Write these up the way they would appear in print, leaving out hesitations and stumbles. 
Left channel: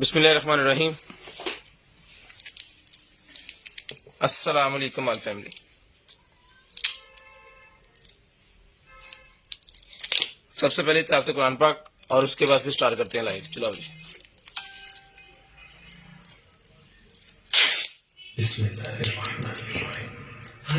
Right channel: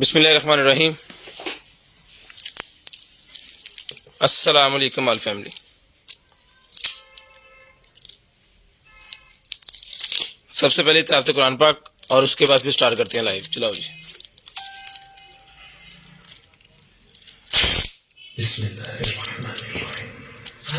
बिस्मिल्लाहिर्रहमानिर्रहीम। अस्सलाम वालेकुम ऑल फैमिली। सबसे पहले तिलावत कुरान पाक और उसके बाद फिर स्टार्ट करते हैं लाइव। चलाओ जी।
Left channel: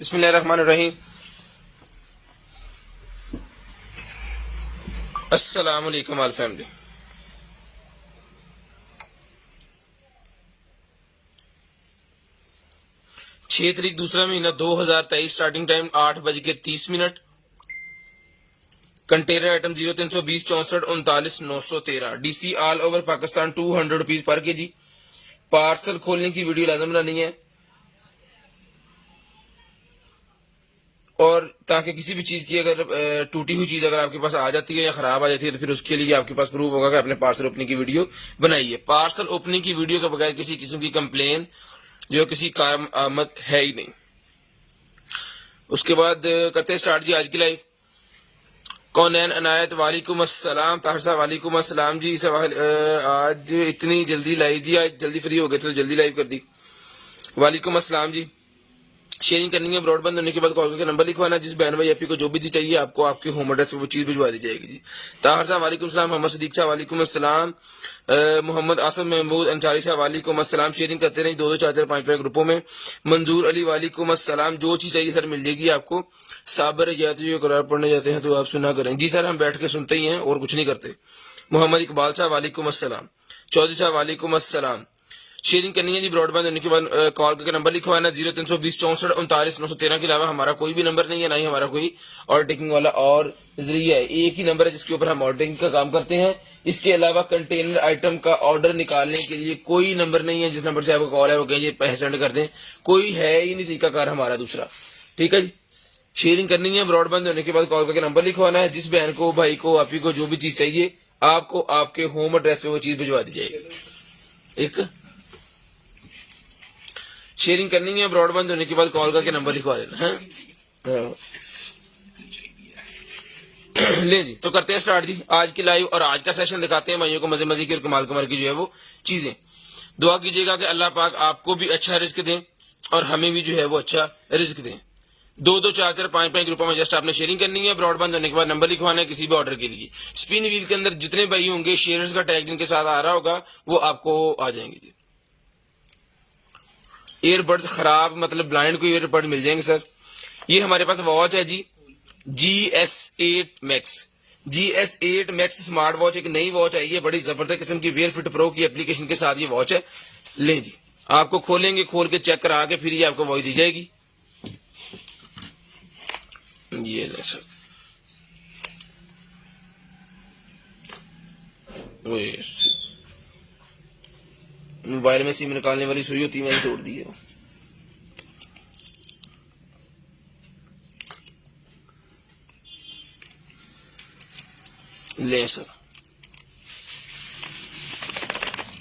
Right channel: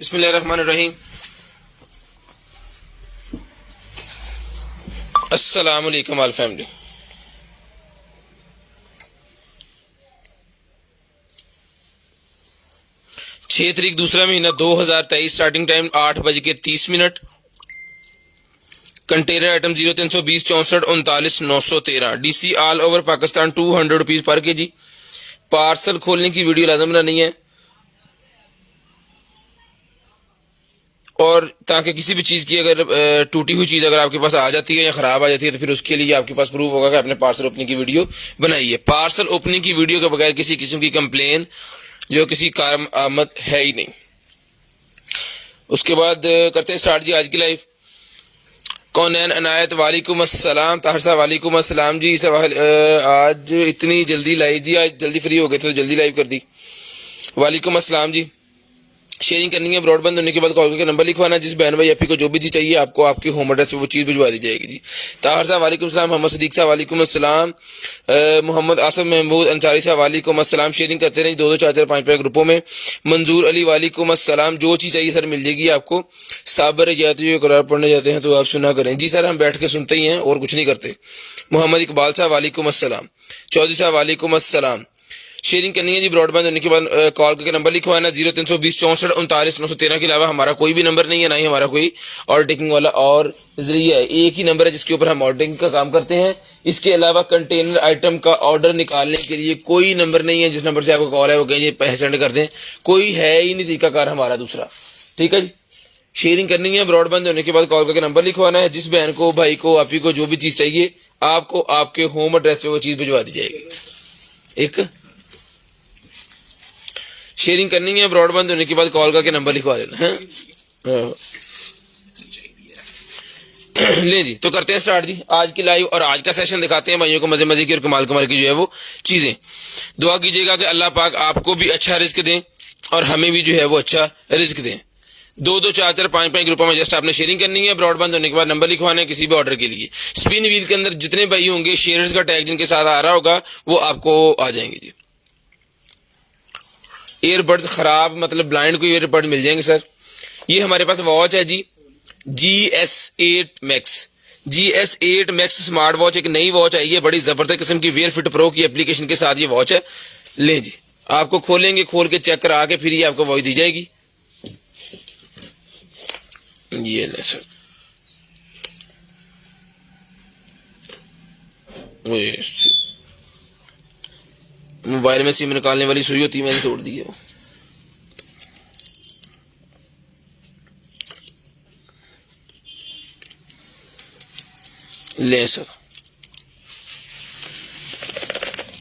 बिस्मिल्लाहिर्रहमानिर्रहीम। अस्सलाम वालेकुम ऑल फैमिली। छह तारीख दूसरा महीना 2023 starting time 8:30। Container item 0320 64 39 913 DC all over Pakistan 200 rupees per के जी। पार्सल खोलने की वीडियो लाजम बनानी है और ताकि किसी भी चीज़ की अगर टूटी हुई चीज़ अगर आपके पास आ जाती है या ख़राब आ जाती है तो फिर उसके लिए आपके पास प्रूफ होगा कि आपने पार्सल ओपनिंग की वीडियो बनाई है। पार्सल ओपनिंग की वीडियो के बगैर किसी किस्म की कंप्लेन जो किसी काम आमद है ही नहीं। उसके बाद करते हैं स्टार्ट जी आज की लाइव। कौनैन अनायत वालेकुम अस्सलाम। ताहिर साहब वालेकुम अस्सलाम जी। सवाल आज इतनी जल्दी लाइव जी, आज जल्दी फ्री हो गए थे तो जल्दी लाइव कर दी। वालेकुम अस्सलाम जी। शेयरिंग करनी है ब्रॉडबैंड होने के बाद कॉल करके नंबर लिखवाना, जिस बहन भाई आपी को जो भी चीज़ चाहिए आपको आपके होम एड्रेस पे वो चीज़ भिजवा दी जाएगी जी। ताहिर साहब वालेकुम अस्सलाम। मोहम्मद सदीक साहब वालेकुम अस्सलाम। मोहम्मद आसम महमूद अंसारी साहब वालेकुम अस्सलाम। शेयरिंग करते रहें 2-2 4-4 5-5 ग्रुपों में। मंजूर अली वालेकुम अस्सलाम। जो चीज़ चाहिए सर मिल जाएगी आपको। साबर जाते हुए कुरान पढ़ने जाते हैं तो आप सुना करें जी सर, हम बैठ के सुनते ही हैं और कुछ नहीं करते। मोहम्मद इकबाल साहब वालेकुम अस्सलाम। चौधरी साहब वालेकुम अस्सलाम। शेयरिंग करनी है जी ब्रॉडबैंड होने के बाद कॉल करके नंबर लिखवाना 0320 64 39 913 के अलावा हमारा कोई भी नंबर नहीं है, ना ही हमारा कोई ऑर्डर टेकिंग वाला और जरिया है। एक ही नंबर है जिसके ऊपर हम ऑर्डर टेकिंग का काम करते हैं। इसके अलावा कंटेनर आइटम का ऑर्डर निकालने के लिए कोई नंबर नहीं है। जिस नंबर से आपको कॉल है वो कहिए पैसे सेंड कर दें, कोई है ही नहीं तरीकाकार हमारा दूसरा। ठीक है जी। शेयरिंग करनी है, ब्रॉडबैंड होने के बाद कॉल करके नंबर लिखवाना है। जिस बहन को, भाई को, आपी को जो भी चीज चाहिए आपको आपके होम एड्रेस पे वो चीज भिजवा दी जाएगी। एक शेयरिंग करनी है, ब्रॉडबैंड होने के बाद कॉल करके नंबर लिखवा देना है। ले जी, तो करते हैं स्टार्ट जी आज की लाइव, और आज का सेशन दिखाते हैं भाइयों को मजे मजे की और कमाल कमाल की जो है वो चीजें। दुआ कीजिएगा कि अल्लाह पाक आपको भी अच्छा रिस्क दें और हमें भी जो है वो अच्छा रिस्क दें। 2-2, 4-4, 5-5 ग्रुपों में जस्ट आपने शेयरिंग करनी है, ब्रॉडबैंड होने के बाद नंबर लिखवाना है किसी भी ऑर्डर के लिए। स्पिन व्हील के अंदर जितने भाई होंगे शेयर्स का टैग जिनके साथ आ रहा होगा वो आपको आ जाएंगे जी। ईयरबड्स खराब मतलब ब्लाइंड को ईयरबड मिल जाएंगे सर। ये हमारे पास वॉच है जी, GS8 Max। GS8 Max smart watch एक नई वॉच आई है, बड़ी जबरदस्त किस्म की वेयर फिट प्रो की एप्लीकेशन के साथ ये वॉच है। ले जी, आपको खोलेंगे, खोल के चेक करा के फिर ये आपको वॉच दी जाएगी। ये ले सर, मोबाइल में सिम निकालने वाली सुई होती है, मैंने तोड़ दी है वो। ले सर,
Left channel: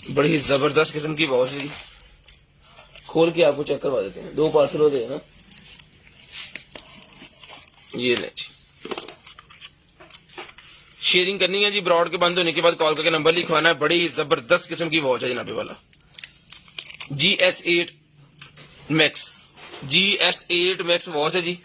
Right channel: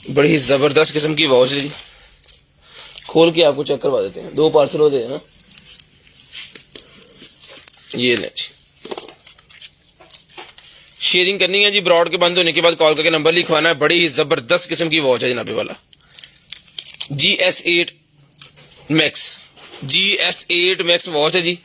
बड़ी ही जबरदस्त किस्म की वॉच है, खोल के आपको चेक करवा देते हैं। 2 पार्सल होते हैं ना। ये ले जी, शेयरिंग करनी है जी, ब्रॉड के बंद होने के बाद कॉल करके नंबर लिखवाना है। बड़ी ही जबरदस्त किस्म की वॉच है जनाबे वाला, GS8 Max। GS8 Max watch है जी,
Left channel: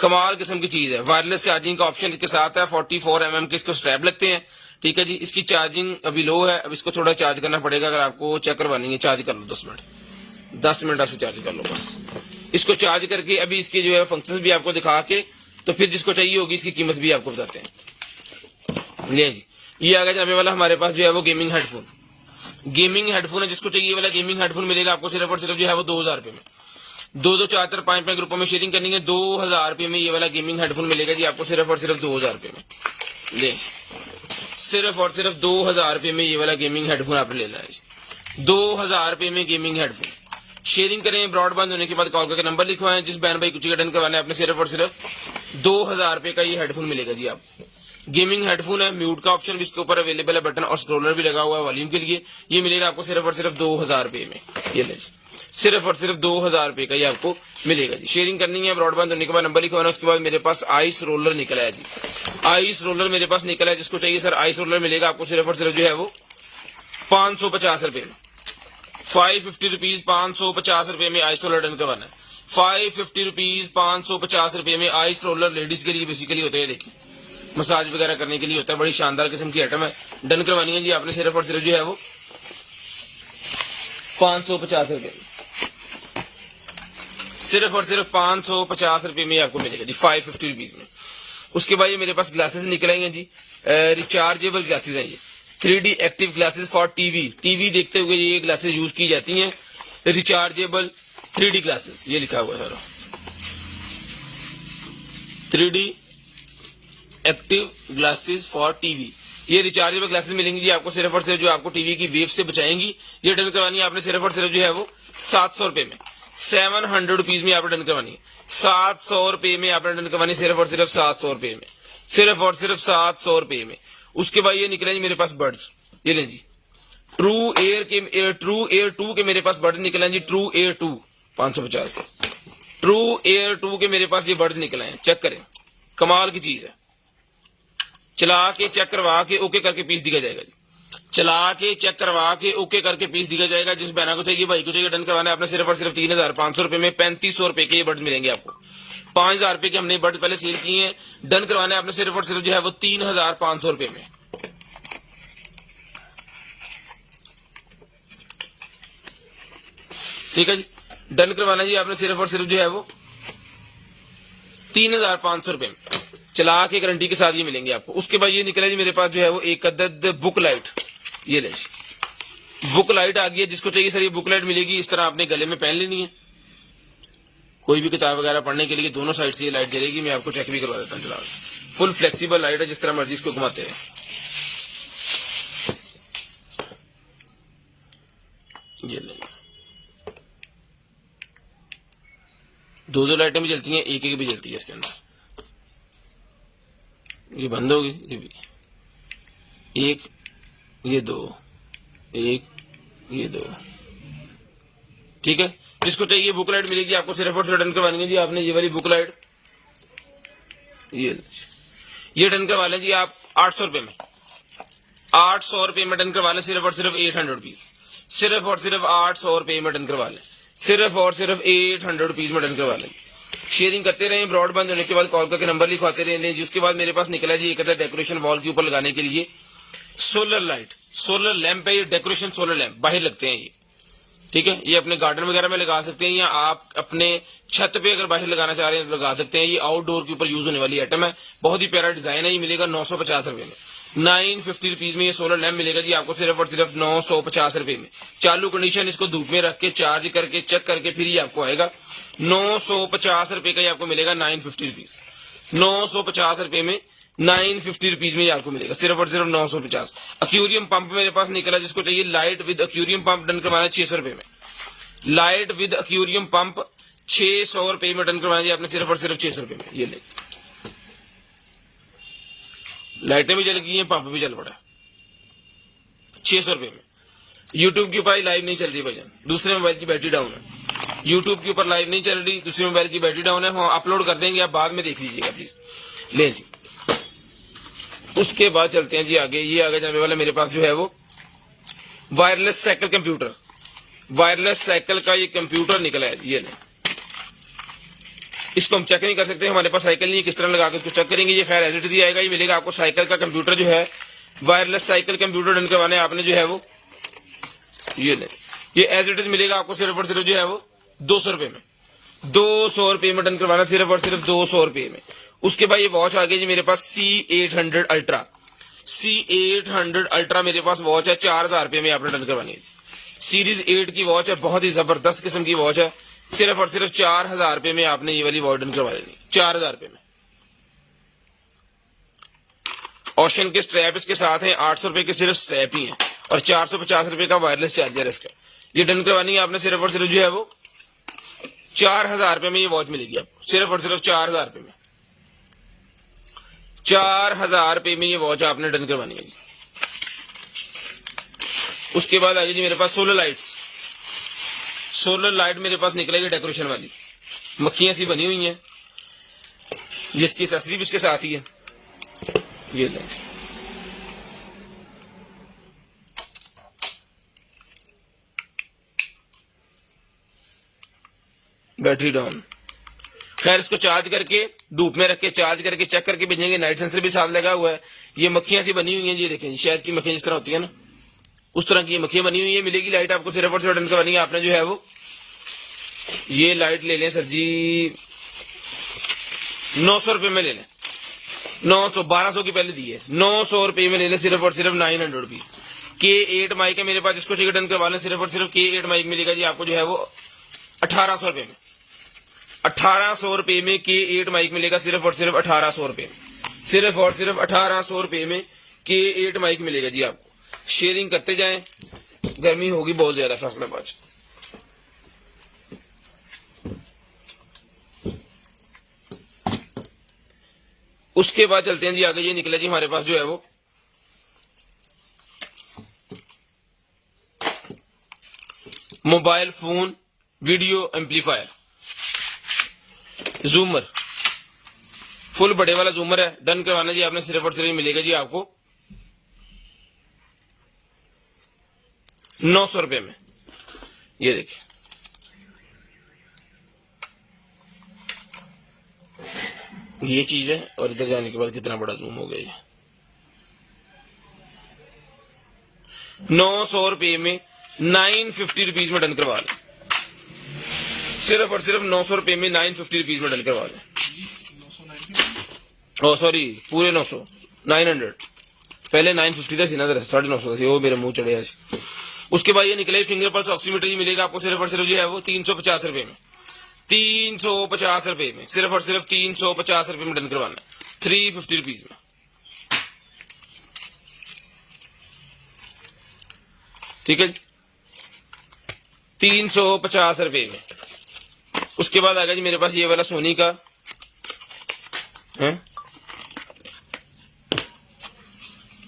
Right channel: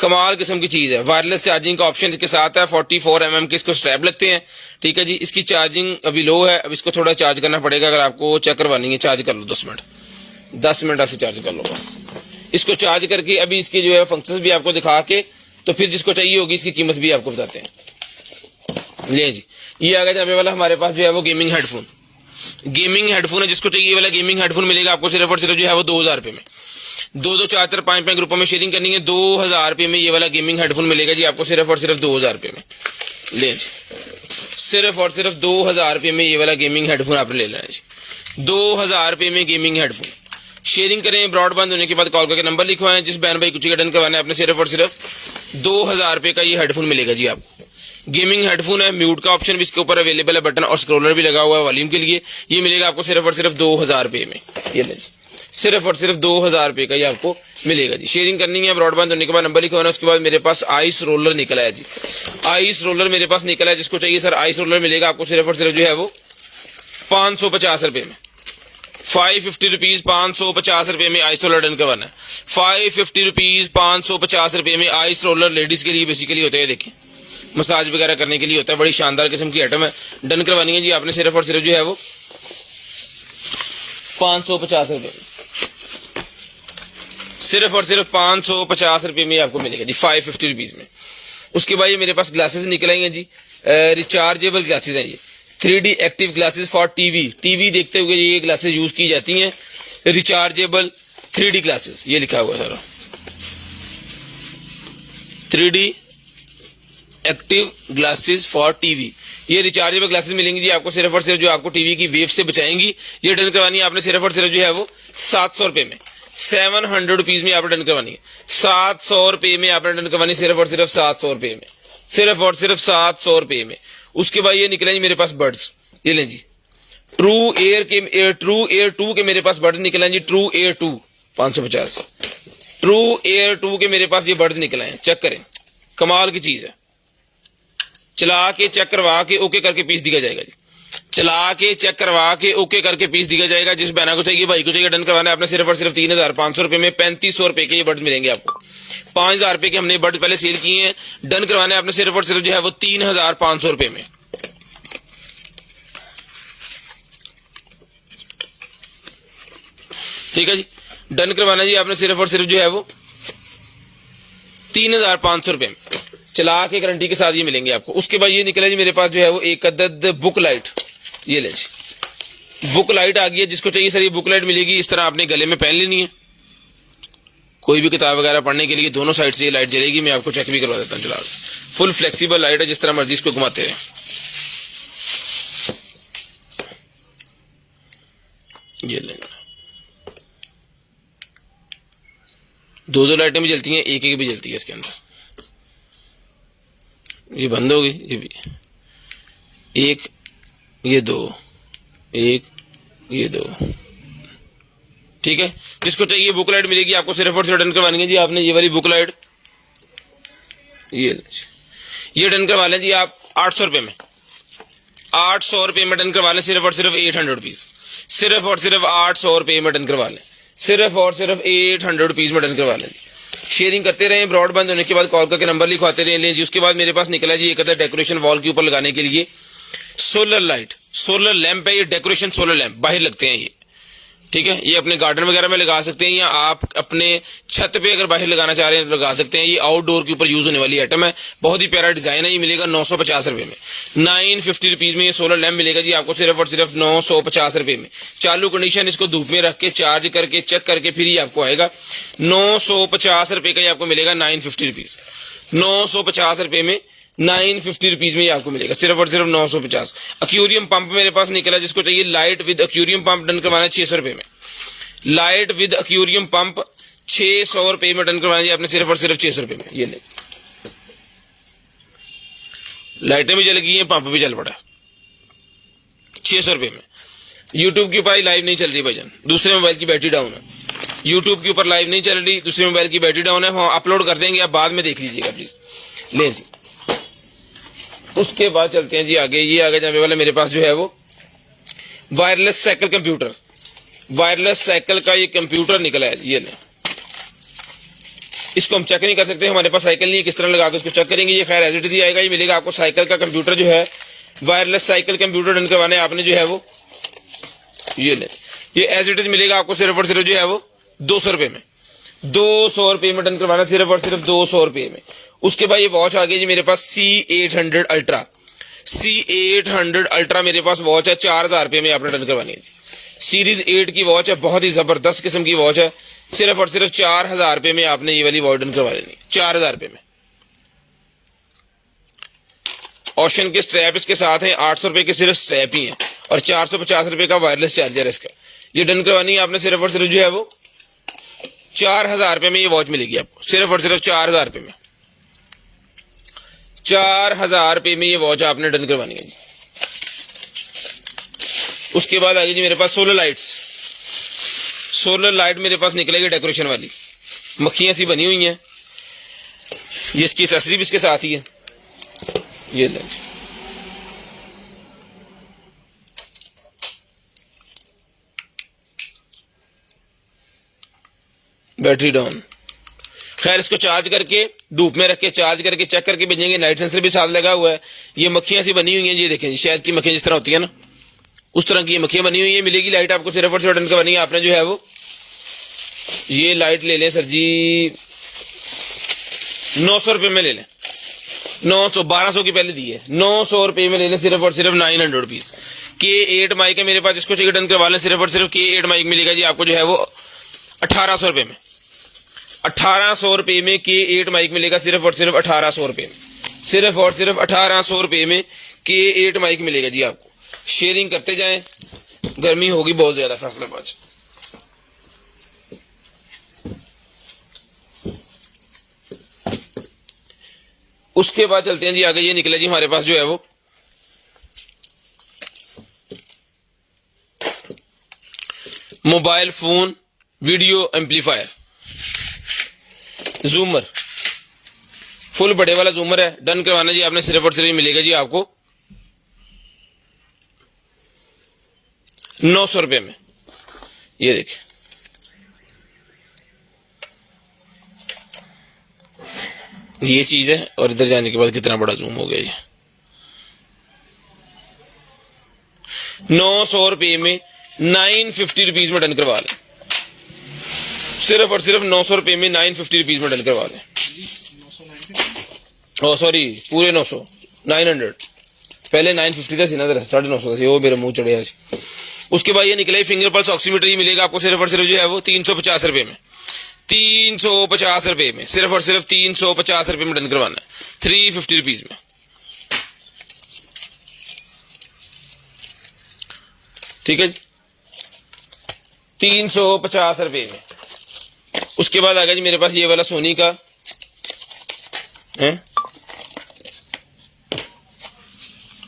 कमाल किस्म की चीज है। वायरलेस चार्जिंग का ऑप्शन इसके साथ है। 44 mm के इसको स्ट्रैप लगते हैं, ठीक है जी। इसकी चार्जिंग अभी लो है, अब इसको थोड़ा चार्ज करना पड़ेगा। अगर आपको चेक करवानी है चार्ज कर लो 10 मिनट ऐसे चार्ज कर लो बस। इसको चार्ज करके अभी इसके जो है फंक्शंस भी आपको दिखा के, तो फिर जिसको चाहिए होगी इसकी कीमत भी आपको बताते हैं। ले जी, ये आ गया जाने वाला हमारे पास जो है वो गेमिंग हेडफोन। गेमिंग हेडफोन है, जिसको चाहिए वाला गेमिंग हेडफोन मिलेगा आपको सिर्फ और सिर्फ जो है वो 2000 रुपए में। 2-2, 4-4, 5-5 ग्रुपों में शेयरिंग करनी है। 2000 रुपए में ये वाला गेमिंग हेडफोन मिलेगा जी आपको सिर्फ और सिर्फ 2000 रुपए में। ले जी, सिर्फ और सिर्फ 2000 रुपए में ये वाला गेमिंग हेडफोन आपने ले लेना है जी। 2000 रुपए में गेमिंग हेडफोन। शेयरिंग करें, ब्रॉडबैंड होने के बाद कॉल करके नंबर लिखवाएं। जिस बहन भाई कुछ डन करवाना है आपने सिर्फ और सिर्फ 2000 रुपए का ये हेडफोन मिलेगा जी आपको। गेमिंग हेडफोन है, म्यूट का ऑप्शन भी इसके ऊपर अवेलेबल है, बटन और स्क्रोलर भी लगा हुआ है वॉल्यूम के लिए। ये मिलेगा आपको सिर्फ और सिर्फ 2000 रुपए में। ये ले, सिर्फ और सिर्फ 2000 रुपए का ये आपको मिलेगा जी। शेयरिंग करनी है, ब्रॉडबैंड होने के बाद नंबर लिखवाना। उसके बाद मेरे पास आइस रोलर निकला है जी, आइस रोलर मेरे पास निकला है। जिसको चाहिए सर आइस रोलर मिलेगा आपको सिर्फ और सिर्फ जो है वो 550 रुपए में। 550 रुपीज 550 रुपए में आइस रोलर डन करवाना है। 550 रुपीज 550 रुपए में आइस रोलर लेडीज के लिए बेसिकली होता है, देखिए मसाज वगैरह करने के लिए होता है। बड़ी शानदार किस्म की आइटम है, डन करवानी है जी आपने सिर्फ और सिर्फ जो है वो 550 रुपए में। सिर्फ और सिर्फ 550 रुपए में आपको मिलेगा जी, 550 रुपीज में। उसके बाद ये मेरे पास ग्लासेस निकल आई हैं जी, रिचार्जेबल ग्लासेस हैं ये, 3D active glasses for TV देखते हुए ये ग्लासेस यूज की जाती हैं। रिचार्जेबल 3D ग्लासेस, ये लिखा हुआ है सारा, 3D active glasses for TV. ये रिचार्जेबल ग्लासेस मिलेंगी जी आपको सिर्फ और सिर्फ जो आपको टीवी की वेव से बचाएंगी। ये डन करवानी है आपने सिर्फ और सिर्फ जो है वो 700 रुपए में। 700 रुपीज में आपने डन करवानी है। 700 रुपए में आपने डन करवानी सिर्फ और सिर्फ 700 रुपए में, सिर्फ और सिर्फ 700 रुपए में। उसके बाद ये निकले जी मेरे पास बर्ड्स, ये लें जी, ट्रू एयर 2 के मेरे पास बर्ड्स निकले हैं जी। ट्रू एयर 2 550, ट्रू एयर 2 के मेरे पास ये बर्ड्स निकले हैं। चेक करें, कमाल की चीज है। चला के चेक करवा के ओके करके पीस दिया जाएगा जी, चला के चेक करवा के ओके करके पीस दिया जाएगा। जिस बहना को चाहिए, भाई को चाहिए, डन करवाना है आपने सिर्फ और सिर्फ 3500 रुपए में। 3500 रुपए के ये बर्ड्स मिलेंगे आपको। 5000 रुपए के हमने बर्ड्स पहले सेल किए हैं, डन करवाना है आपने सिर्फ और सिर्फ जो है वो 3500 रुपए में। ठीक है जी, डन करवाना जी आपने सिर्फ और सिर्फ जो है वो 3500 रुपए में। चला के गारंटी के साथ ये मिलेंगे आपको। उसके बाद ये निकला जी मेरे पास जो है वो एक अदद बुक लाइट, ये ले जी, बुक लाइट आ गई है। जिसको चाहिए सर ये बुक लाइट मिलेगी, इस तरह आपने गले में पहन लेनी है। कोई भी किताब वगैरह पढ़ने के लिए दोनों साइड से ये लाइट जलेगी। मैं आपको चेक भी करवा देता हूँ, चला फुल फ्लेक्सिबल लाइट है, जिस तरह मर्जी इसको घुमाते रहे। ये लेना, दो लाइटें भी जलती हैं, एक भी जलती है इसके अंदर। ये बंद हो गई, ये भी एक, ये दो, एक, ये दो। ठीक है, जिसको चाहिए बुक लाइट मिलेगी आपको, सिर्फ और सिर्फ डन करवानी है जी आपने ये वाली बुक लाइट। ये डन करवा लें जी आप 800 रुपये में, 800 रुपये में डन करवा लें, सिर्फ और सिर्फ 800 रुपीज, सिर्फ और सिर्फ 800 रुपये में डन करवा लें, सिर्फ और सिर्फ 800 रुपीज में डन करवा लें। शेयरिंग करते रहे, ब्रॉडबैंड होने के बाद कॉल करके नंबर लिखवाते रहे लें जी। उसके बाद मेरे पास निकला जी एक डेकोरेशन वॉल के ऊपर लगाने के लिए सोलर लाइट, सोलर लैंप है ये, डेकोरेशन सोलर लैंप बाहर लगते हैं ये। ठीक है, ये अपने गार्डन वगैरह में लगा सकते हैं, या आप अपने छत पे अगर बाहर लगाना चाह रहे हैं तो लगा सकते हैं। ये आउटडोर के ऊपर यूज होने वाली आइटम है, बहुत ही प्यारा डिजाइन है। ये मिलेगा 950 रुपये में, 950 रुपीज में ये सोलर लैंप मिलेगा जी आपको, सिर्फ और सिर्फ 950 रुपये में। चालू कंडीशन, इसको धूप में रख के चार्ज करके चेक करके फिर ये आपको आएगा 950 रुपये का। ये आपको मिलेगा 950 रुपीज, 950 रुपये में, 950 रुपीज में ये आपको मिलेगा, सिर्फ और सिर्फ 950। एक्वेरियम पंप मेरे पास निकला, जिसको चाहिए light with aquarium pump done करवाना है 600 रुपये में। लाइट विद एक्वेरियम पंप 600 रुपये में डन करवाना है आपने, सिर्फ और सिर्फ 600 रुपये में। ये लाइटें भी जल गई हैं, पंप भी जल पड़ा है 600 रुपये में। यूट्यूब के ऊपर लाइव नहीं चल रही भाईजान, दूसरे मोबाइल की बैटरी डाउन है। यूट्यूब के ऊपर लाइव नहीं चल रही, दूसरे मोबाइल की बैटरी डाउन है। हाँ, अपलोड कर देंगे, आप बाद में देख लीजिएगा प्लीज। ले जी, उसके बाद चलते हैं जी आगे। ये आगे जाने वाला मेरे पास जो है वो wireless cycle computer, wireless cycle का ये कंप्यूटर निकला है। ये ले, इसको हम चेक नहीं कर सकते, हमारे पास साइकिल नहीं है, किस तरह लगा के उसको चेक करेंगे। ये खैर एज इट इज आएगा। ये मिलेगा आपको साइकिल का कंप्यूटर जो है, वायरलेस साइकिल कंप्यूटर डन करवाने आपने जो है वो, ये ले, ये एज इट इज मिलेगा आपको, सिर्फ और सिर्फ जो है वो 200 रुपये में, 200 रुपये में डन करवाना, सिर्फ और सिर्फ 200 रुपये में। उसके बाद ये वॉच आ गई जी मेरे पास C800 अल्ट्रा, C800 अल्ट्रा मेरे पास वॉच है, 4000 रुपये में आपने डन करवानी है। सीरीज 8 की वॉच है, बहुत ही जबरदस्त किस्म की वॉच है, सिर्फ और सिर्फ 4000 रुपये में आपने ये वाली वॉच डन करवा लेनी, 4000 रुपये में। ऑप्शन के स्ट्रैप इसके साथ हैं, 800 रुपये के सिर्फ स्ट्रैप ही है, और 450 रुपये का वायरलेस चार्जर है इसका। ये डन करवानी है आपने, सिर्फ और सिर्फ जो है वो 4000 रुपये में ये वॉच मिलेगी आपको, सिर्फ और सिर्फ 4000 रुपये में, 4000 रुपये में ये वॉच आपने डन करवानी है। उसके बाद आएगी जी मेरे पास सोलर लाइट्स, सोलर लाइट मेरे पास निकलेगी डेकोरेशन वाली, मक्खियां सी बनी हुई हैं, ये इसकी एक्सेसरी भी इसके साथ ही है। ये लो, बैटरी डाउन। खैर, इसको चार्ज करके धूप में रख के चार्ज करके चेक करके भेजेंगे। लाइट सेंसर भी साथ लगा हुआ है। ये मक्खियां सी बनी हुई हैं, ये देखें जी, शहद की मक्खियां जिस तरह होती है ना, उस तरह की ये मक्खियां बनी हुई है। मिलेगी लाइट आपको, सिर्फ और सिर्फ डन करवानी है आपने जो है वो, ये लाइट ले लें सर जी 900 रुपये में ले लें, 900, 1200 की पहले दी है, 900 रुपये में ले लें, सिर्फ और सिर्फ 900 रुपीज। K8 माइक है मेरे पास, जिसको चाहिए डन करवा लें, सिर्फ और सिर्फ K8 माइक मिलेगा जी आपको जो है वो 1800 रुपये में, 1800 रुपये में K8 माइक मिलेगा, सिर्फ और सिर्फ 1800 रुपये में, सिर्फ और सिर्फ 1800 रुपये में K8 माइक मिलेगा जी आपको। शेयरिंग करते जाएं, गर्मी होगी बहुत ज्यादा फैसलाबाद। उसके बाद चलते हैं जी आगे। ये निकला जी हमारे पास जो है वो मोबाइल फोन वीडियो एम्पलीफायर, जूमर, फुल बड़े वाला जूमर है, डन करवाना जी आपने, सिर्फ और सिर्फ मिलेगा जी आपको 900 रुपये में। ये देखिए, ये चीज है, और इधर जाने के बाद कितना बड़ा जूम हो गया ये। 900 रुपये में 950 रुपीज में डन करवा लें, सिर्फ और सिर्फ 900 रुपये में 950 रुपीज में डन करवा लें। ओ सॉरी, पूरे 900, 900, पहले 950 था सीना, 950 था, वो मेरे मुंह चढ़े है। उसके बाद ये निकले फिंगर पल्स ऑक्सीमीटर, ये मिलेगा आपको सिर्फ और सिर्फ जो है वो 350 रुपये में, 350 रुपये में, सिर्फ और सिर्फ 350 रुपये में डन करवाना है, 350 रुपीज में। ठीक है जी, 350 रुपये में। उसके बाद आ गया जी मेरे पास ये वाला सोनी का है,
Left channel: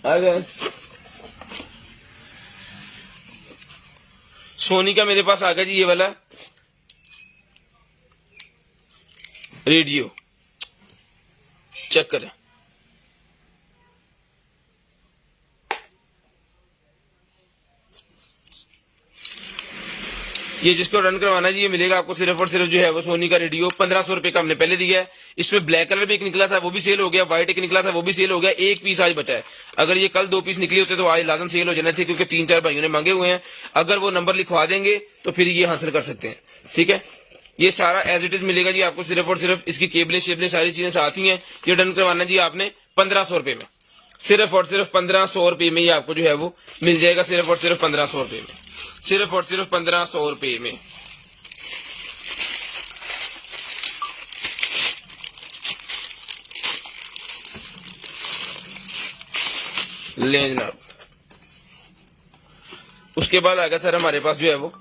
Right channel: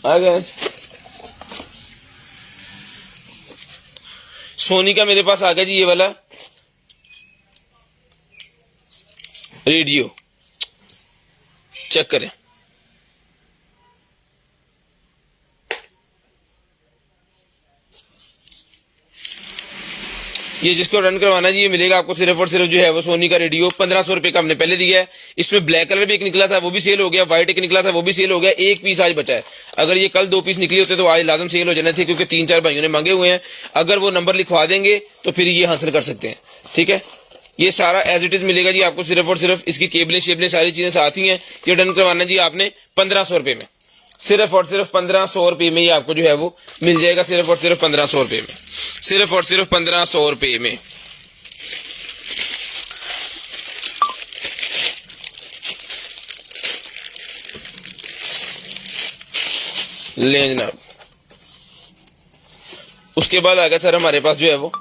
आ गया सोनी का मेरे पास आ गया जी ये वाला रेडियो। चेक करें, ये जिसको रन करवाना है जी ये मिलेगा आपको सिर्फ और सिर्फ जो है वो सोनी का रेडियो 1500 रुपए का हमने पहले दिया है। इसमें ब्लैक कलर भी एक निकला था वो भी सेल हो गया, व्हाइट एक निकला था वो भी सेल हो गया, एक पीस आज बचा है। अगर ये कल 2 पीस निकले होते तो आज लाजम सेल हो जाने थे, क्योंकि 3-4 भाइयों ने मांगे हुए हैं। अगर वो नंबर लिखवा देंगे तो फिर ये हासिल कर सकते हैं। ठीक है, ये सारा एज इट इज मिलेगा जी आपको सिर्फ और सिर्फ, इसकी केबलें शेबलें सारी चीजें साथ ही हैं। ये डन करवाना जी आपने 1500 रुपए में, सिर्फ और सिर्फ 1500 रुपए में ही आपको जो है वो मिल जाएगा, सिर्फ और सिर्फ 1500 रुपए में, सिर्फ और सिर्फ 1500 रुपए में। ले जनाब, उसके बाद आ गया सर हमारे पास जो है वो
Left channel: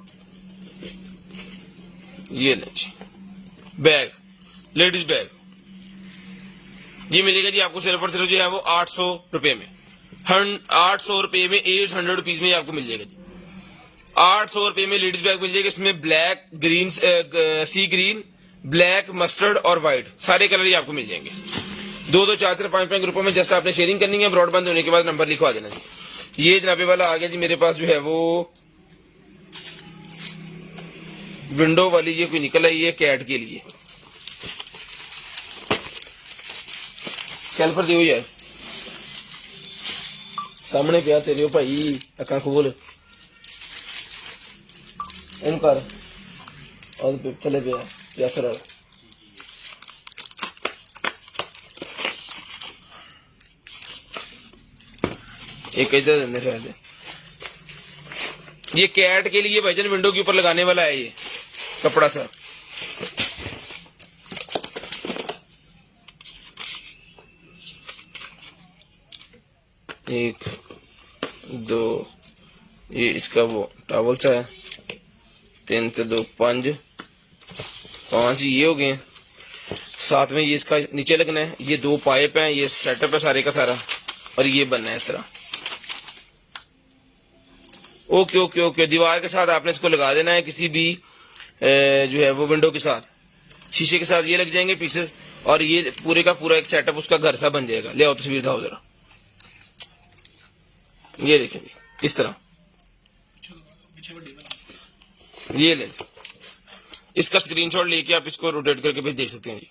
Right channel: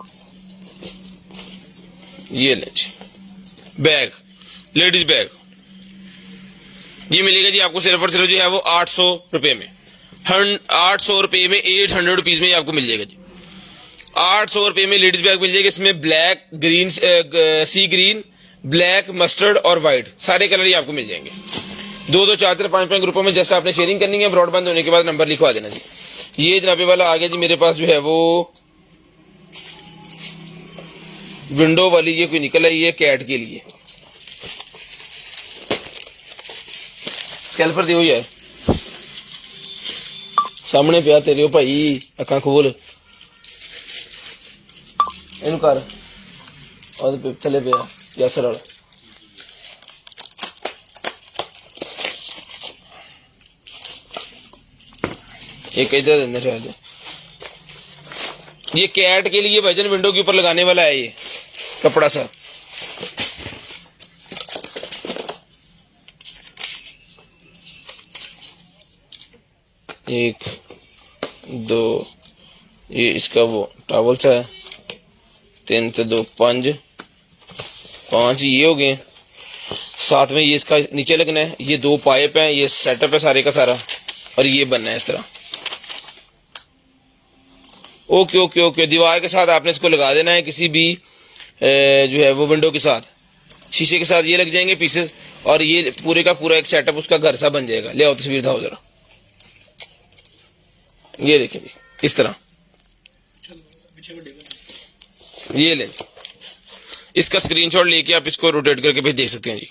ये ले बैग, लेडीज बैग, ये मिलेगा जी आपको सिर्फ और सिर्फ जो है वो 800 रुपए में, 800 रुपए में 800 रुपीज में ही आपको मिल जाएगा जी। 800 रुपए में लेडीज बैग मिल जाएगा। इसमें ब्लैक, ग्रीन, सी ग्रीन, ब्लैक, मस्टर्ड और व्हाइट सारे कलर ही आपको मिल जाएंगे। 2-2, 4-4, 5-5 ग्रुपों में जस्ट आपने शेयरिंग करनी है। ब्रॉडबैंड होने के बाद नंबर लिखवा देना जी। ये जनाबे वाला आ गया जी मेरे पास जो है वो विंडो वाली, ये कोई निकल आई है कैट के लिए, कैलफर दियो यार सामने पिया तेरे भाई, अखा खोल इन कर और थले पिया जैसर वाला। एक इधर देने शायद, ये कैट के लिए भाईजान विंडो के ऊपर लगाने वाला है ये कपड़ा सा। एक, दो, ये इसका वो टॉवल सा है, 3 से 2, 5 ये हो गए। साथ में ये इसका नीचे लगना है, ये 2 पाइप हैं, ये सेटअप है सारे का सारा, और ये बनना है इस तरह। ओके ओके ओके, दीवार के साथ आपने इसको लगा देना है, किसी भी जो है वो विंडो के साथ, शीशे के साथ ये लग जाएंगे पीसेस, और ये पूरे का पूरा एक सेटअप उसका घर सा बन जाएगा। ले आओ तस्वीर दिखाओ जरा, ये देखिए इस तरह, ये ले, इसका स्क्रीनशॉट लेके आप इसको रोटेट करके भी देख सकते हैं जी।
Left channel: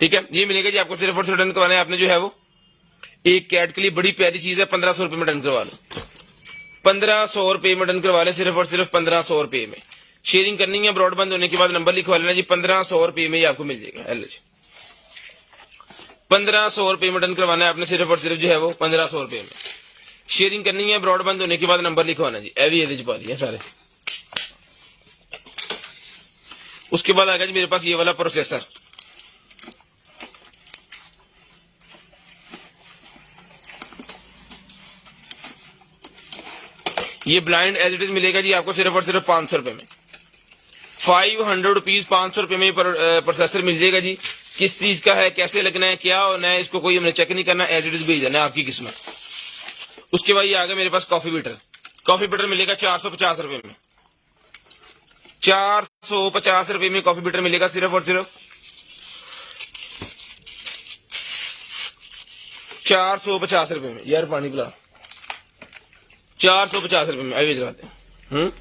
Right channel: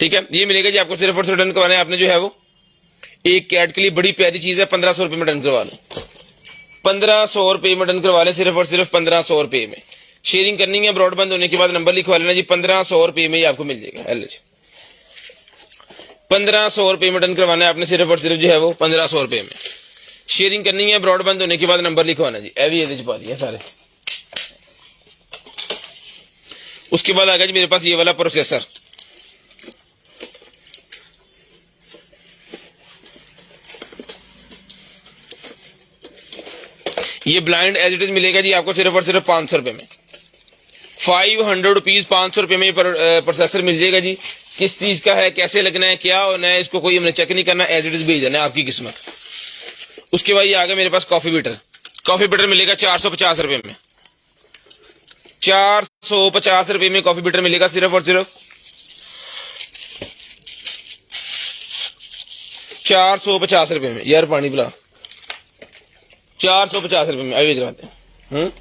ठीक है, ये मिलेगा जी आपको सिर्फ और सिर्फ डन करवाने आपने जो है वो एक कैट के लिए बड़ी प्यारी चीज है, 1500 रुपए में डन करवा लें, 1500 रुपए में डन करवा लें, सिर्फ और सिर्फ 1500 रुपए में। शेयरिंग करनी है, ब्रॉडबैंड होने के बाद नंबर लिखवा लेना जी, 1500 रुपए में ही आपको मिल जाएगा। 1500 रुपए में डन करवाना है आपने सिर्फ और सिर्फ जो है वो 1500 रुपए में। शेयरिंग करनी है, ब्रॉडबैंड होने के बाद नंबर लिखवाना जी। ए भी एवरेज पा दिया सारे। उसके बाद आ गया जी मेरे पास ये वाला प्रोसेसर, ये ब्लाइंड एज इट इज मिलेगा जी आपको सिर्फ और सिर्फ 500 रुपए में, 500 रुपीज 500 रुपए में प्रोसेसर मिल जाएगा जी। किस चीज का है, कैसे लगना है, क्या होना है, इसको कोई हमने चेक नहीं करना, एज इट इज भेज देना है, आपकी किस्मत। उसके बाद ये आ गया मेरे पास कॉफी बीटर, कॉफी बीटर मिलेगा 450 रुपए में, 450 रुपए में कॉफी बीटर मिलेगा सिर्फ और सिर्फ 450 रुपए में। यार पानी पिला, 450 रुपए में अभी चलाते हैं।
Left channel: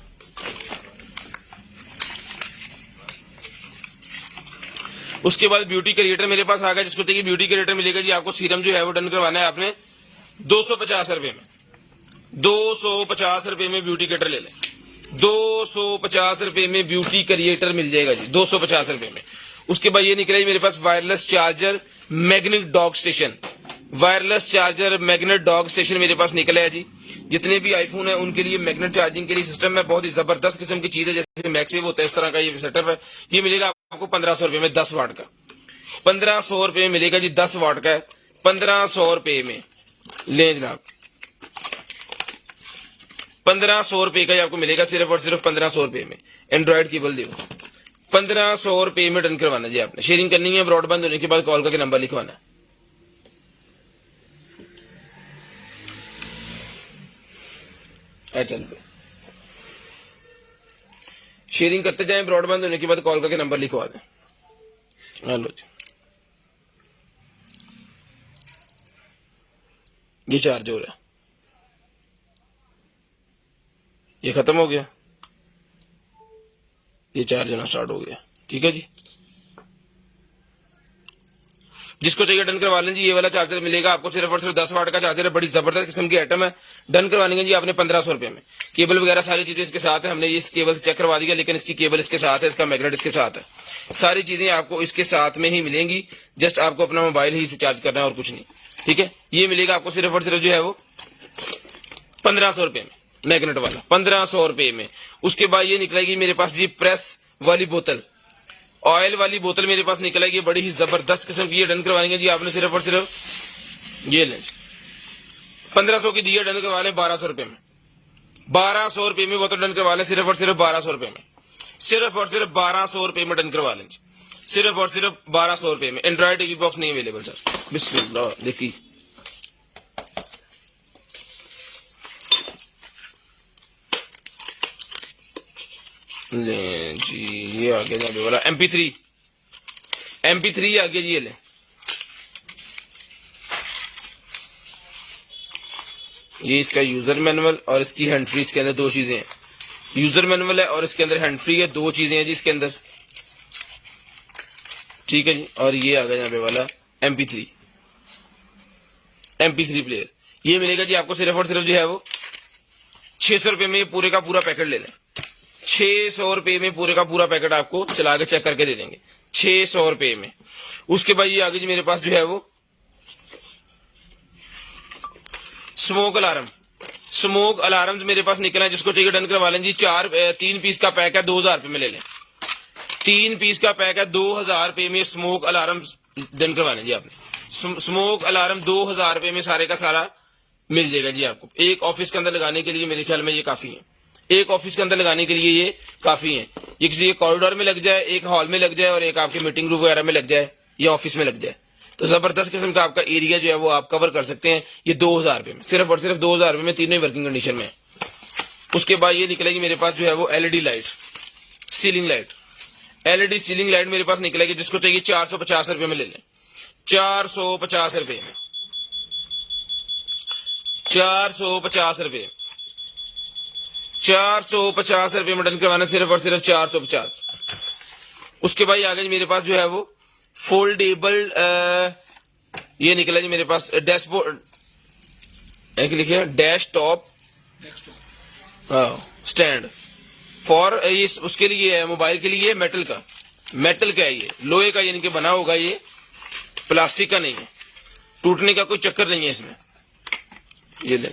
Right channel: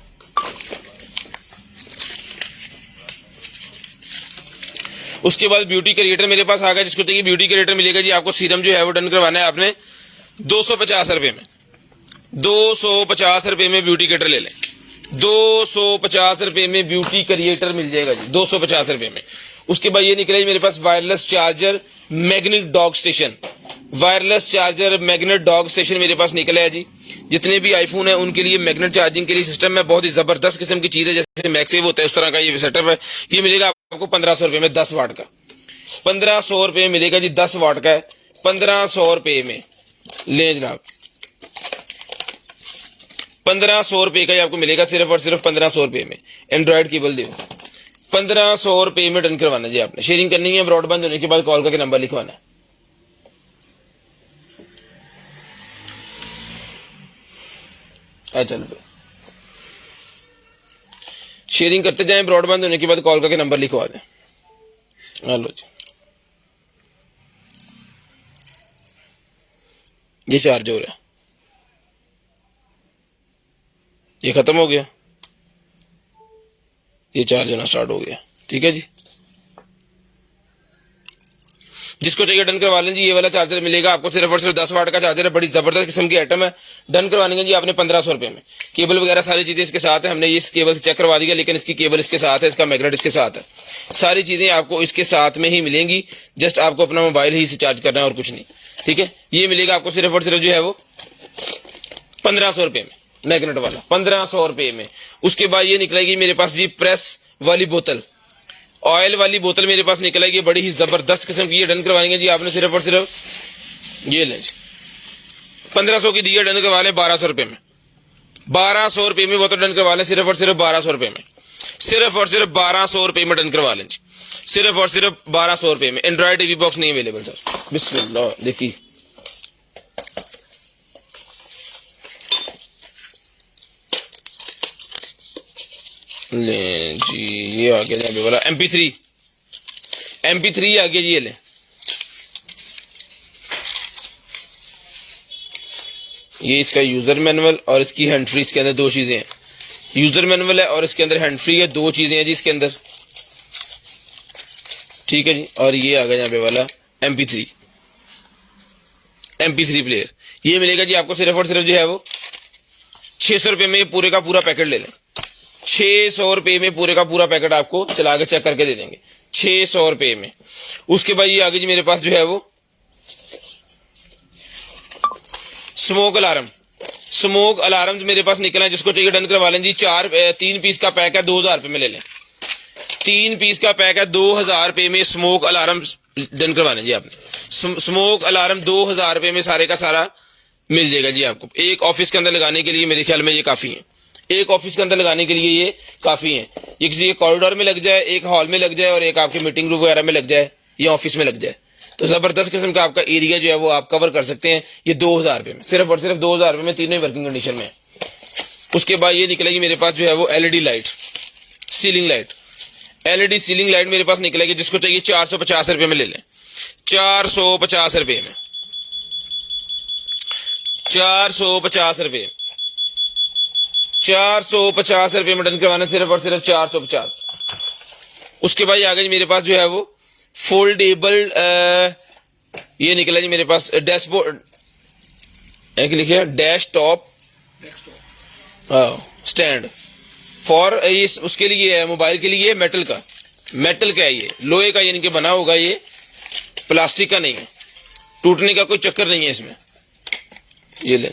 उसके बाद ब्यूटी क्रिएटर मेरे पास आ गया, जिसको चाहिए ब्यूटी क्रिएटर मिलेगा जी आपको। सीरम जो है वो डन करवाना है आपने 250 रुपए में, 250 रुपए में ब्यूटी क्रिएटर ले लें, 250 रुपए में ब्यूटी क्रिएटर मिल जाएगा जी, 250 रुपए में। उसके बाद ये निकला जी मेरे पास wireless charger magnet dock station, wireless charger magnet dock station मेरे पास निकला है जी। जितने भी आईफोन है उनके लिए मैग्नेट चार्जिंग के लिए सिस्टम है, बहुत ही जबरदस्त किस्म की चीज है, जैसे मैक्सेव होता है उस तरह का ये सेटअप है। ये मिलेगा आपको 1500 रुपए में, 10 वाट का, 1500 रुपए में मिलेगा जी, 10 वाट का है, 1500 रुपए में ले जनाब, 1500 का ही आपको मिलेगा सिर्फ और सिर्फ 1500 में। एंड्रॉइड केबल दे 1500 में डन करवाना जी आपने। शेयरिंग करनी है, ब्रॉडबैंड होने के बाद कॉल करके नंबर लिखवाना है। चल पे शेयरिंग करते जाएं, ब्रॉडबैंड होने के बाद कॉल करके नंबर लिखवा दें। हेलो जी, ये चार्ज हो रहा है, ये खत्म हो गया, ये चार्ज होना स्टार्ट हो गया। ठीक है जी, जिसको चाहिए डन करवा लें जी। ये वाला चार्जर मिलेगा आपको सिर्फ और सिर्फ 10 वाट का चार्जर है, बड़ी जबरदस्त किस्म की आइटम है। डन करवाने जी आपने 1500 में। केबल वगैरह सारी चीजें इसके साथ है, हमने ये इस केबल से चेक करवा दिया, लेकिन इसकी केबल इसके साथ है, इसका मैग्नेट इसके साथ है, सारी चीजें आपको इसके साथ में ही मिलेंगी। जस्ट आपको अपना मोबाइल ही से चार्ज करना है और कुछ नहीं। ठीक है, ये मिलेगा आपको सिर्फ और सिर्फ जो है वो 1500 में, मैग्नेट वाला 1500 में। उसके बाद ये निकलेगी मेरे पास जी प्रेस वाली बोतल, ऑयल वाली बोतल मेरे पास निकलेगी, बड़ी ही जबरदस्त किस्म की। ये डन करवाएंगे जी आपने सिर्फ और सिर्फ ये लें 1500 की दिए, डन करवा लें 1200 में। 1200 में बोतल डन करवा लें सिर्फ और सिर्फ 1200 में। सिर्फ और सिर्फ 1200 में डन करवा लें जी, सिर्फ और सिर्फ 1200 में। एंड्रॉइड टीवी बॉक्स नहीं अवेलेबल सर। बिस्मिल्लाह, देखिए ले जी, ये आ गया जी वाला MP3 आ गया जी, ये ले। ये इसका यूजर मैनुअल और इसकी हैंड फ्री, इसके अंदर दो चीजें हैं। यूजर मैनुअल है और इसके अंदर हैंड फ्री है, दो चीजें हैं जी इसके अंदर। ठीक है जी, और ये आ गया यहाँ पे वाला MP3 प्लेयर। ये मिलेगा जी आपको सिर्फ और सिर्फ जो है वो 600 रुपये में। पूरे का पूरा पैकेट ले लें, 600 रुपये में पूरे का पूरा पैकेट आपको चला के चेक करके दे देंगे 600 रुपये में। उसके बाद ये आगे जी मेरे पास जो है वो स्मोक अलार्म मेरे पास निकला है, जिसको चाहिए डन करवा लें जी। 3 पीस का पैक है, 2000 रुपये में ले लें। 3 पीस का पैक है, 2000 रुपये में स्मोक अलार्म डन करवाने जी आपने। स्मोक अलार्म 2000 रुपये में सारे का सारा मिल जाएगा जी आपको। एक ऑफिस के अंदर लगाने के लिए मेरे ख्याल में ये काफी है, एक ऑफिस के अंदर लगाने के लिए ये काफी है। ये किसी कॉरिडोर में लग जाए, एक हॉल में लग जाए और एक आपके मीटिंग रूम वगैरह में लग जाए या ऑफिस में लग जाए, तो जबरदस्त किस्म का आपका एरिया जो है वो आप कवर कर सकते हैं। ये 2000 रुपये में, सिर्फ और सिर्फ 2000 रुपये में, तीनों वर्किंग कंडीशन में। उसके बाद ये निकलेगी मेरे पास जो है वो LED light, ceiling light. LED ceiling light मेरे पास निकलेगी, जिसको चाहिए 450 रुपये में ले लें। 450 रुपये में, 450 रुपये, 450 रुपये में डन करवाना, सिर्फ और सिर्फ 450। उसके बाद आ गई मेरे पास जो है वो फोल्डेबल, ये निकला जी मेरे पास डैशबोर्ड, लिखिए डेस्कटॉप स्टैंड फॉर, ये उसके लिए मोबाइल के लिए मेटल का है, ये लोहे का यानी कि बना होगा, ये प्लास्टिक का नहीं है, टूटने का कोई चक्कर नहीं है इसमें। ये लें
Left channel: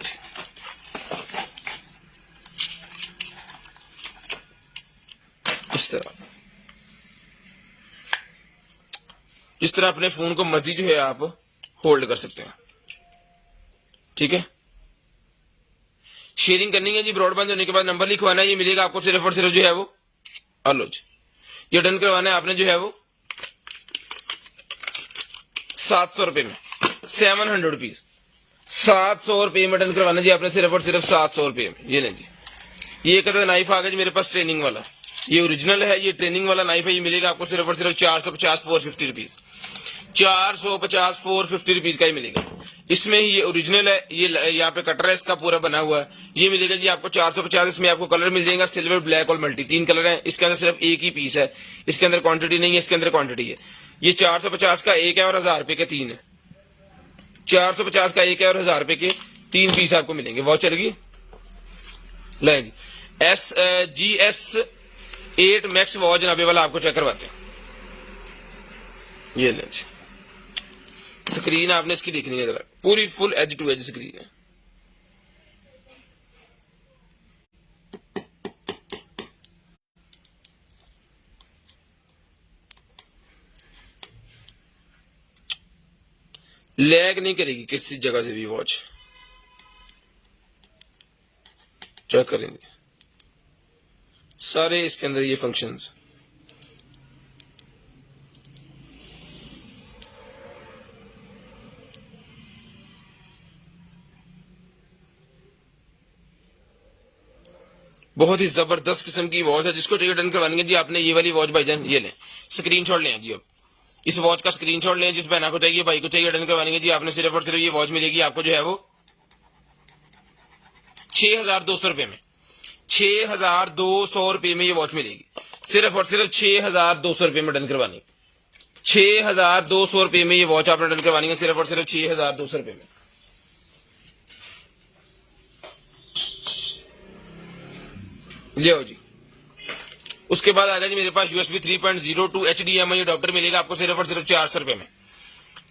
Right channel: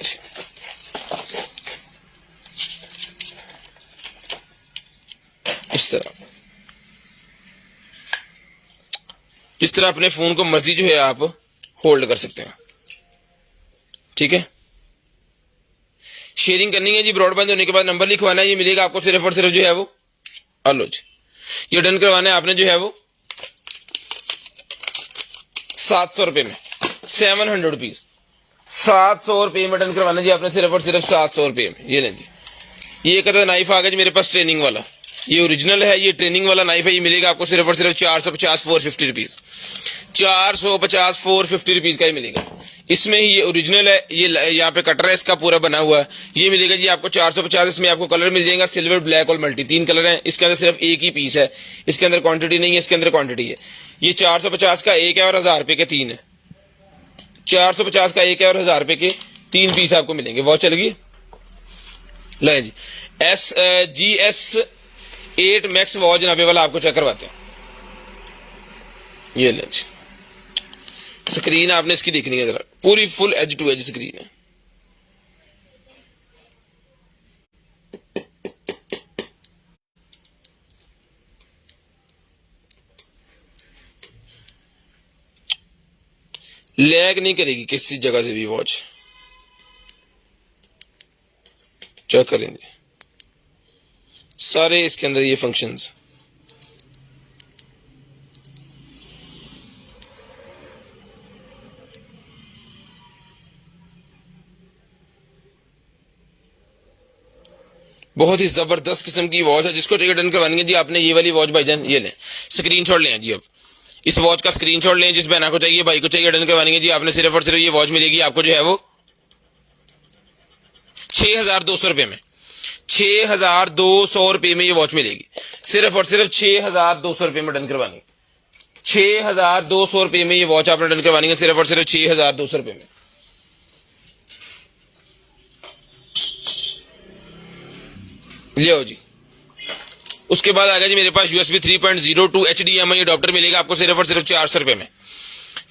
इस तरह, जिस तरह अपने फोन को मर्जी जो है आप होल्ड कर सकते हैं। ठीक है, शेयरिंग करनी है जी, ब्रॉडबैंड होने के बाद नंबर लिखवाना है। ये मिलेगा आपको सिर्फ और सिर्फ जो है वो, हेलो जी, ये डन करवाना है आपने जो है वो 700 रुपये में, 700 रुपीज, 700 रुपये में डन करवाना जी आपने, सिर्फ और सिर्फ 700 रुपये में। ये लें जी, ये एक नाइफ आ गया जी मेरे पास ट्रेनिंग वाला, ये ओरिजिनल है, ये ट्रेनिंग वाला नाइफ है। ये मिलेगा आपको सिर्फ और सिर्फ 450 450 रुपीज, 450 450 रुपीज का ही मिलेगा। इसमें ही ये ओरिजिनल है, ये यहाँ पे कटर है इसका पूरा बना हुआ है। ये मिलेगा जी आपको 450। इसमें आपको कलर मिल जाएगा, सिल्वर, ब्लैक और मल्टी, 3 कलर हैं। इसके अंदर सिर्फ एक ही पीस है, इसके अंदर क्वांटिटी नहीं है, इसके अंदर क्वांटिटी है। ये 450 का एक है और 1000 रुपए के 3 है। 450 का एक है और 1000 रुपए के 3 पीस आपको मिलेंगे। वॉच चलेगी, ले जी GS8 मैक्स वॉच जनाबे वाला आपको चेक करवाते हैं। ये ले जी, स्क्रीन आपने इसकी देखनी है, जरा पूरी full edge to edge screen है। लैग नहीं करेगी किसी जगह से भी वॉच, चेक करें जी, सारे इसके अंदर ये फंक्शंस। बहुत ही जबरदस्त किस्म की वॉच है, जिसको चाहिए डन करवाएंगे जी आपने ये वाली वॉच भाईजान, ये लें स्क्रीनशॉट लें जी। अब इस वॉच का स्क्रीनशॉट लें, जिस बहना को चाहिए भाई को चाहिए डन करवाएंगे जी आपने। सिर्फ और सिर्फ ये वॉच मिलेगी आपको जो है वो 6,200 रुपये में, 6,200 रुपये में ये वॉच मिलेगी। सिर्फ और सिर्फ 6,200 रुपये में डन करवानी, 6,200 रुपये में ये वॉच आपने डन करवानी है, सिर्फ और सिर्फ 6,200 रुपये में। लियो जी। उसके बाद आ गया जी मेरे पास USB 3.02 HDMI अडॉप्टर मिलेगा आपको सिर्फ और सिर्फ 400 रुपये में,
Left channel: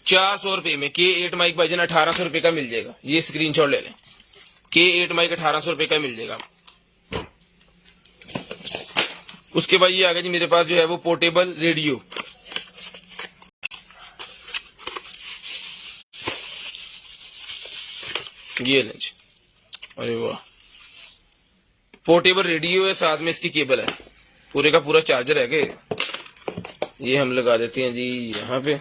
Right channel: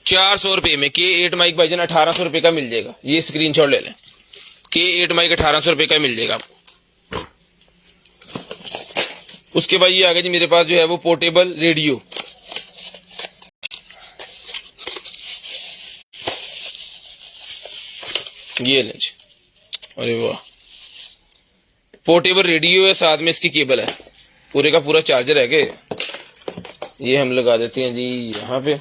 400 रुपये में। K8 माइक भाईजान 1,800 रुपये का मिल जाएगा, ये स्क्रीनशॉट ले लें। K8 माइक 1,800 रुपये का मिल जाएगा। उसके बाद ये आ गया जी मेरे पास जो है वो पोर्टेबल रेडियो, ये लें जी। अरे वाह, पोर्टेबल रेडियो है, साथ में इसकी केबल है, पूरे का पूरा चार्जर है के। ये हम लगा देते हैं जी यहाँ पे,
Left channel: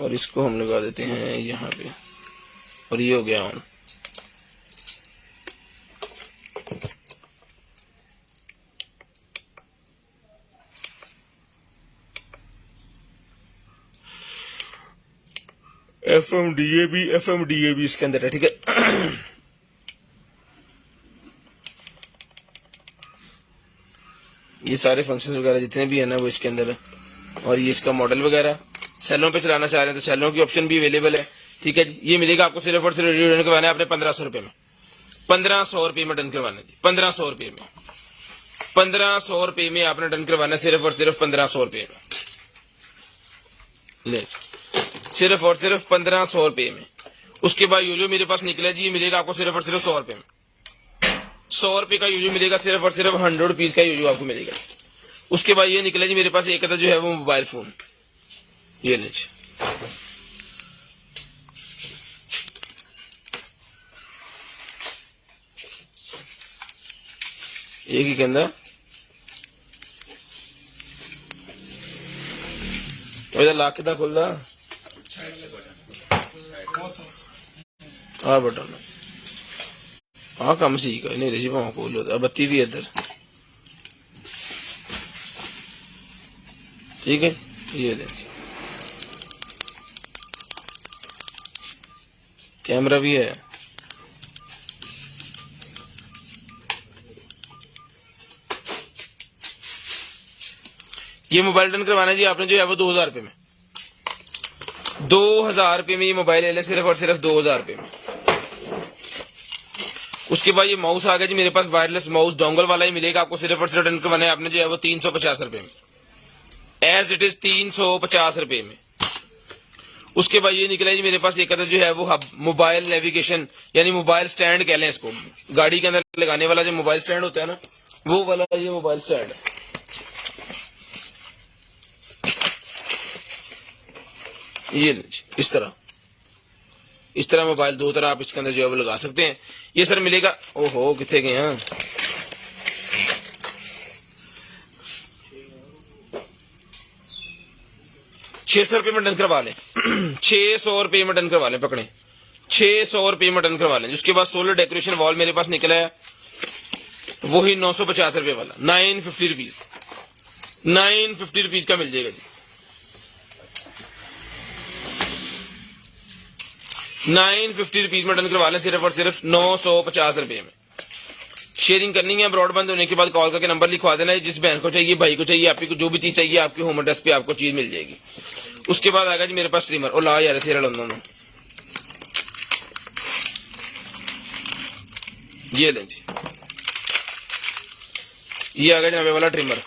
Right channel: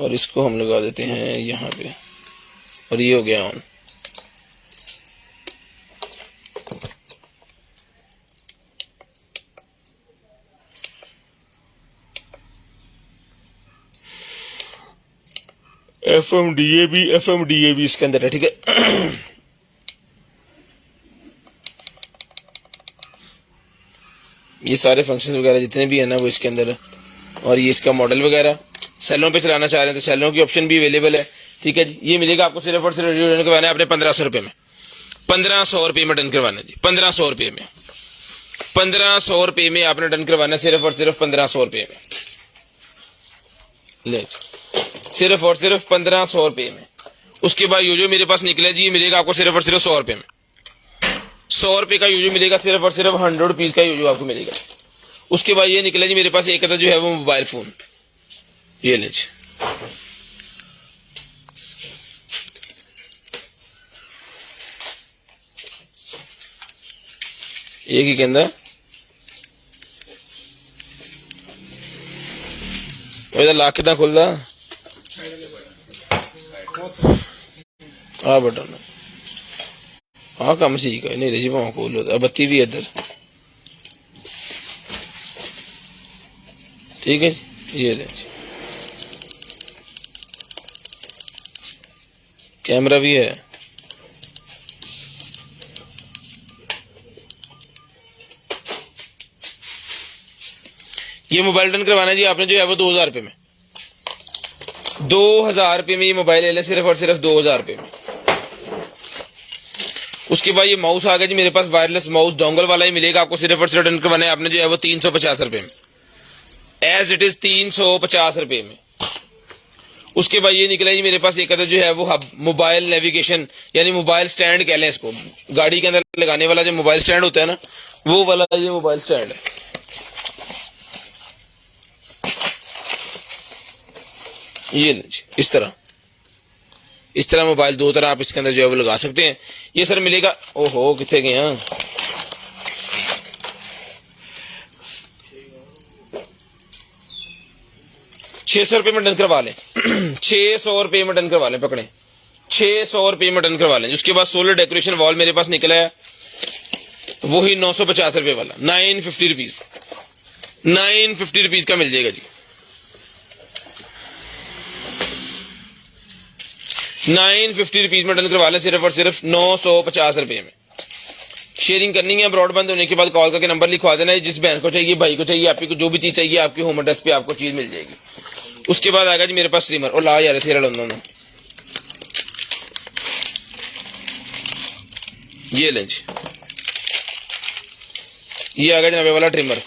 और इसको हम लगा देते हैं यहाँ पे, और ये हो गया ऑन। FM DAB इसके अंदर है, ठीक है। ये सारे फंक्शंस वगैरह जितने भी है ना वो इसके अंदर है। और ये इसका मॉडल वगैरह, सेलों पे चलाना चाह रहे हैं तो सेलों की ऑप्शन भी अवेलेबल है, ठीक है जी। ये मिलेगा आपको सिर्फ और सिर्फ रेडियो डन करवाना है आपने 1,500 रुपये में, 1,500 रुपये में डन करवाना जी, 1,500 रुपये में, 1,500 रुपये में आपने डन करवाना, सिर्फ और सिर्फ 1,500 रुपये में, ले सिर्फ और सिर्फ 1,500 रुपये में। उसके बाद यो जो मेरे पास निकला जी, ये मिलेगा आपको सिर्फ और सिर्फ 100 रुपये में, 100 रुपये का यूजो मिलेगा, सिर्फ और सिर्फ 100 रुपीज का यूजो आपको मिलेगा। उसके बाद ये निकला जी मेरे पास एक जो है वो मोबाइल फोन, ये लीजिए, एक ही के अंदर लाख कितना खुलता है बटन, हाँ कम सी का नहीं जी भाव खोल लो, बत्ती भी है इधर, ठीक है ये कैमरा भी है। ये मोबाइल डन करवाना जी आपने जो है वो 2,000 रुपये में, 2,000 रुपये में ये मोबाइल ले लें, सिर्फ और सिर्फ 2,000 रुपये में। उसके बाद ये माउस आ गया जी मेरे पास, वायरलेस माउस डोंगल वाला ही मिलेगा आपको, सिर्फ और सिर्फ डन करवाना है आपने जो है वो 350 रुपये में, एज इट इज 350 रुपये में। उसके बाद ये निकला जी मेरे पास एक जो है वो मोबाइल नेविगेशन, यानी मोबाइल स्टैंड कह लें इसको, गाड़ी के अंदर लगाने वाला जो मोबाइल स्टैंड होता है ना, वो वाला ये मोबाइल स्टैंड है। ये इस तरह मोबाइल दो तरह आप इसके अंदर जो है वो लगा सकते हैं। ये सर मिलेगा, ओहो कितने गए हैं, 600 रुपये में डन करवा लें, 600 रुपये में डन करवा लें, पकड़े 600 रुपये में डन करवा लें। उसके बाद सोलर डेकोरेशन वॉल मेरे पास निकला है, वही 950 रुपये वाला, 950 रुपीज, 950 रुपीज का मिल जाएगा जी, 950 रुपीज में डन करवा लें, सिर्फ और सिर्फ 950 रुपये में। शेयरिंग करनी है, ब्रॉडबैंड होने के बाद कॉल करके नंबर लिखवा देना है, जिस बहन को चाहिए, भाई को चाहिए, आपको जो भी चीज चाहिए आपकी होम एड्रेस पे आपको चीज मिल जाएगी। उसके बाद आएगा जी मेरे पास स्ट्रीमर, और ला यार थे दोनों, ये लें जी, ये आ गया जनाबे वाला ट्रिमर,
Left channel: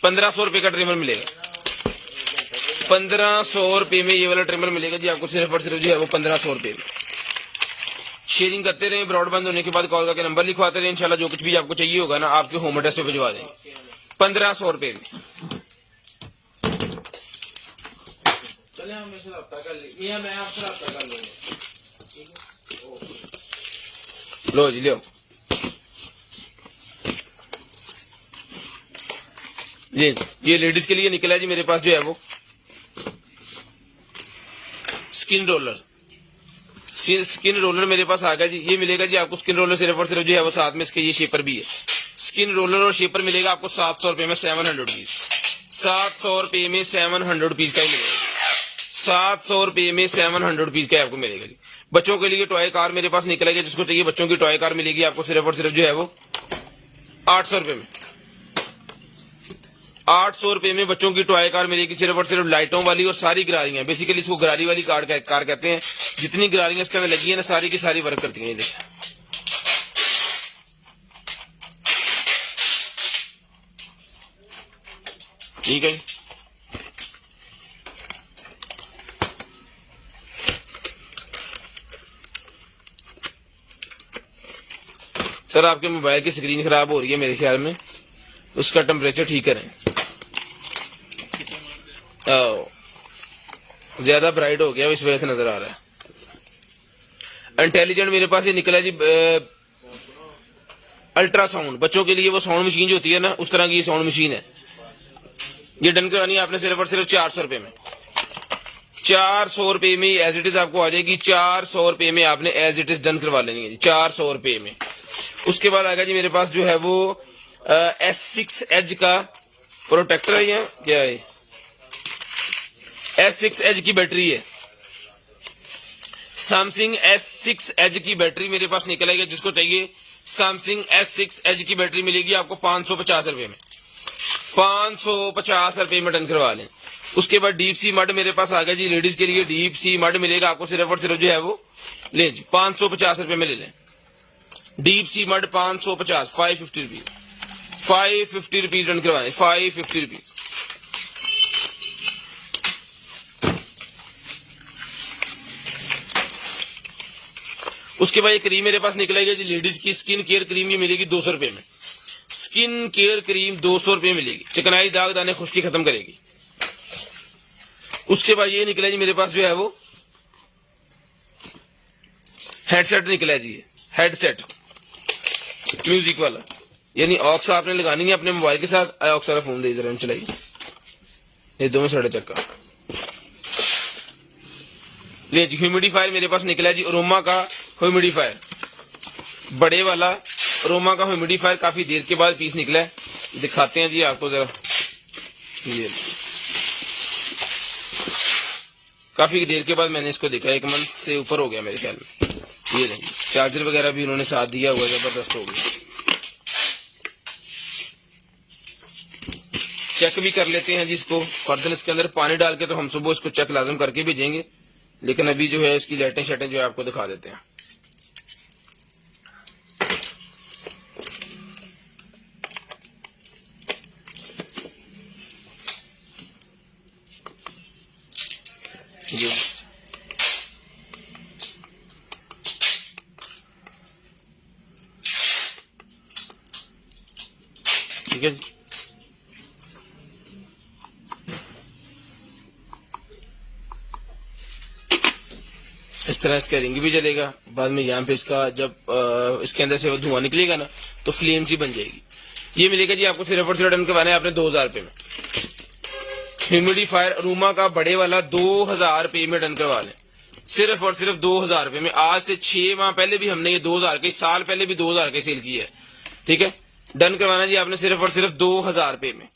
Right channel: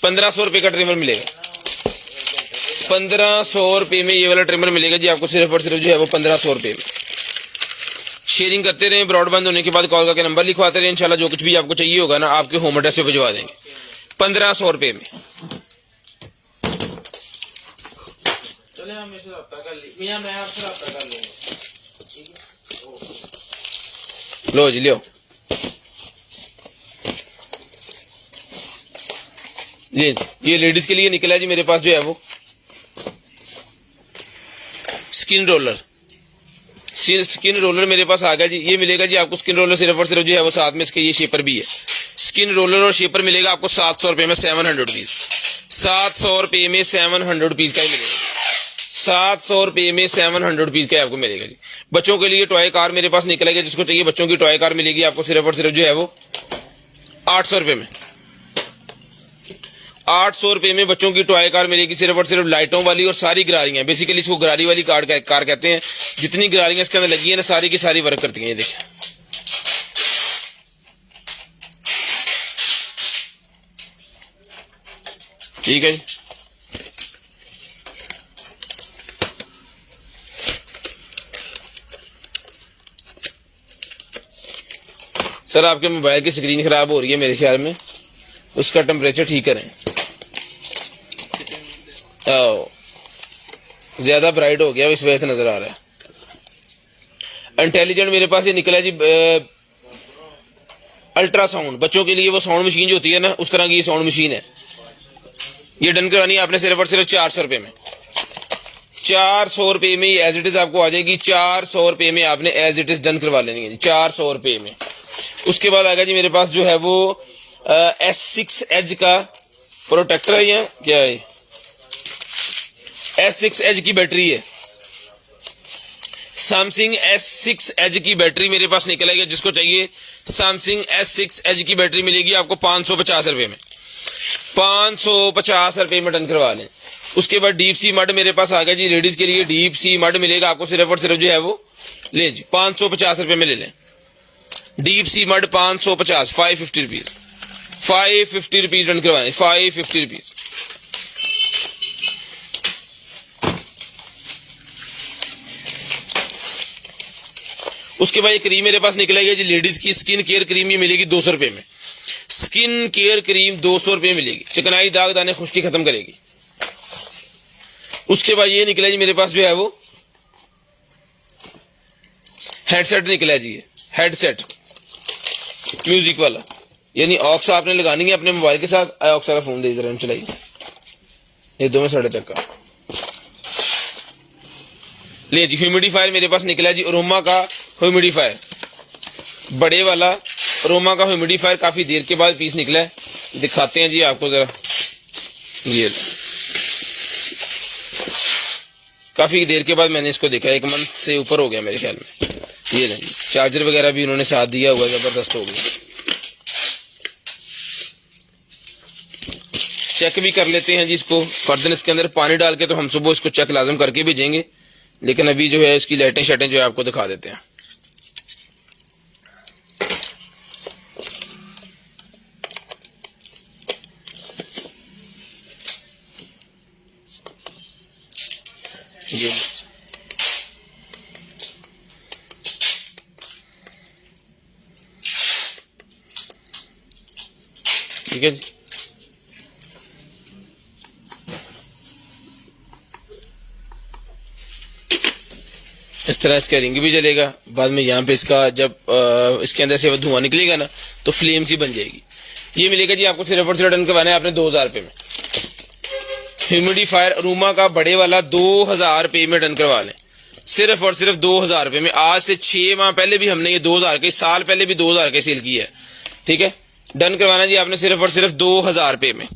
₹1,500 रुपये का ट्रिमर मिलेगा, 1,500 रुपये में ये वाला ट्रिमर मिलेगा जी आपको, सिर्फ और सिर्फ जो है वो 1,500 रुपये में। शेयरिंग करते रहें, ब्रॉडबैंड होने के बाद कॉल करके नंबर लिखवाते रहें, इंशाल्लाह जो कुछ भी आपको चाहिए होगा ना आपके होम एड्रेस पे भिजवा देंगे, 1,500 रुपये में। चले हम इससे रब्ता कर ली मियां, मैं आपसे रब्ता कर लूंगा, ठीक है। लो जी, लियो ये लेडीज के लिए निकला जी मेरे पास जो है वो स्किन रोलर। स्किन रोलर मेरे पास आ गया जी। ये मिलेगा जी आपको स्किन रोलर सिर्फ और सिर्फ जो है वो साथ में इसके ये शेपर भी है। स्किन रोलर और शेपर मिलेगा आपको 700 रुपये में, 700 रुपीज, 700 रुपये में 700 रुपीज का ही मिलेगा। 700 रुपये में 700 रुपीज का आपको मिलेगा जी। बच्चों के लिए टॉय कार मेरे पास निकलेगा, जिसको चाहिए बच्चों की टॉय कार मिलेगी आपको सिर्फ और सिर्फ जो है वो 800 रुपये में। 800 रुपये में बच्चों की टॉय कार मिलेगी सिर्फ और सिर्फ लाइटों वाली, और सारी गरारियां, बेसिकली इसको गरारी वाली कार कहते हैं। जितनी गरारियां इसके अंदर लगी है ना, सारी की सारी वर्क करती हैं। ये देखिए, ठीक है जी। सर आपके मोबाइल की स्क्रीन खराब हो रही है मेरे ख्याल में, उसका टेम्परेचर ठीक करें। ज्यादा ब्राइट हो गया, इस वजह से नजर आ रहा है। इंटेलिजेंट मेरे पास ये निकला जी अल्ट्रासाउंड। बच्चों के लिए वो साउंड मशीन जो होती है ना, उस तरह की ये साउंड मशीन है। ये डन करवानी है आपने सिर्फ और सिर्फ 400 रुपये में। 400 रुपये में एज इट इज आपको आ जाएगी। 400 रुपये में आपने एज इट इज डन करवा लेनी है 400 रुपये में। उसके बाद आएगा जी मेरे पास जो है वो S6 एज का प्रोटेक्टर है, या क्या है, S6 एज की बैटरी है। सैमसंग S6 एज की बैटरी मेरे पास निकल आई है। जिसको चाहिए सैमसंग S6 एज की बैटरी मिलेगी आपको 550 रुपये में। 550 रुपये में डन करवा लें। उसके बाद डीप सी मड मेरे पास आ गया जी। लेडीज के लिए डीप सी मड मिलेगा आपको सिर्फ और सिर्फ जो है वो ले जी 550 रुपये में ले लें। Deep sea mud 550, 550 rupees, 550 rupees done करवाएं, 550 रुपीज। उसके बाद ये क्रीम मेरे पास निकलेगी जी लेडीज की स्किन केयर क्रीम। ये मिलेगी 200 रुपये में। स्किन केयर क्रीम 200 रुपये मिलेगी। चिकनाई, दाग, दाने, खुश्की खत्म करेगी। उसके बाद ये निकला जी मेरे पास जो है वो हेडसेट निकला जी। हेडसेट म्यूजिक वाला, यानी ऑक्स आपने लगानी है अपने मोबाइल के साथ। ऑक्स वाला फोन दे जरा चलाइए, ये दो में 3.5 चक्का ले जी। ह्यूमिडिफायर मेरे पास निकला जी अरोमा का ह्यूमिडिफायर, बड़े वाला अरोमा का ह्यूमिडिफायर। काफी देर के बाद पीस निकला है, दिखाते हैं जी आपको जरा। ये काफी देर के बाद मैंने इसको देखा, 1 मंथ से ऊपर हो गया मेरे ख्याल में। ये नहीं, चार्जर वगैरह भी उन्होंने साथ दिया हुआ, जबरदस्त हो गया। चेक भी कर लेते हैं जी इसको। फर्दर इसके अंदर पानी डाल के तो हम सुबह इसको चेक लाजम करके भेजेंगे, लेकिन अभी जो है इसकी लाइटें शटें जो है आपको दिखा देते हैं। ठीक है जी। इस तरह इसका रिंग भी चलेगा। बाद में यहाँ पे इसका जब इसके अंदर से धुआं निकलेगा ना, तो फ्लेम सी बन जाएगी। ये मिलेगा जी आपको सिर्फ और सिर्फ डन करवाना है आपने 2000 रुपये में। ह्यूमिडिफायर अरोमा का बड़े वाला 2000 रुपये में डन करवा लें, सिर्फ और सिर्फ 2000 रुपये में। आज से 6 माह पहले भी हमने ये 2000 के, साल पहले भी 2000 के सेल किया है। ठीक है, डन करवाना जी आपने सिर्फ और सिर्फ 2000 रुपये में।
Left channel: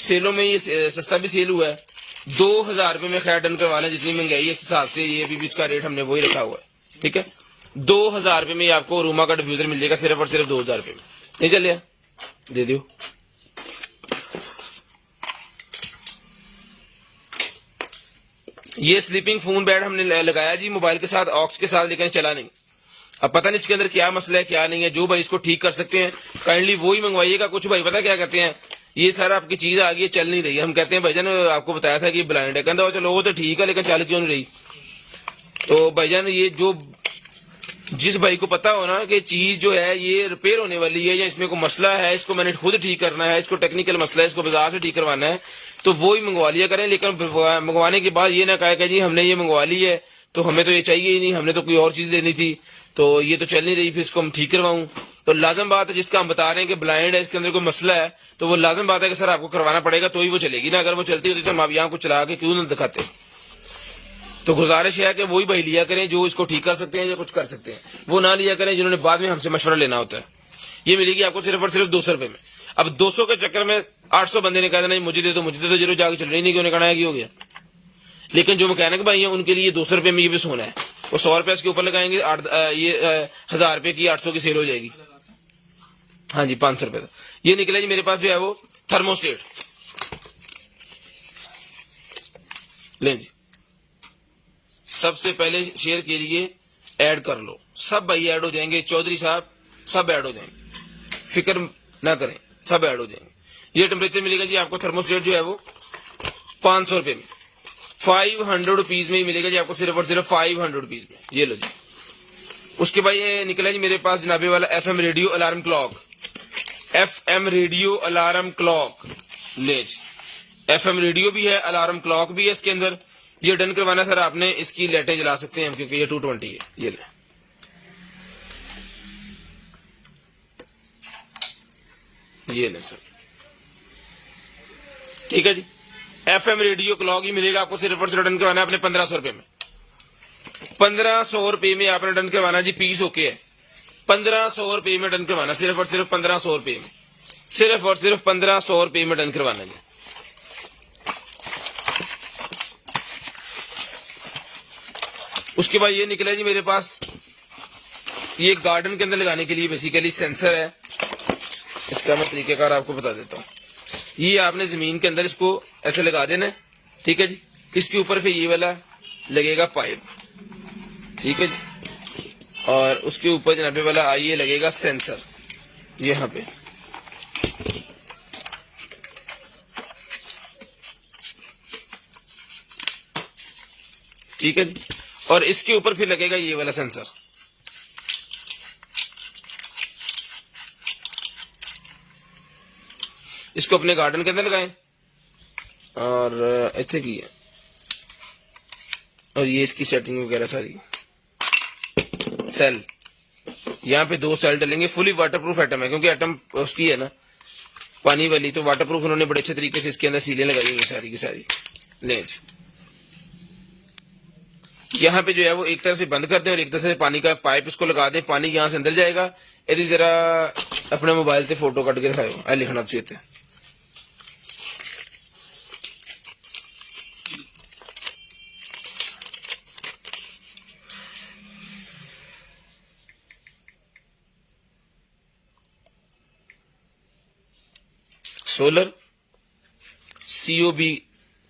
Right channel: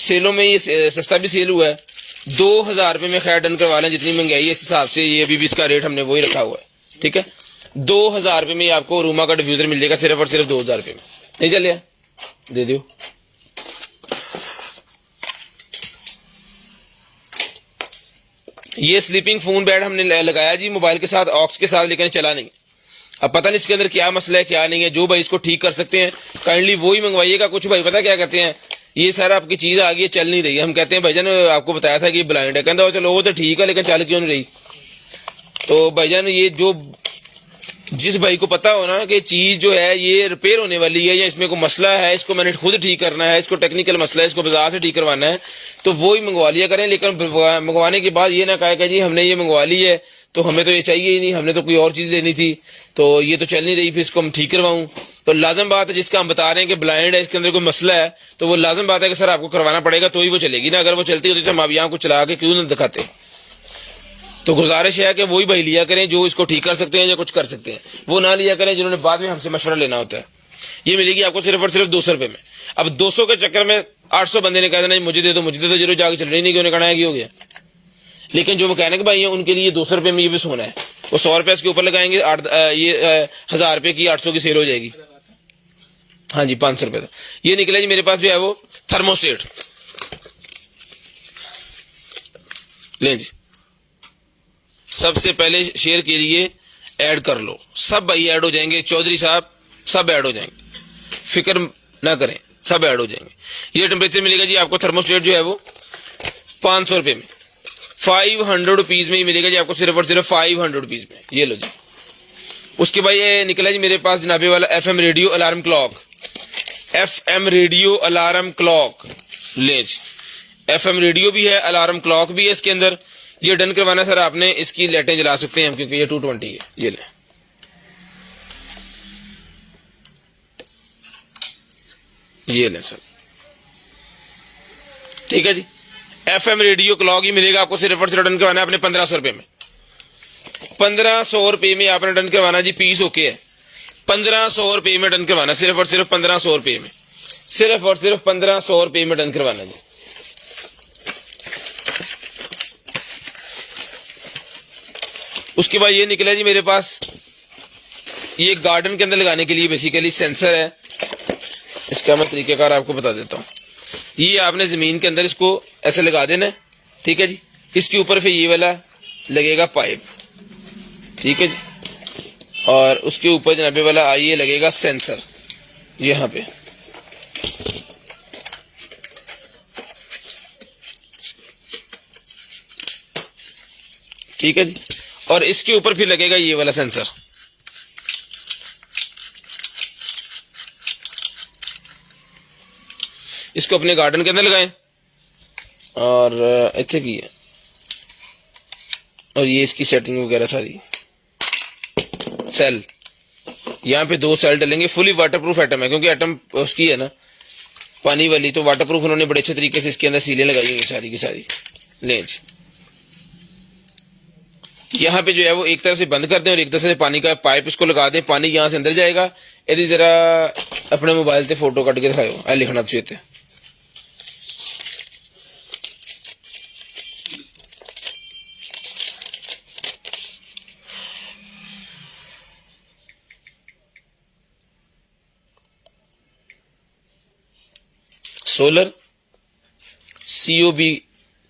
सेलों में ये सस्ता भी सेल हुआ है। 2000 रुपये में खैर डन करवा लें। जितनी महंगाई है इस हिसाब से ये अभी भी इसका रेट हमने वही रखा हुआ है। ठीक है, 2000 रुपये में आपको अरोमा का डिफ्यूजर मिल जाएगा सिर्फ और सिर्फ 2000 रुपये में। नहीं चलिए दे दो। ये स्लीपिंग फोन बेड हमने लगाया जी मोबाइल के साथ, ऑक्स के साथ, लेकिन चला नहीं। अब पता नहीं इसके अंदर क्या मसला है क्या नहीं है। जो भाई इसको ठीक कर सकते हैं काइंडली वो ही मंगवाइएगा। कुछ भाई पता क्या करते हैं, ये सारा आपकी चीज आ गई चल नहीं रही है, हम कहते हैं भाईजान आपको बताया था कि ब्लाइंड है, कहता चलो वो तो ठीक है लेकिन चल क्यों नहीं रही। तो भाईजान ये जो जिस भाई को पता हो ना कि चीज जो है ये रिपेयर होने वाली है या इसमें कोई मसला है, इसको मैंने खुद ठीक करना है, इसको टेक्निकल मसला है, इसको बाजार से ठीक करवाना है, तो वो ही मंगवा लिया करें, लेकिन मंगवाने के बाद ये ना कहा कि जी हमने ये मंगवा ली है तो हमें तो ये चाहिए ही नहीं, हमने तो कोई और चीज़ लेनी थी, तो ये तो चल नहीं रही, फिर इसको हम ठीक करवाऊँ। तो लाजम बात है, जिसका हम बता रहे हैं कि ब्लाइंड है, इसके अंदर कोई मसला है, तो वो लाजम बात है कि सर आपको करवाना पड़ेगा तो ही वो चलेगी ना। अगर वो चलती होती तो हम आप यहाँ को चला के क्यों ना दिखाते। तो गुजारिश है कि वही भाई लिया करें जो इसको ठीक कर सकते हैं या कुछ कर सकते हैं, वो ना लिया करें जिन्होंने बाद में हमसे मशवरा लेना होता है। ये मिलेगी आपको सिर्फ और सिर्फ 200 रुपये में। अब 200 के चक्कर में 800 बंदे ने कहा नहीं मुझे दे दो मुझे दे दो, जीरो जाके चल रही नहीं, क्यों कहना है कि हो गया। लेकिन जो मैकेनिक भाई हैं उनके लिए 200 रुपये में ये भी सोना है, वो 100 रुपये इसके ऊपर लगाएंगे, 1000 रुपये की 800 की सेल हो जाएगी। हाँ जी 500 रुपये। ये निकले जी मेरे पास जो है वो थर्मोस्टेट, लें जी। सबसे पहले शेयर के लिए ऐड कर लो, सब भाई ऐड हो जाएंगे, चौधरी साहब सब ऐड हो जाएंगे, फिक्र ना करें, सब ऐड हो जाएंगे। ये टेम्परेचर मिलेगा जी आपको थर्मोस्टेट जो है वो 500 रुपये में, 500 रुपीज में ही मिलेगा जी आपको, सिर्फ और सिर्फ 500 रुपीज में। ये लो जी। उसके बाद ये निकला जी मेरे पास जनाबे वाला FM radio alarm clock, FM radio alarm clock ले जी। FM रेडियो भी है, अलार्म क्लॉक भी है इसके अंदर। ये डन करवाना सर आपने, इसकी लाइटें जला सकते हैं हम क्योंकि ये 220 है। ये ले, ये ले सर, ठीक है जी। FM रेडियो क्लॉक ही मिलेगा आपको, सिर्फ और सिर्फ डन करवाना है आपने 1500 रुपये में। 1500 रुपये में आपने डन करवाना जी, पीस ओके है। 1500 रुपये में डन करवाना, सिर्फ और सिर्फ 1500 रुपये में, सिर्फ और सिर्फ 1500 रुपये में डन करवाना जी। उसके बाद ये निकला जी मेरे पास, ये गार्डन के अंदर लगाने के लिए बेसिकली सेंसर है। इसका मैं तरीकेकार आपको बता देता हूँ। ये आपने जमीन के अंदर इसको ऐसे लगा देना, ठीक है जी। इसके ऊपर फिर ये वाला लगेगा पाइप, ठीक है जी, और उसके ऊपर जनाबे वाला आइए लगेगा सेंसर यहाँ पे, ठीक है जी। और इसके ऊपर फिर लगेगा ये वाला सेंसर। इसको अपने गार्डन के अंदर लगाएं और अच्छे की है, और ये इसकी सेटिंग वगैरह सारी सेल, यहाँ पे 2 सेल डलेंगे। फुली वाटरप्रूफ एटम है क्योंकि एटम उसकी है ना पानी वाली, तो वाटरप्रूफ उन्होंने बड़े अच्छे तरीके से इसके अंदर सीलें लगाई हुई सारी की सारी। लेंज यहाँ पे जो है वो एक तरफ से बंद कर दें और एक तरफ से पानी का पाइप इसको लगा दें, पानी यहाँ से अंदर जाएगा। यदि जरा अपने मोबाइल से फोटो कट के दिखाओ, आ लिखना चाहिए। Solar COB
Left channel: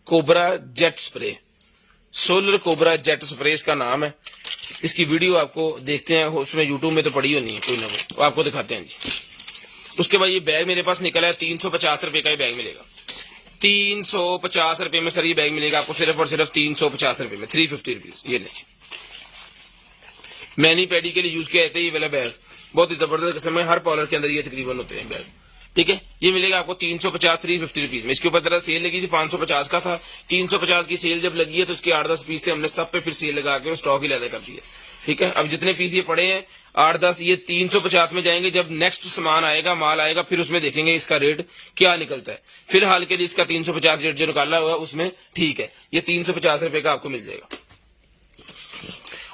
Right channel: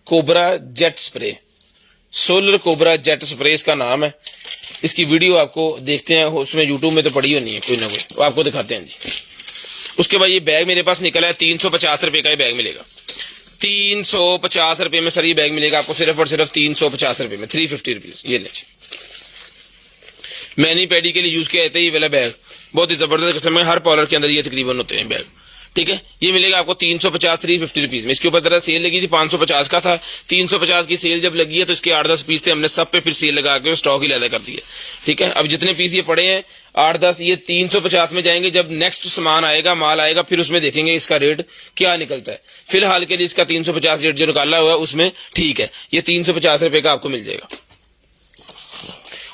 cobra jet spray, solar cobra jet spray इसका नाम है। इसकी वीडियो आपको देखते हैं, उसमें यूट्यूब में तो पड़ी होनी है कोई ना कोई, तो आपको दिखाते हैं जी। उसके बाद ये बैग मेरे पास निकला है, 350 रुपये का ही बैग मिलेगा। 350 रुपये में सर ये बैग मिलेगा आपको, सिर्फ और सिर्फ 350 रुपये में, 350 रुपीज। ये ले, मैनी पैडी के लिए यूज किया जाता है ये वाला बैग, बहुत ही जबरदस्त किस्म है, हर पार्लर के अंदर ये तकरीबन होते हैं बैग, ठीक है। ये मिलेगा आपको 350 350 रुपीज में। इसके ऊपर जरा सेल लगी थी, 550 का था, 350 की सेल जब लगी है तो इसके 8-10 पीस थे, हमने सब पे फिर सेल लगा के स्टॉक ही लैदा कर दिया, ठीक है। अब जितने पीस ये पड़े हैं 8-10 ये 350 में जाएंगे। जब नेक्स्ट सामान आएगा, माल आएगा, फिर उसमें देखेंगे इसका रेट क्या निकलता है। फिलहाल के लिए इसका 350 रेट जो निकाला हुआ है उसमें ठीक है, ये 350 रुपये का आपको मिल जाएगा।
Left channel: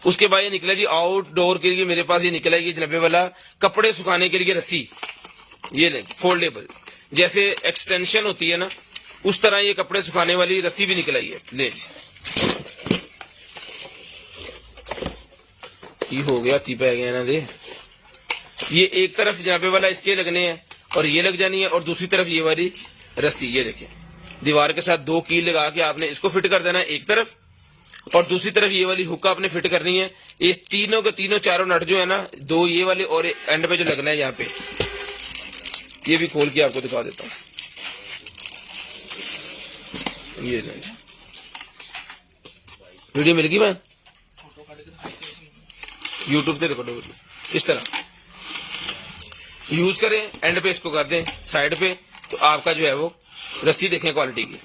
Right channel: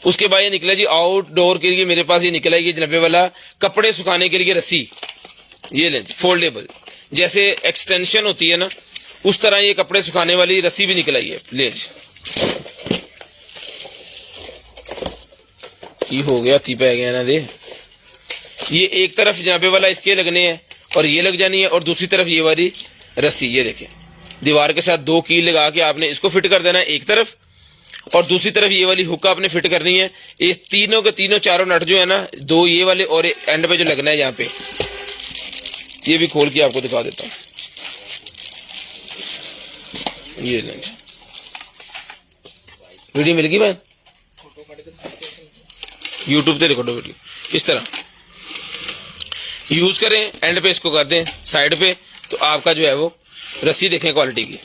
उसके बाद ये निकला जी आउटडोर के लिए मेरे पास ये निकला, ये जनाबे वाला कपड़े सुखाने के लिए रस्सी, ये लें फोल्डेबल, जैसे एक्सटेंशन होती है ना उस तरह ये कपड़े सुखाने वाली रस्सी भी निकल आई है। ले ये हो गया, ती पै गया ना दे। ये एक तरफ जनाबे वाला इसके लगने हैं और ये लग जानी है, और दूसरी तरफ ये वाली रस्सी, ये देखें दीवार के साथ 2 कील लगा के आपने इसको फिट कर देना है एक तरफ, और दूसरी तरफ ये वाली हुक आपने फिट करनी है। ये तीनों के तीनों चारों नट जो है ना, 2 ये वाले और एंड पे जो लगना है यहाँ पे, ये भी खोल के आपको दिखा देता हूँ। ये लेंगे, वीडियो मिल गई भाई, यूट्यूब पे रिकॉर्ड वीडियो इस तरह यूज करें, एंड पे इसको कर दें साइड पे, तो आपका जो है वो रस्सी देखें क्वालिटी की,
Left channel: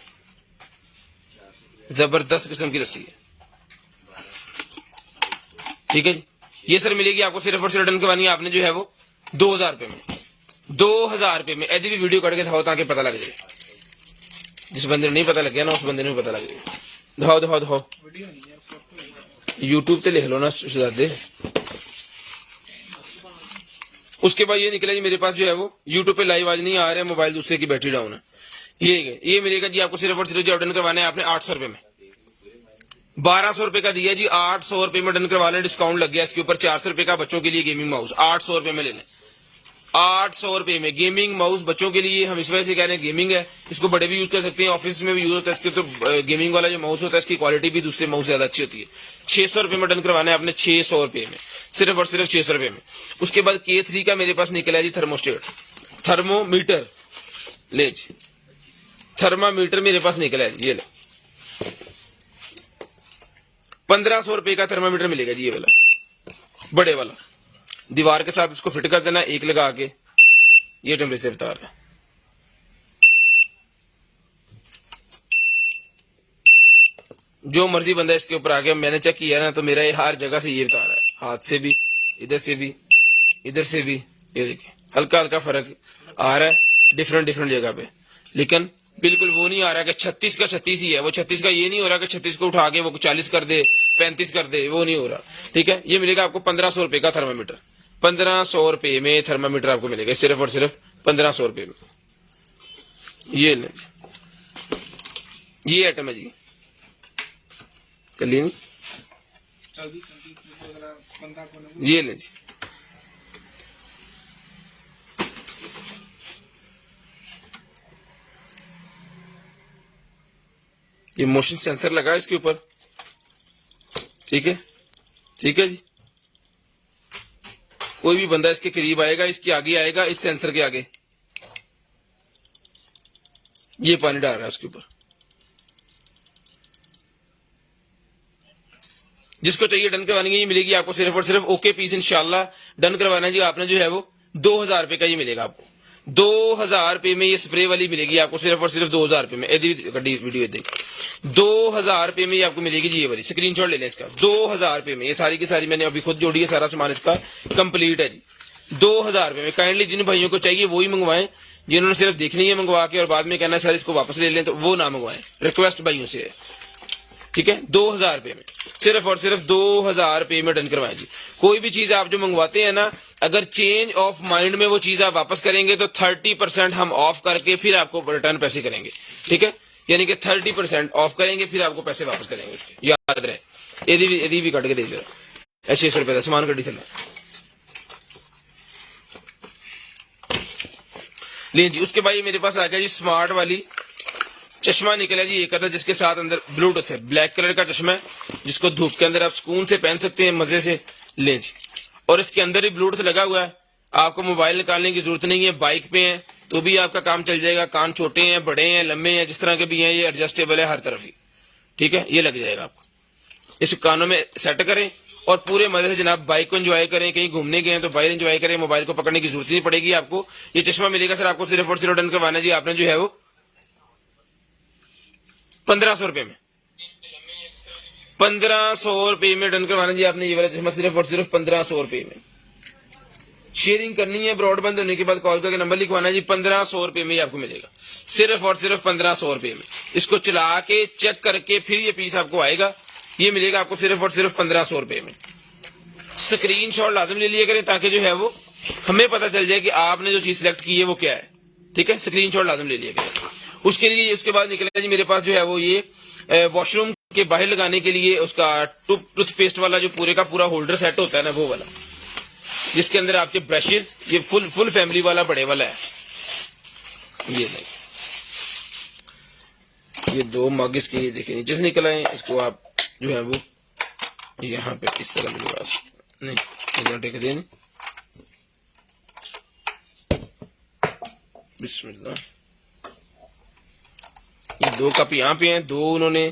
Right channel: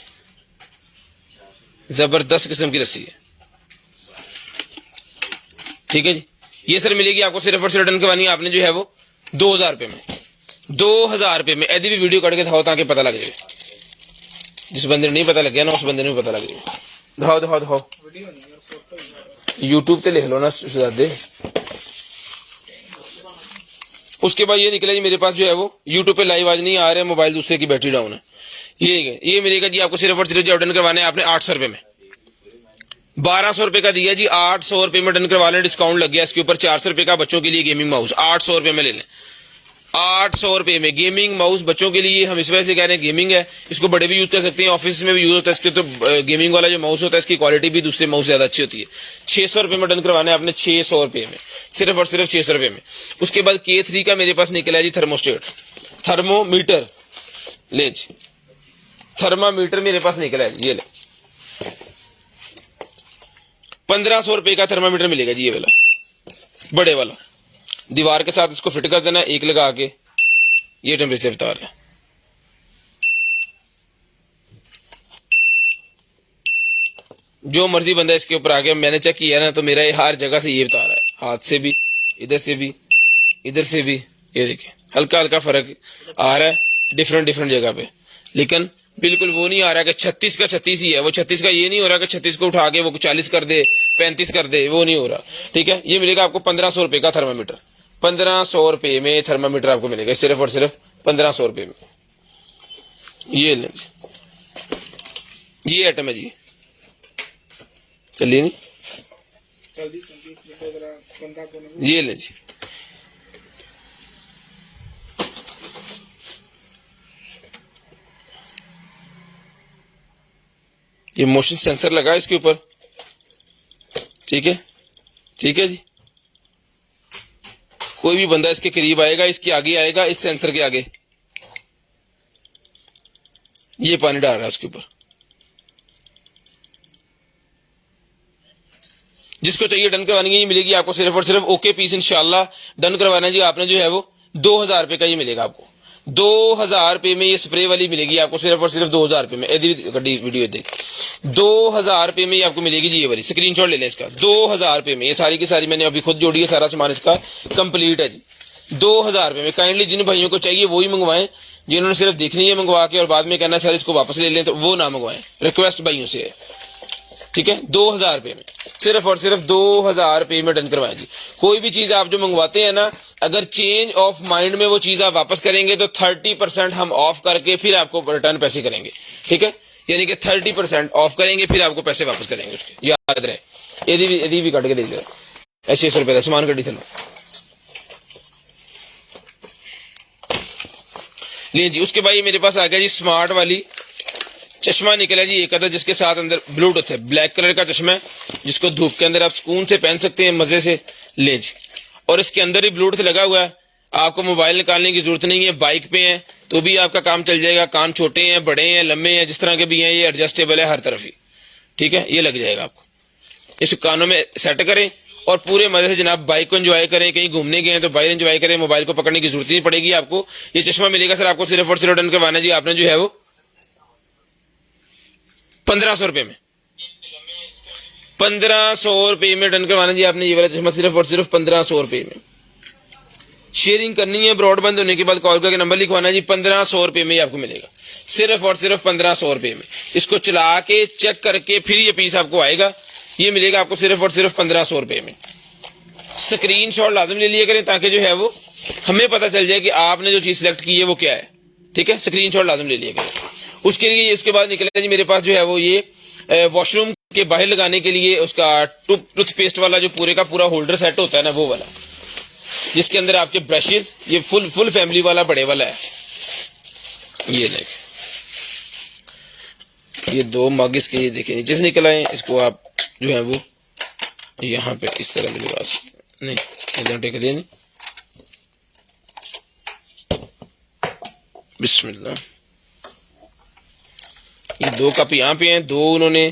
जबरदस्त किस्म की रस्सी है, ठीक है जी। ये सर मिलेगी आपको सिर्फ और सिर्फ रिटर्न करवानी है आपने जो है वो 2000 रुपये में, 2000 रुपये में। यदि भी वीडियो कट के दिखाओ ताकि पता लग जाए, जिस बंदे ने नहीं पता लग गया ना उस बंदे ने भी पता लग जाए। दिखाओ दिखाओ दिखाओ, यूट्यूब पे लिख लो ना शहजादे। उसके बाद ये निकला जी मेरे पास जो है वो यूट्यूब पे लाइव आज नहीं आ रहा है, मोबाइल दूसरे की बैटरी डाउन है। ये मिलेगा जी आपको सिर्फ और सिर्फ रिटर्न करवाने हैं आपने 800 रुपये में, 1200 रुपये का दिया जी, 800 रुपये में रिटर्न करवा लें, डिस्काउंट लग गया इसके ऊपर 400 रुपये का बच्चों के लिए गेमिंग माउस 800 रुपये में ले लें। 800 रुपये में गेमिंग माउस बच्चों के लिए, हम इस वजह से कह रहे हैं गेमिंग है, इसको बड़े भी यूज कर सकते हैं, ऑफिस में भी यूज होता है इसके। तो गेमिंग वाला जो माउस होता है इसकी क्वालिटी भी दूसरे माउस से ज्यादा अच्छी होती है। 600 रुपये में डन करवाना है आपने, 600 रुपये में, सिर्फ और सिर्फ 600 रुपये में। उसके बाद K3 का मेरे पास निकला है जी थर्मोस्टेट, थर्मोमीटर, ले जी थर्मामीटर मेरे पास निकला है, ये ले 1500 रुपये का थर्मामीटर मिलेगा जी, ये वाला बड़े वाला। दीवार के साथ इसको फिट कर देना, एक लगा के ये टेम्परेचर बता रहा। जो मर्जी बंदा इसके ऊपर आ गया, मैंने चेक किया ना तो मेरा ये हर जगह से ये बता रहा है, हाथ से भी, इधर से भी, इधर से भी। ये देखिए हल्का हल्का फर्क आ रहा है डिफरेंट जगह पे, लेकिन बिल्कुल वो नहीं आ रहा कि 36 का 36 ही है। वो 36 का ये नहीं हो रहा कि 36 को उठा के वो 40 कर दे, 35 कर दे, वो नहीं हो रहा, ठीक है। ये मिलेगा आपको 1500 रुपये का थर्मामीटर, 1500 रुपये में थर्मामीटर आपको मिलेगा सिर्फ और सिर्फ 1500 रुपये में। ये ले, ये आइटम है जी, चलिए नहीं ये ले जी। ये मोशन सेंसर लगा है इसके ऊपर, ठीक है जी। कोई भी बंदा इसके करीब आएगा, इसके आगे आएगा, इस सेंसर के आगे ये पानी डाल रहा है उसके ऊपर। जिसको चाहिए डन करवानी है, ये मिलेगी आपको सिर्फ और सिर्फ ओके पीस इंशाल्लाह। डन करवाना है जी आपने जो है वो 2000 रुपये का ये मिलेगा आपको, 2000 रुपये में ये स्प्रे वाली मिलेगी आपको सिर्फ और सिर्फ 2000 रुपये में। वीडियो दे 2000 रुपये में ये आपको मिलेगी जी, ये वाली स्क्रीनशॉट ले लें इसका। 2000 रुपये में ये सारी की सारी मैंने अभी खुद जोड़ी है, सारा सामान इसका कंप्लीट है जी, 2000 रुपये में। काइंडली जिन भाइयों को चाहिए वही मंगवाएं, जिन्होंने सिर्फ देखनी है मंगवा के और बाद में कहना सर इसको वापस ले लें, तो वो ना मंगवाएं, रिक्वेस्ट भाइयों से है, ठीक है। 2000 रुपये में, सिर्फ और सिर्फ 2000 रुपये में डन करवाएं जी। कोई भी चीज आप जो मंगवाते हैं ना, अगर चेंज ऑफ माइंड में वो चीज आप वापस करेंगे तो 30% हम ऑफ करके फिर आपको रिटर्न पैसे करेंगे, ठीक है। यानी कि 30% ऑफ करेंगे फिर आपको पैसे वापस करेंगे, याद रहे। यदि भी कट के दे ऐसे 600 रुपये का सामान कटी चलो लीजिए जी। उसके बाद ये मेरे पास आ गया जी स्मार्ट वाली चश्मा निकला जी, एक अदर, जिसके साथ अंदर ब्लूटूथ है, ब्लैक कलर का चश्मा है, जिसको धूप के अंदर आप सुकून से पहन सकते हैं, मजे से ले जी। और इसके अंदर ही ब्लूटूथ लगा हुआ है, आपको मोबाइल निकालने की जरूरत नहीं है। बाइक पे है तो भी आपका काम चल जाएगा, कान छोटे हैं, बड़े हैं, लंबे हैं, जिस तरह के भी हैं, ये एडजस्टेबल है हर तरफ ही, ठीक है। ये लग जाएगा आपको, इस कानों में सेट करें और पूरे मजे से जनाब बाइक को एंजॉय करें। कहीं घूमने गए हैं तो बाइक एंजॉय करें, मोबाइल को पकड़ने की जरूरत नहीं पड़ेगी आपको। ये चश्मा मिलेगा सर आपको सिर्फ और सिर्फ रिटर्न करवाना जी आपने जो है वो 1500 रुपये में, 1500 रुपये में डन करवाना जी आपने ये वाला चश्मा सिर्फ और सिर्फ 1500 रुपये में। शेयरिंग करनी है, ब्रॉडबैंड होने के बाद कॉल करके नंबर लिखवाना जी, 1500 रुपये में आपको मिलेगा सिर्फ और सिर्फ 1500 रुपये में। इसको चला के चेक करके फिर ये पीस आपको आएगा, ये मिलेगा आपको सिर्फ और सिर्फ 1500 रुपये में। स्क्रीनशॉट लाजम ले लिया करें ताकि जो है वो हमें पता चल जाए कि आपने जो चीज सिलेक्ट की है वो क्या है, ठीक है। स्क्रीनशॉट लाजम ले लिया करें। उसके लिए इसके बाद निकला जी मेरे पास जो है वो ये वॉशरूम के बाहर लगाने के लिए उसका टूथपेस्ट वाला जो पूरे का पूरा होल्डर सेट होता है ना, वो वाला, जिसके अंदर आपके ब्रशेस, ये फुल फैमिली वाला बड़े वाला है। ये देखें, ये 2 मग इसके ये देखें नीचे से निकल आए, इसको आप जो है वो यहाँ पे इस तरह मेरे पास नहीं इधर टेक देंगे, बिस्मिल्लाह। ये 2 कप यहाँ पे हैं, 2 उन्होंने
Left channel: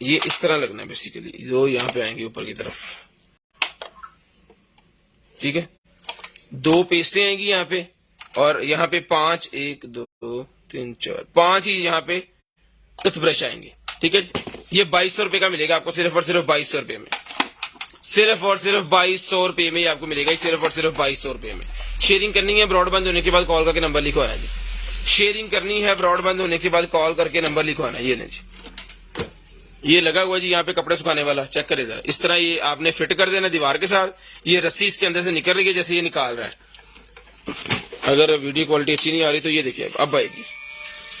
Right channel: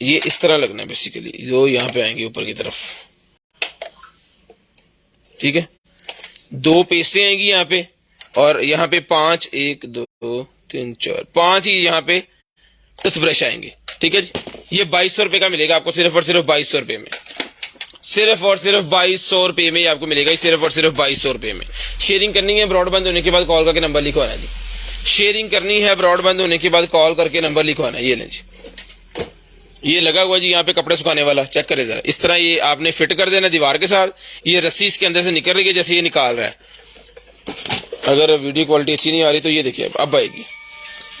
ये इस तरह लगना है बेसिकली, 2 यहाँ पे आएंगे ऊपर की तरफ, ठीक है। 2 पेस्टें आएंगी यहाँ पे और यहाँ पे 5 1 2 3 4 5 ही यहाँ पे टूथब्रश आएंगे, ठीक है जी। ये 2200 रुपए का मिलेगा आपको, सिर्फ और सिर्फ 2200 रुपए में, सिर्फ और सिर्फ 2200 रुपए में आपको मिलेगा, सिर्फ और सिर्फ 2200 रुपए में। शेयरिंग करनी है, ब्रॉडबैंड होने के बाद कॉल करके नंबर लिखवाना है जी। शेयरिंग करनी है, ब्रॉडबैंड होने के बाद कॉल करके नंबर लिखवाना है। ये लें जी, ये लगा हुआ जी यहाँ पे कपड़े सुखाने वाला, चेक करें जरा। इस तरह ये आपने फिट कर देना दीवार के साथ। ये रस्सी इसके अंदर से निकल रही है जैसे ये निकाल रहा है। अगर वीडियो क्वालिटी अच्छी नहीं आ रही तो ये देखिए अब आएगी।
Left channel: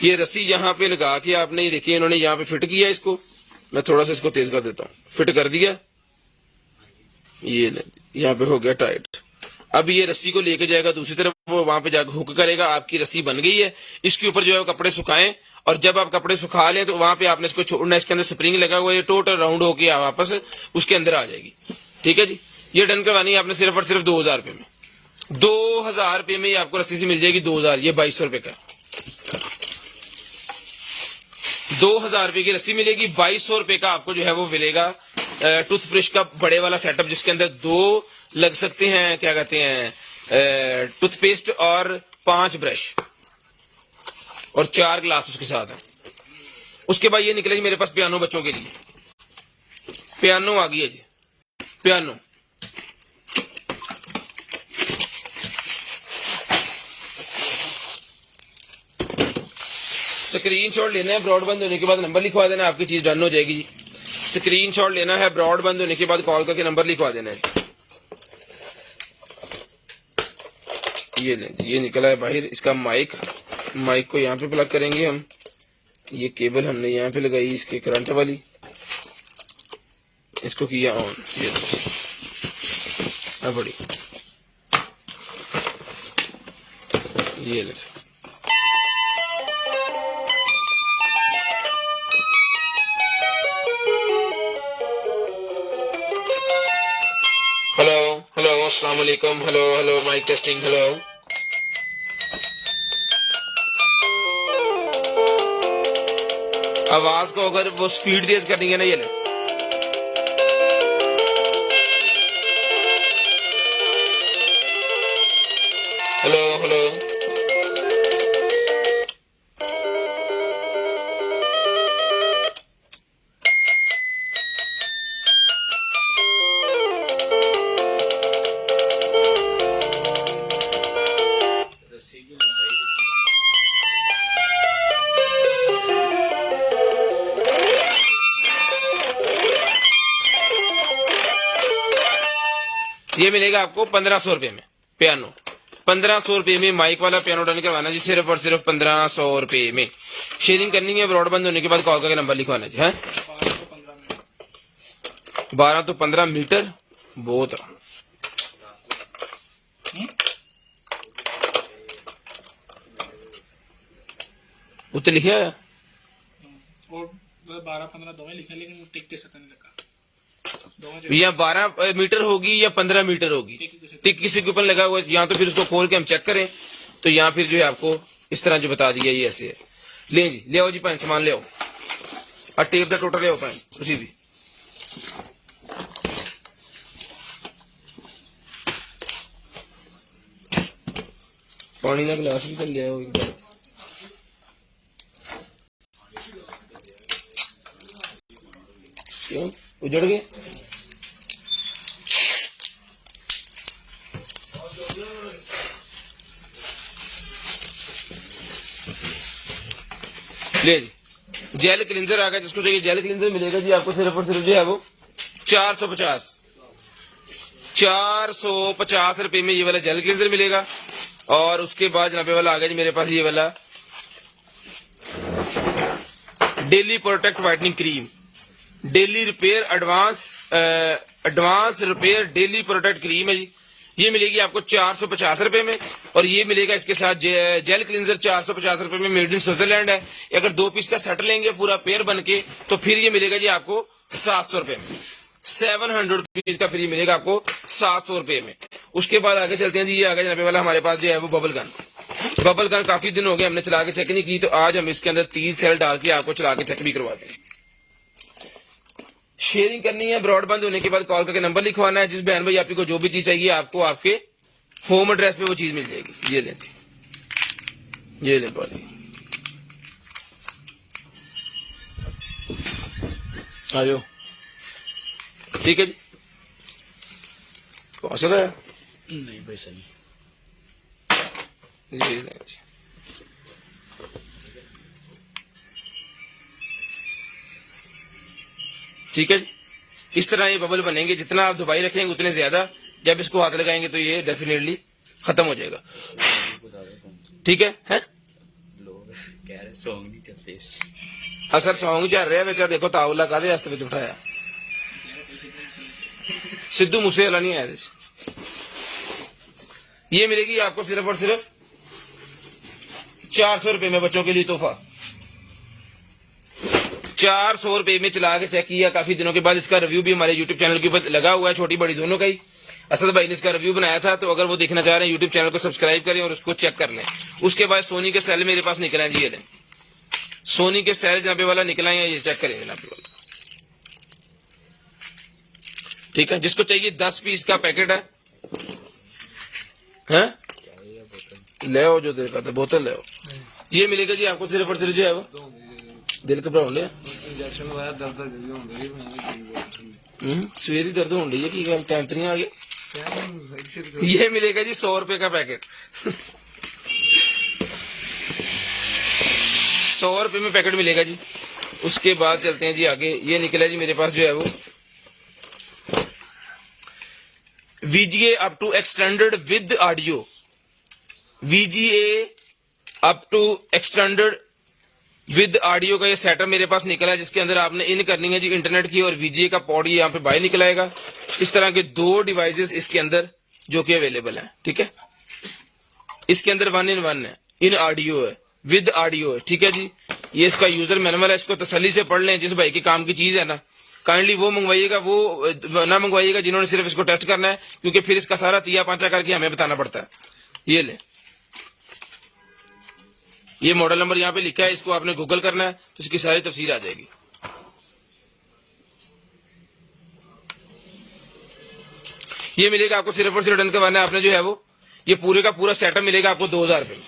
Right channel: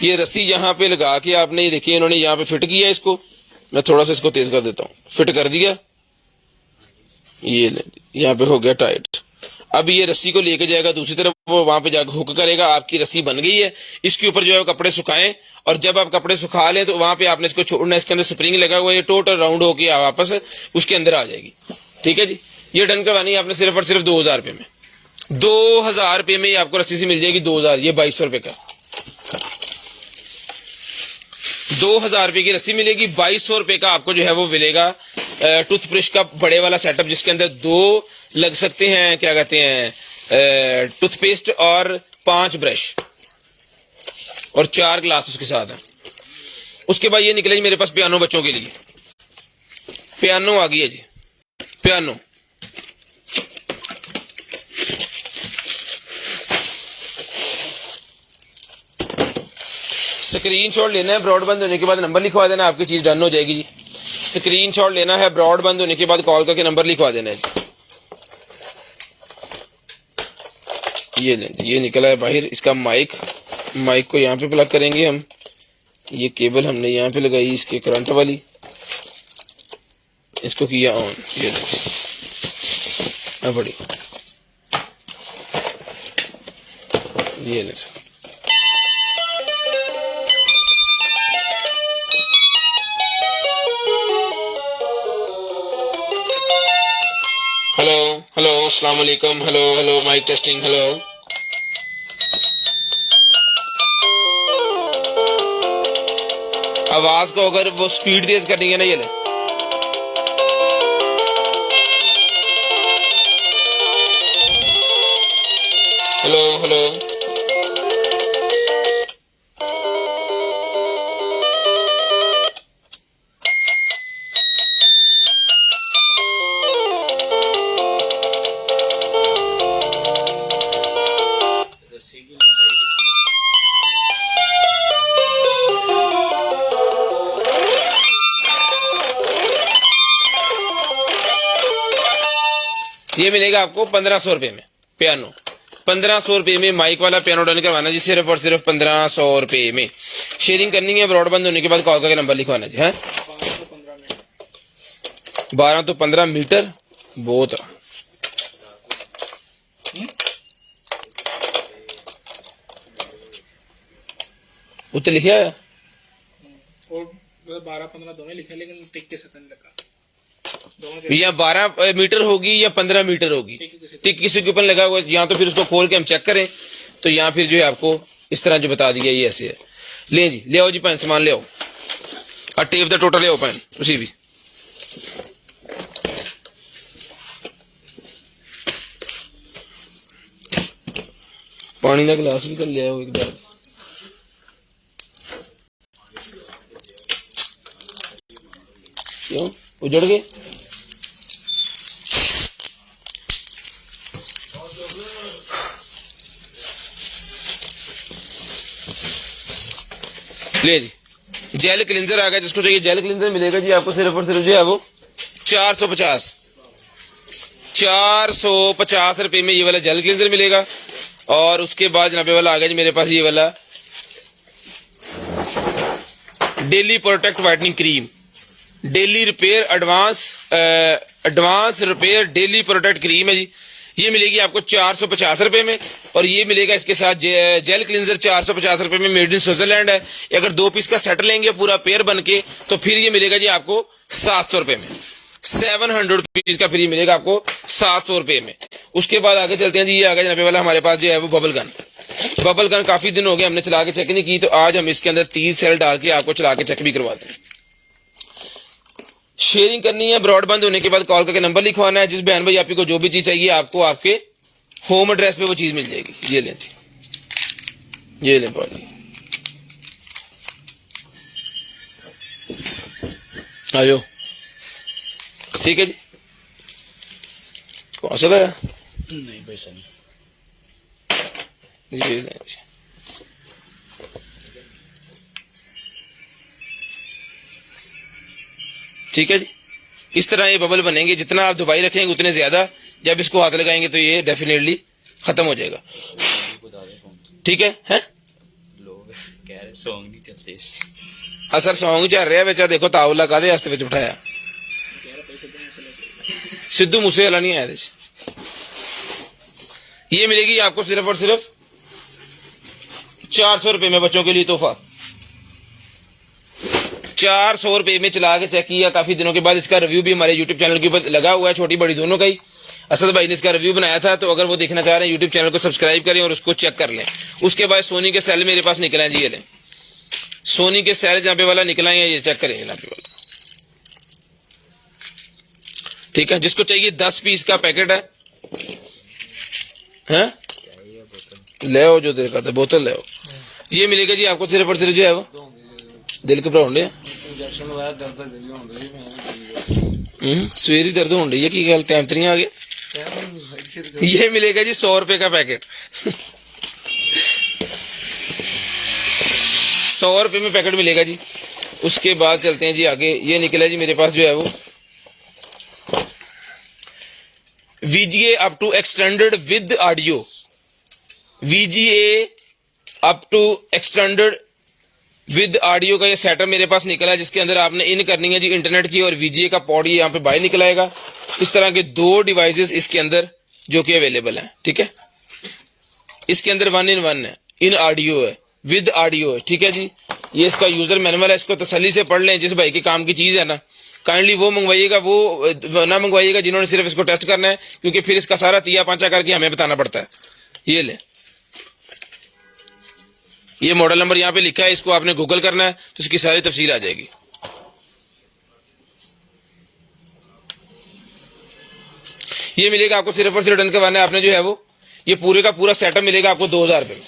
ये रस्सी यहाँ पे लगा के आपने, ये देखिए इन्होंने यहाँ पे फिट किया इसको। मैं थोड़ा सा इसको तेज कर देता हूँ, फिट कर दिया, ये ले यहाँ पे हो गया टाइट। अब ये रस्सी को लेके जाएगा दूसरी तरफ, वो वहां पे जाकर हुक करेगा। आपकी रस्सी बन गई है, इसके ऊपर जो है कपड़े सुखाएं, और जब आप कपड़े सुखा लें तो वहां पे आपने इसको छोड़ना। इसके अंदर स्प्रिंग लगा हुआ है, ये टोटल राउंड होकर वापस उसके अंदर आ जाएगी। ठीक है जी, ये डन करवानी है आपने सिर्फ और सिर्फ 2000 रुपए में। 2000 रुपए में आपको रस्सी से मिल जाएगी 2000, ये 2200 रुपए का 2000 रुपए की रस्सी मिलेगी। 2200 रुपए का आपको जो है वो मिलेगा टूथब्रश का बड़े वाला सेटअप, जिसके अंदर 2 लग सकते हैं, क्या कहते हैं, टूथपेस्ट और 5 ब्रश और 4 ग्लास उसके साथ है। उसके बाद ये निकलेगी मेरे पास पियानो बच्चों के लिए। पियानो आ गई है जी, पियानो। स्क्रीनशॉट लेना है, ब्रॉडबैंड होने के बाद नंबर लिखवा देना, आपकी चीज डन हो जाएगी जी। स्क्रीनशॉट लेना है, ब्रॉडबैंड होने के बाद कॉल करके नंबर लिखवा देना है। ये निकला है बाहर इसका माइक। माइक को यहाँ पे प्लग करेंगे हम। ये केबल हमने यहाँ पे लगाई इसके करंट वाली, इसको किया ऑन। ये बड़ी ये ले हेलो हेलो अस्सलाम वालेकुम, hello hello mic testing, hello. आवाज को अगर वो स्पीड तेज करनी है ना, ये ले। हेलो हेलो ये मिलेगा आपको 1500 रुपए में पियानो। 1500 रुपए में माइक वाला पियानो डन करवाना जी, सिर्फ और सिर्फ 1500 रुपए में। शेयरिंग करनी है, ब्रॉडबैंड होने के बाद कॉल करके नंबर लिखवाना जी। है 12 तो 15 मीटर बहुत उत्ते लिखा है, और 12-15 दोनों लिखे, लेकिन टिक के साथ नहीं लिखा। या 12 मीटर होगी या 15 मीटर होगी, टिक किसी के ऊपर लगा हुआ है। यहाँ तो फिर उसको खोल के हम चेक करें तो यहाँ फिर जो है आपको इस तरह जो बता दिया ये ऐसे है। ले जी, ले आओ जी पैन, सामान ले आओ और टेप दा टोटल ले आओ पैन उसी भी। पानी का गिलास भी कर ले आओ एक बार। क्यों उजड़ गए? ले जी, जेल क्लींजर आ गया। जिसको चाहिए जेल क्लींजर मिलेगा जी आपको सिर्फ और सिर्फ जो है वो 450 रुपए में ये वाला जेल क्लींजर मिलेगा। और उसके बाद जनाबे वाला आ गया जी मेरे पास ये वाला daily protect whitening cream, daily repair advance repair daily protect cream है जी। ये मिलेगी आपको 450 रुपए में। और ये मिलेगा इसके साथ जेल क्लींजर 450 रुपए में, मेड इन स्विट्जरलैंड है। अगर 2 पीस का सेट लेंगे पूरा पेयर बन के तो फिर ये मिलेगा जी आपको 700 रुपए में। 700 रुपीज का फ्री मिलेगा आपको 700 रुपए में। उसके बाद आगे चलते हैं जी। ये आगे जनाबे वाला हमारे पास जो है वो बबल गन। बबल गन काफी दिन हो गए हमने चला के चेक नहीं की, तो आज हम इसके अंदर 3 सेल डाल के आपको चला के चेक भी करवाते हैं। शेयरिंग करनी है, ब्रॉडबैंड होने के बाद कॉल करके नंबर लिखवाना है। जिस बहन भाई आपको जो भी चीज चाहिए आपको आपके होम एड्रेस पे वो चीज मिल जाएगी। ये लें, ये लें बॉटल। आ जाओ, ठीक है जी। कौन सा है? नहीं पैसा नहीं। ठीक है जी। इस तरह ये बबल बनेंगे, जितना आप दबाई रखेंगे उतने ज्यादा, जब इसको हाथ लगाएंगे तो ये डेफिनेटली खत्म हो जाएगा। ठीक है? लोग कह रहे सॉन्ग नहीं चलते। हाँ सर, सॉन्ग ही चल रहा है बेचा, देखो तावला कादे हस्ते विच उठाया, सिद्धू मूसे वाला नहीं आया। ये मिलेगी आपको सिर्फ और सिर्फ 400 रुपए में, बच्चों के लिए तोहफा। 400 रुपए में चला के चेक किया काफी दिनों के बाद। इसका रिव्यू भी हमारे यूट्यूब चैनल के ऊपर लगा हुआ है, छोटी बड़ी दोनों का ही। असद भाई ने इसका रिव्यू बनाया था, तो अगर वो देखना चाह रहे हैं यूट्यूब चैनल को सब्सक्राइब करें और उसको चेक कर लें। उसके बाद सोनी के सेल मेरे पास निकले हैं जी, ये लें, सोनी के सेल जहाँ पे वाला निकला है, ये चेक करेंगे यहाँ पे वाला। ठीक है, जिसको चाहिए 10 पीस का पैकेट है, हाँ ले आओ, जो देखा था बोतल ले आओ। ये मिलेगा जी आपको सिर्फ और सिर्फ जो है वो दिल घबराउंडे इंजेक्शन लगाया दर्द जल्दी होंदे सवेरी दर्द होने रही है की गल, टाइम तो नहीं आ गया। ये मिलेगा जी 100 रुपए का पैकेट। 100 रुपए में पैकेट मिलेगा जी। उसके बाद चलते हैं जी आगे। ये निकला जी मेरे पास जो है वो VGA up to extended with audio, VGA up to extended with audio का ये सेटअप मेरे पास निकला है, जिसके अंदर आपने इन करनी है जी इंटरनेट की, और VGA का पॉड ये यहाँ पे बाहर निकल आएगा। इस तरह के 2 डिवाइसेस इसके अंदर जो कि अवेलेबल हैं। ठीक है, इसके अंदर 1 in 1 है, इन ऑडियो है, विद ऑडियो है। ठीक है जी, ये इसका यूजर मैनुअल है, इसको तसल्ली से पढ़ लें। जिस भाई के काम की चीज है ना, काइंडली वो मंगवाइएगा, वो ना मंगवाइएगा जिन्होंने सिर्फ इसको टेस्ट करना है, क्योंकि फिर इसका सारा तिया पांचा करके हमें बताना पड़ता है। ये ले, ये मॉडल नंबर यहाँ पे लिखा है, इसको आपने गूगल करना है तो इसकी सारी तफसील आ जाएगी। ये मिलेगा आपको सिर्फ और सिर्फ डन करवाना है आपने जो है वो, ये पूरे का पूरा सेटअप मिलेगा आपको 2000 रुपए में।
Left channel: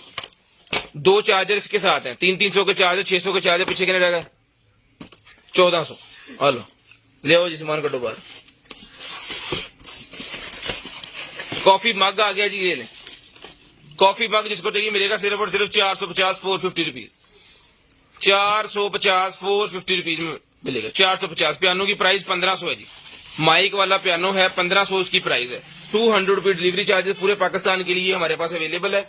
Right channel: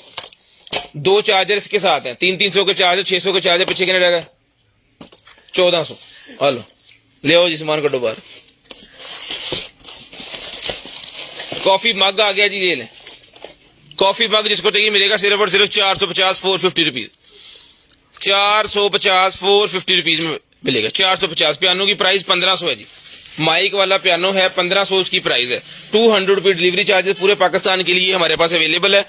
2 चार्जर इसके साथ हैं, 300 के चार्जर, 600 के चार्जर, पीछे कितने रहेगा 1400। हेलो ले आओ जी, सामान कटो बाहर। कॉफी मग आ गया जी, ये लें कॉफी मग, जिसको चाहिए मिलेगा सिर्फ और सिर्फ 450 450 रुपीज। 450 450 रुपीज में मिलेगा। 450। पियानो की प्राइस 1500 है जी, माइक वाला पियानो है 1500 उसकी प्राइस है। 200 रुपये डिलीवरी चार्जेस पूरे पाकिस्तान के लिए हमारे पास अवेलेबल है।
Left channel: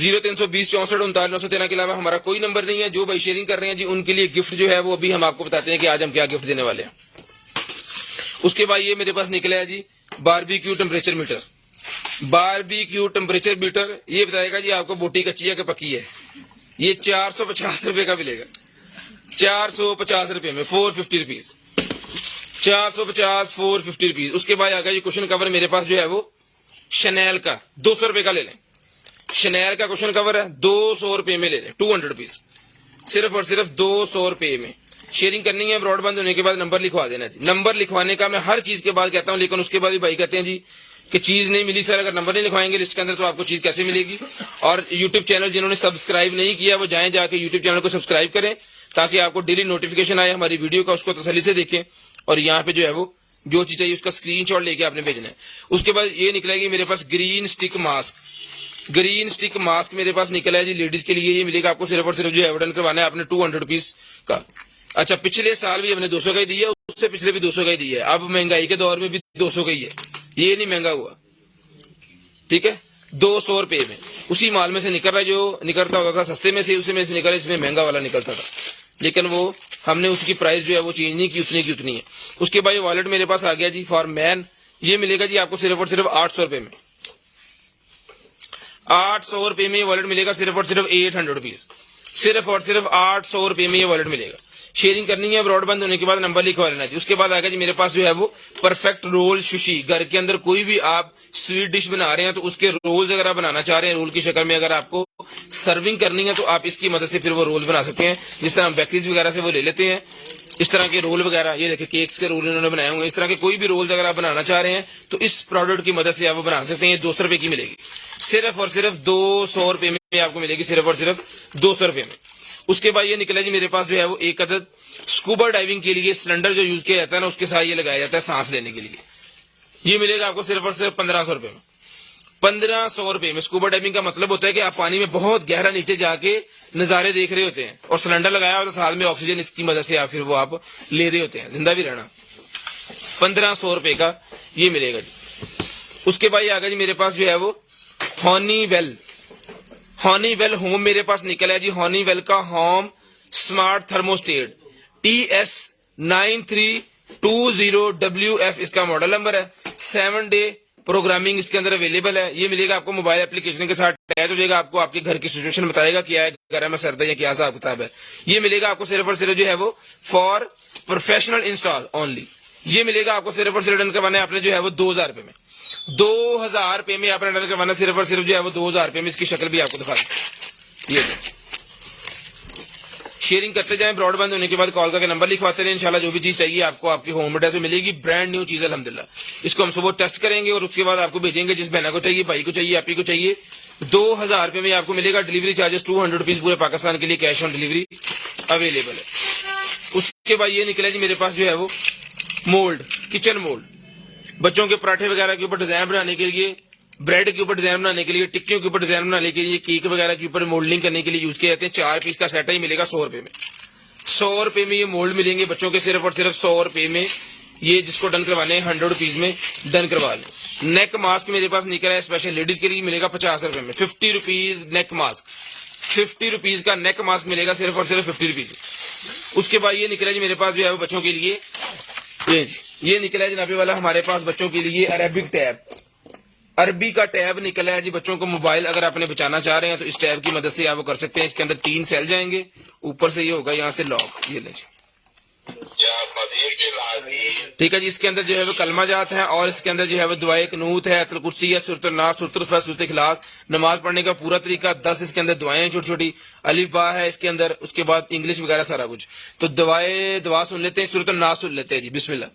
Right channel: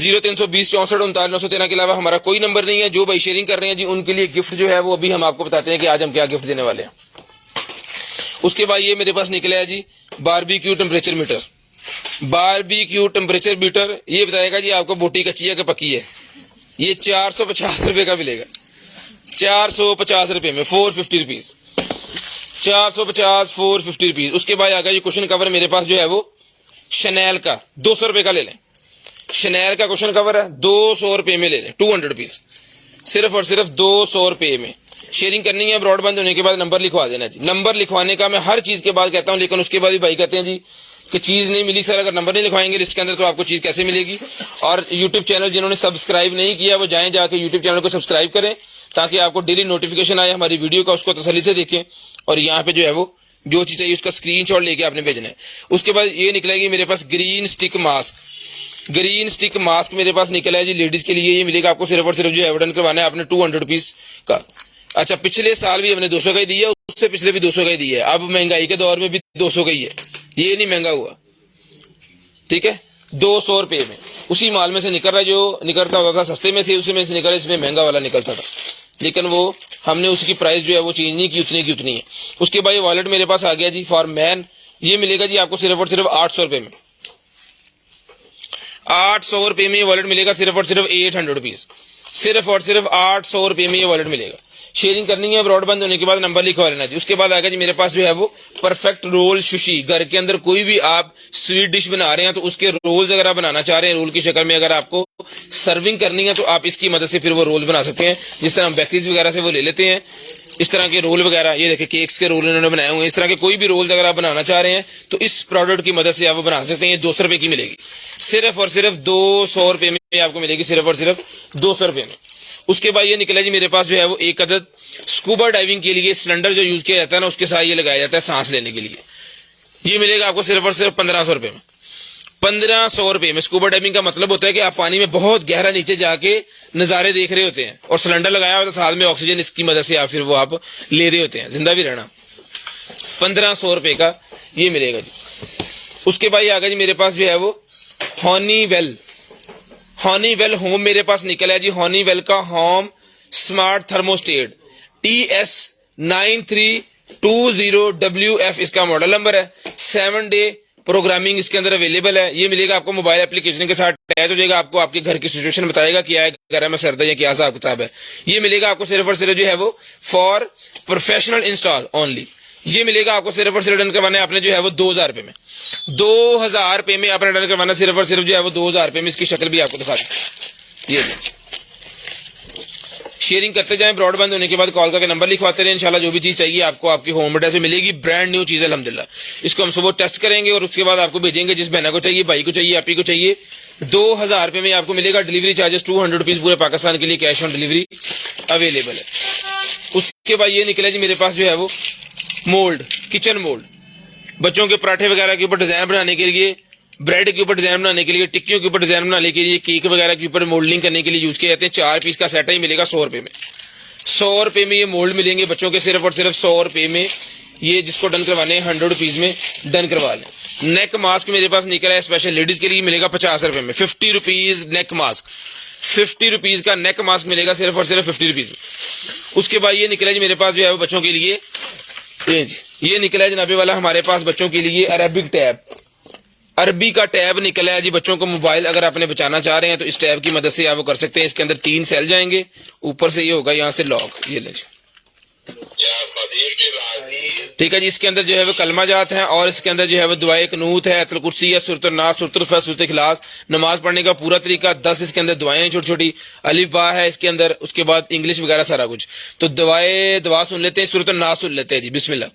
0320 64 39 913 के अलावा हमारा कोई नंबर नहीं है। जो भाई शेयरिंग कर रहे हैं जी, उनके लिए गिफ्ट जो है वो अभी हम आपको बताते हैं कि आज हम क्या गिफ्ट देने वाले हैं। उसके बाद ये मेरे पास निकला है जी barbecue temperature meter. Barbecue temperature meter ये बताएगा जी आपको बोटी कच्ची है कि पक्की है। ये 450 रुपए का मिलेगा, 450 रुपए में, 450 रुपीज, 450 450 रुपीज। उसके बाद आ गया ये कुशन कवर मेरे पास जो है वो शनैल का 200 रुपए का ले लें। शनैल का कुशन कवर है 200 रुपए में ले लें, 200 रुपीज, सिर्फ और सिर्फ 200 रुपए में। शेयरिंग करनी है, ब्रॉडबैंड होने के बाद नंबर लिखवा देना जी। नंबर लिखवाने का मैं हर चीज के बाद कहता हूं, लेकिन उसके बाद भी भाई कहते हैं जी कि चीज नहीं मिली सर, अगर नंबर नहीं लिखवाएंगे लिस्ट के अंदर तो आपको चीज कैसे मिलेगी। और यूट्यूब चैनल जिन्होंने सब्सक्राइब नहीं किया वो जाएं, जाके यूट्यूब चैनल को सब्सक्राइब करें ताकि आपको डेली नोटिफिकेशन आए हमारी वीडियो का, उसको तसल्ली से देखें। और यहाँ पे जो है वो जो चीज चाहिए उसका स्क्रीनशॉट लेके आपने भेजना है। उसके बाद ये निकलेगी मेरे पास green stick mask. Green stick mask मेरे पास निकला है जी लेडीज के लिए। ये मिलेगा आपको सिर्फ और सिर्फ जो एविडेंस करवाना है आपने 200 रुपीज का। अच्छा, पिछले साल भी हमने 200 का ही दिया, उससे पिछले भी 200 का ही दिया है, अब महंगाई के दौर में भी 200 का ही है, ये नहीं महंगा हुआ। ठीक है, 200 रुपए में उसी माल में से निकल रहा है, जो निकलता होता था सस्ते में से उसी में से निकला, इसमें महंगा वाला निकलता था, लेकिन वो हमने उसकी प्राइस जो है वो चेंज नहीं की, उतनी की उतनी है। उसके बाद ये वॉलेट मेरे पास आ गया जी फॉर मैन। ये मिलेगा जी आपको सिर्फ और सिर्फ 800 रुपए में, 800 रुपए में ये वॉलेट मिलेगा, सिर्फ और सिर्फ 800 रुपीज, सिर्फ और सिर्फ 800 रुपए में ये वॉलेट मिलेगा। शेयरिंग करनी है, ब्रॉडबैंड होने के बाद नंबर लिखवा लेना जी। उसके बाद आएगा जी मेरे पास जो है वो परफेक्ट रोल सुशी। घर के अंदर कोई भी आप स्वीट डिश बना रहे हैं तो उसके रोल्स अगर आप बनाना चाह रहे हैं, रोल की शक्ल में अगर आपको सर्विंग करनी है तो आप इसकी मदद से फिर वो रोल्स बना सकते हैं। जिस तरह हम बेकरीज वगैरह से वो ले लेते हैं, इस तरह के रोल वगैरह, ये देखिए केक्स के रोल इन्होंने बनाए हुए हैं। इस तरह के कोई भी रोल्स अगर आप बनाना चाह रहे हैं तो इस प्रोडक्ट की मदद से आप वो बना सकते हैं। 200 रुपए की मिलेगी, सिर्फ और सिर्फ 200 रुपए में आपको मिलेगी, सिर्फ और सिर्फ 200 रुपए में। उसके बाद ये निकला जी मेरे पास जो है वो एक अदद स्कूबा डाइविंग के लिए सिलेंडर जो यूज किया जाता है ना, उसके साथ ये लगाया जाता है सांस लेने के लिए। ये मिलेगा आपको सिर्फ और सिर्फ 1500 रुपए में। 1500 रुपए में। स्कूबा डाइविंग का मतलब होता है कि आप पानी में बहुत गहरा नीचे जाके नजारे देख रहे होते हैं और सिलेंडर लगाया होता है साथ में, ऑक्सीजन इसकी मदद से आप फिर वो आप ले रहे होते हैं, जिंदा भी रहना। 1500 रुपए का ये मिलेगा जी। उसके बाद आ गया जी मेरे पास जो है वो हॉनीवेल होम मेरे पास निकला है जी। हॉनीवेल का होम स्मार्ट थर्मोस्टेट TS9320WF इसका मॉडल नंबर है। 7 डे प्रोग्रामिंग इसके अंदर अवेलेबल है। ये मिलेगा आपको मोबाइल एप्लीकेशन के साथ अटैच हो जाएगा, आपको आपके घर की सिचुएशन बताएगा क्या है, घर में सर्द है क्या हिसाब किताब है। ये मिलेगा आपको सिर्फ और सिर्फ जो है वो फॉर प्रोफेशनल इंस्टॉल ओनली। ये मिलेगा आपको सिर्फ और सिर्फ डन करवाने आपने जो है वो 2000 रुपए में। 2000 रुपए में आपने डन करवाना सिर्फ और सिर्फ जो है वो 2000 रुपए में। इसकी शक्ल भी आपको दिखा दूं, ये शेयरिंग करते जाएं। ब्रॉडबैंड होने के बाद कॉल करके नंबर लिखवाते रहे। इंशाल्लाह जो भी चीज चाहिए आपको आपकी होम एड्रेस में मिलेगी। ब्रांड न्यू चीज है अल्हम्दुलिल्लाह। इसको हम सुबह टेस्ट करेंगे और उसके बाद आपको भेजेंगे, जिस बहना को चाहिए, भाई को चाहिए, आपी को चाहिए। 2000 रुपए में आपको मिलेगा। डिलीवरी चार्जेस 200 रुपीज पूरे पाकिस्तान के लिए कैश ऑन डिलीवरी अवेलेबल है। उसके बाद ये निकला जी मेरे पास जो है वो मोल्ड, किचन मोल्ड, बच्चों के पराठे वगैरह के ऊपर डिजाइन बनाने के लिए, ब्रेड के ऊपर डिजाइन बनाने के लिए, टिक्कियों के ऊपर डिजाइन बनाने के लिए, केक वगैरह के ऊपर मोल्डिंग करने के लिए यूज किए जाते हैं। 4 पीस का सेट है, मिलेगा 100 रुपए में। 100 रुपए में ये मोल्ड मिलेंगे बच्चों के सिर्फ और सिर्फ 100 रुपए में। ये जिसको डन करवाने हैं 100 रुपीज में डन करवा लें। नेक मास्क मेरे पास निकला है स्पेशल लेडीज के लिए, मिलेगा 50 रुपए में। 50 रुपीज नेक मास्क, 50 रुपीज का नेक मास्क मिलेगा सिर्फ और सिर्फ 50 रुपीज में। उसके बाद ये निकला जी मेरे पास जो है वो बच्चों के लिए, ये निकला है जनाबे वाला हमारे पास बच्चों के लिए अरबिक टैब, अरबी का टैब निकला है जी। बच्चों को मोबाइल अगर आपने बचाना चाह रहे हैं तो इस टैब की मदद से आप वो कर सकते हैं। इसके अंदर 3 सेल जाएंगे, ऊपर से ये होगा यहाँ से लॉक, ये लीजिए, ठीक है जी। इसके अंदर जो है वो कलमा जात है और इसके अंदर जो है वो दुआए कनूत है, अतल कुर्सी है, सूरत नास, सूरत फस, सूरत इखलास, नमाज पढ़ने का पूरा तरीका, 10 इसके अंदर दुआएं छोटी छोटी, अलिफ बा है इसके अंदर, उसके बाद इंग्लिश वगैरह सारा कुछ। तो दुआ सुन लेते हैं, सूरत नास सुन लेते हैं जी। बिस्मिल्लाह।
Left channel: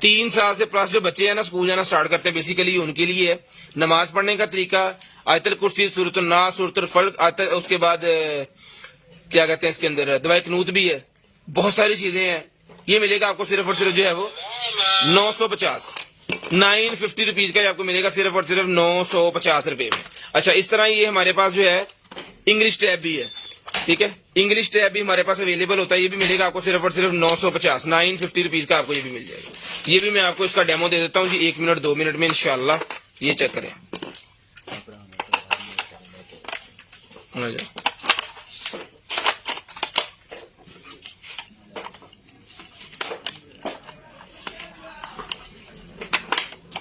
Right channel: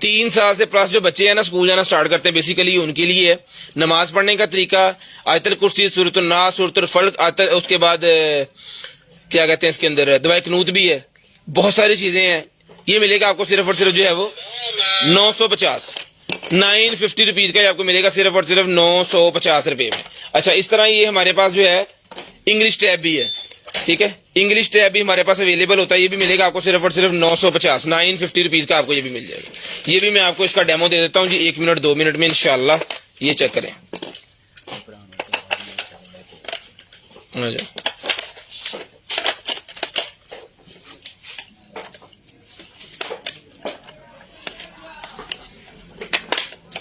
तीन साल से प्लस जो बच्चे हैं ना स्कूल जाना स्टार्ट करते हैं, बेसिकली उनके लिए है। नमाज पढ़ने का तरीका, आयतल कुर्सी, सूरत नास, सूरत फल्क, आयतल, उसके बाद क्या कहते हैं इसके अंदर दुआए कनूत भी है, बहुत सारी चीजें हैं। ये मिलेगा आपको सिर्फ और सिर्फ जो है वो 950 950 रुपीज का आपको मिलेगा सिर्फ और सिर्फ 950 रुपए में। अच्छा, इस तरह ये हमारे पास जो है इंग्लिश टैब भी है, ठीक है। इंग्लिश टैब भी हमारे पास अवेलेबल होता है। ये भी मिलेगा आपको सिर्फ और सिर्फ 950 रुपीज का आपको ये भी मिल जाएगा। ये भी मैं आपको इसका डेमो दे देता हूँ जी, 1 मिनट 2 मिनट में इंशाल्लाह। ये चेक करें,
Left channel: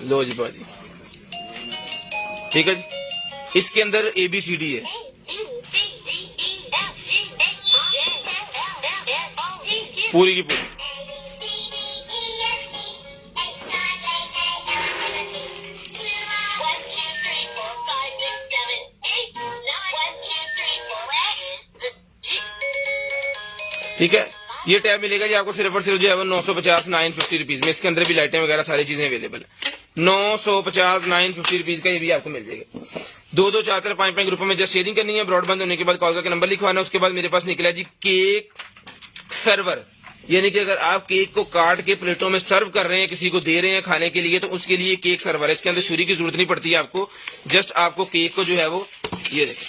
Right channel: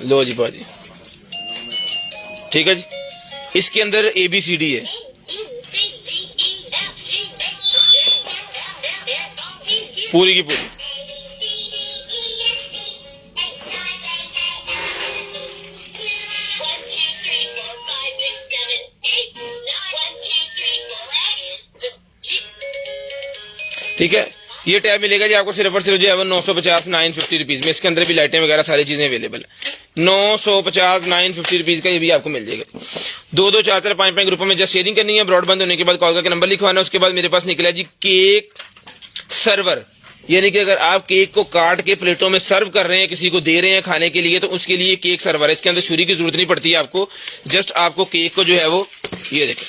लो जी बाजी, ठीक है जी। इसके अंदर ABCD है, पूरी की पूरी। ठीक है, ये टैब मिलेगा जी आपको सिर्फ और सिर्फ जो है वो 950 950 रुपीज में। इसके अंदर भी लाइटें वगैरह सारी चीजें अवेलेबल है। 950 950 रुपीज का ये भी आपको मिल जाएगा। 2 4 4 5 5 ग्रुपों में जस्ट शेयरिंग करनी है। ब्रॉडबैंड होने के बाद कॉल करके नंबर लिखवाना है। उसके बाद मेरे पास निकला जी केक सर्वर, यानी कि अगर आप केक को काट के प्लेटों में सर्व कर रहे हैं, किसी को दे रहे हैं खाने के लिए, तो उसके लिए केक सर्वर है। इसके अंदर छुरी की जरूरत नहीं पड़ती है आपको, जस्ट आपको केक को जो है वो, ये देखें,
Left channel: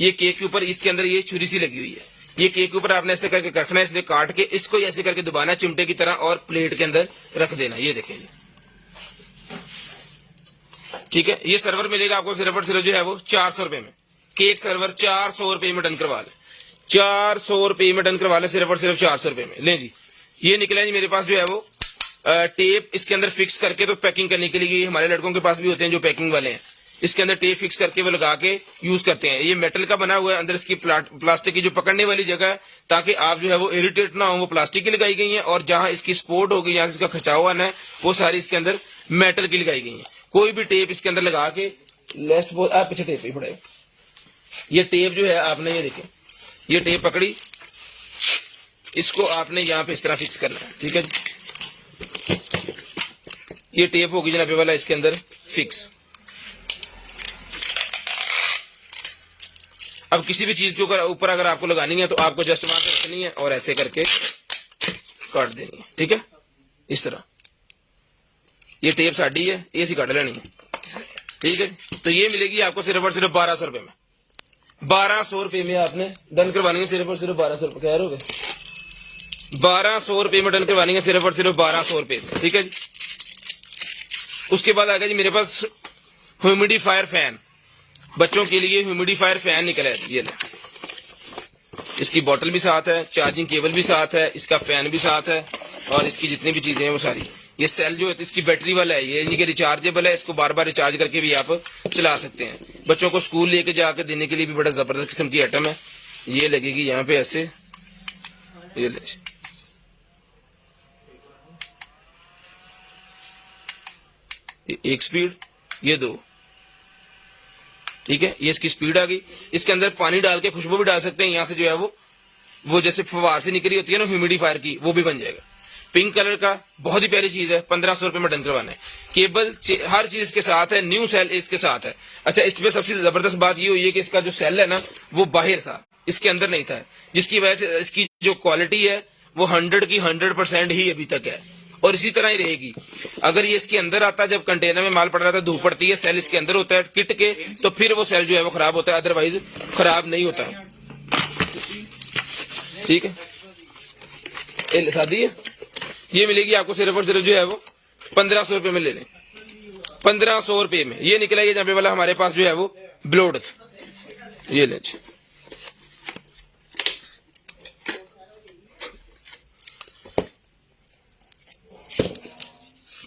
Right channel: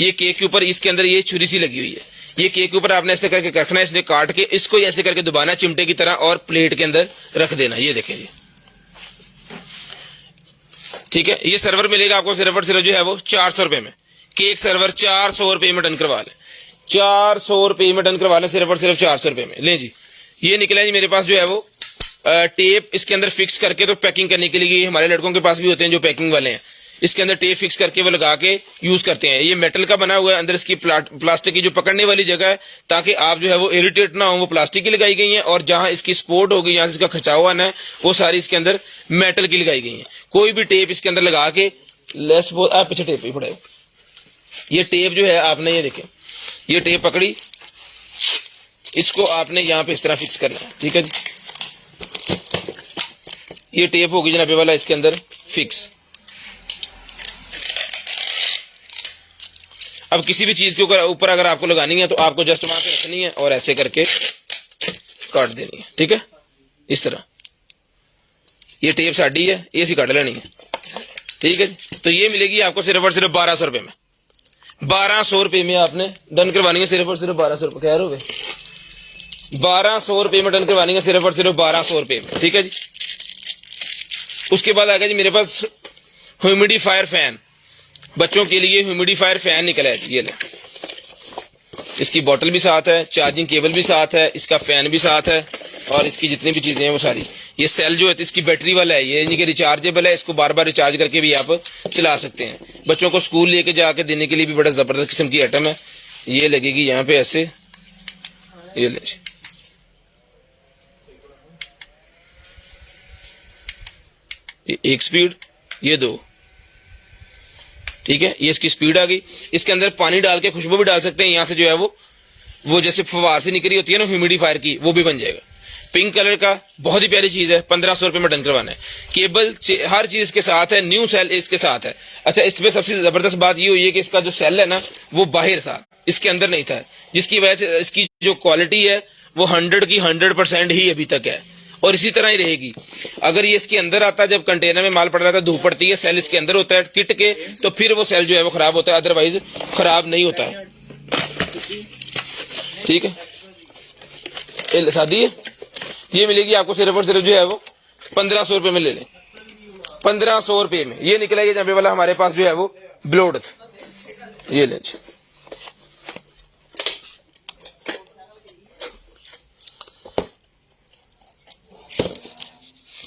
ये केक के ऊपर इसके अंदर ये छुरी सी लगी हुई है। ये केक के ऊपर आपने ऐसे करके रखना है, इसलिए काट के इसको ऐसे करके दबाना चिमटे की तरह और प्लेट के अंदर रख देना। ये देखें जी, ठीक है। ये सर्वर मिलेगा आपको सिर्फ और सिर्फ जो है वो 400 रुपए में। केक सर्वर 400 रुपए में डन करवा ले, 400 रुपए में डन करवा ले, सिर्फ और सिर्फ 400 रुपए में। ले जी, ये निकला जी मेरे पास जो है वो टेप इसके अंदर फिक्स करके तो पैकिंग करने के लिए हमारे लड़कों के पास भी होते हैं जो पैकिंग वाले हैं। इसके अंदर टेप फिक्स करके वो लगा के यूज करते हैं। ये मेटल का बना हुआ है, अंदर इसकी प्लास्टिक की जो पकड़ने वाली जगह है, ताकि आप जो है वो इरिटेट ना हो, वो प्लास्टिक की लगाई गई है। और जहां इसकी सपोर्ट होगी, यहाँ से इसका खिंचाव आना है, वो सारी इसके अंदर मेटल की लगाई गई है। कोई भी टेप इसके अंदर लगा के लेस्ट पीछे टेप ही पड़े, ये टेप जो है आपने ये देखें, ये टेप पकड़ी, इसको आपने यहाँ पे इस तरह फिक्स करना है, ठीक है जी। ये टेप होगी जनाबे वाला इसके अंदर फिक्स। अब किसी भी चीज के ऊपर अगर आपको लगानी है तो आपको जस्ट वहां पे रखनी है और ऐसे करके काट देनी है, ठीक है, इस तरह। ये टेप साड़ी है, ये सी काट लेनी है, ठीक है। तो ये मिलेगी आपको सिर्फ और सिर्फ 1200 रुपए में। 1200 रुपए में आपने डन करवानी है, सिर्फ और सिर्फ 1200 रुपए। कह रहे हो 1200 रुपए में डन करवानी है, सिर्फ और सिर्फ 1200 रुपए में, ठीक है जी। उसके बाद आ गया जी मेरे पास ह्यूमिडिफायर फैन। बच्चों के लिए ह्यूमिडिफायर फैन निकला है, ये ले। इसकी बोतल भी साथ है, चार्जिंग केबल भी साथ है, इसका फैन भी साथ है, और इसकी जितनी भी चीजें हैं वो सारी। ये सेल जो है इसकी बैटरी वाला है, ये यानी कि रिचार्जेबल है, इसको बार बार रिचार्ज करके भी आप चला सकते हैं। बच्चों को स्कूल लेके जाके देने के लिए भी बड़ा जबरदस्त किस्म की आइटम है। ये लगेगी यहाँ पे ऐसे, ये ले, ये एक स्पीड, ये दो, ठीक है। ये इसकी स्पीड आ गई। इसके अंदर पानी डाल के खुशबू भी डाल सकते हैं, यहाँ से जो है वो जैसे फवार से निकली होती है ना ह्यूमिडिफायर की, वो भी बन जाएगा। पिंक कलर का बहुत ही प्यारी चीज है, 1500 रुपए में डन करवाना है। केबल हर चीज के साथ है, न्यू सेल इसके साथ है। अच्छा, इसमें सबसे जबरदस्त बात ये हुई है कि इसका जो सेल है ना वो बाहर था, इसके अंदर नहीं था, जिसकी वजह से इसकी जो क्वालिटी है वो 100 की 100% ही अभी तक है, और इसी तरह ही रहेगी। अगर ये इसके अंदर आता है, जब कंटेनर में माल पड़ रहा था, धूप पड़ती है, सेल इसके अंदर होता है किट के, तो फिर वो सेल जो है वो खराब होता है, अदरवाइज खराब नहीं होता है, ठीक है। शादी है, ये मिलेगी आपको सिर्फ और सिर्फ जो है वो 1500 रुपए में ले लें, 1500 रुपए में। ये निकला ये जंबे वाला हमारे पास जो है वो ब्लोड, ये ले।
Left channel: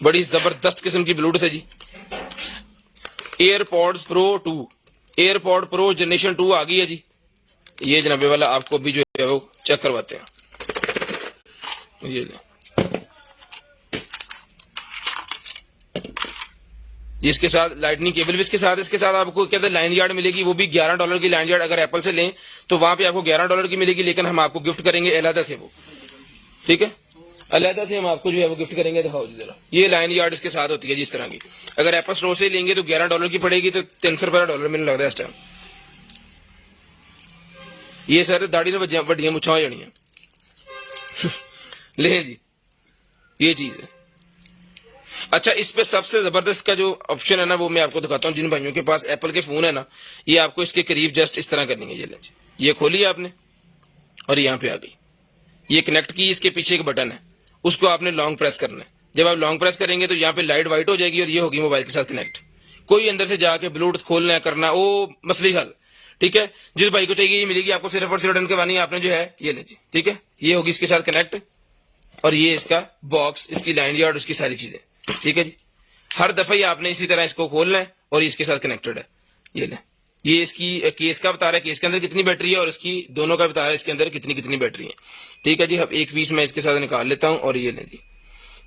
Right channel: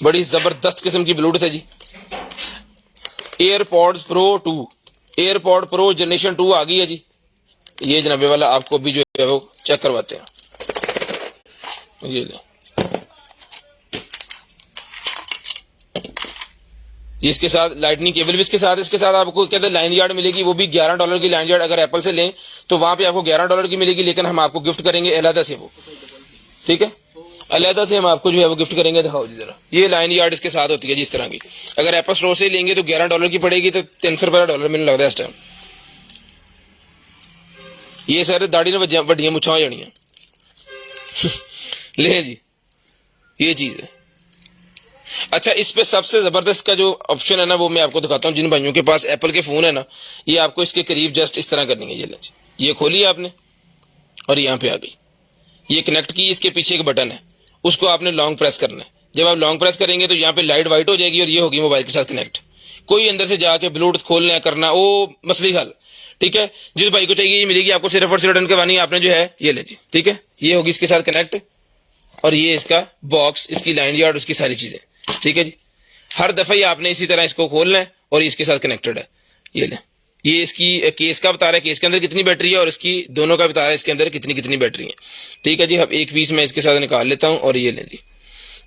बड़ी जबरदस्त किस्म की ब्लूटूथ है जी। AirPods Pro 2, AirPod Pro generation 2 आ गई है जी। ये जनाबे वाला आपको भी जो है वो चेक करवाते हैं, ये ले। इसके साथ लाइटनिंग केबल भी इसके साथ, इसके साथ आपको कहते हैं लाइन यार्ड मिलेगी, वो भी $11 की लाइन यार्ड। अगर एप्पल से लें तो वहां पे आपको $11 की मिलेगी, लेकिन हम आपको गिफ्ट करेंगे अलहदा से वो, ठीक है, अलहदा से हम आपको जो है वो गिफ्ट करेंगे। दिखाओ जी जरा, ये लाइन यार्ड इसके साथ होती है जिस तरह की। अगर एप्पल स्टोर से लेंगे तो $11 की पड़ेगी, तो $300 मिलने लग रहा है इस टाइम। ये सारे दाढ़ी ने वड्डियां मुछां हो जानियां ले जी, ये चीज है। अच्छा, इस पे सबसे जबरदस्त का जो ऑप्शन है ना वो मैं आपको दिखाता हूँ। जिन भाइयों के पास एप्पल के फोन है ना, ये आपको इसके करीब जस्ट इस तरह करनी है। ये खोली आपने और यहाँ पे आ गई, ये कनेक्ट की, इसके पीछे एक बटन है, उसको आपने लॉन्ग प्रेस करना है। जब आप लॉन्ग प्रेस करेंगे तो यहाँ पे लाइट व्हाइट हो जाएगी और ये होगी मोबाइल के साथ कनेक्ट। कोई अंदर से जाके ब्लूटूथ खोलना करना वो मसले हल, ठीक है। जिस भाई को चाहिए ये मिलेगी आपको सिर्फ और सिर्फ डन करवानी है आपने जो है ये ले जी, ठीक है। ये होगी इसके साथ कनेक्ट, और ये इसका बॉक्स, इसकी लाइन यार्ड, उसकी सारी चीजें, ठीक है जी। हर दफा ही आपने इसी तरह इसको खोलना है और इसके साथ कनेक्टेड है, ये ले। ये इसकी केस का बता रहा है, केस के अंदर कितनी बैटरी है, और इसकी दोनों का बता रहा है इसके अंदर कितनी बैटरी है, ठीक है जी। अब एक पीस मैं इसके साथ निकाल लेता हूं, और ये ले जी,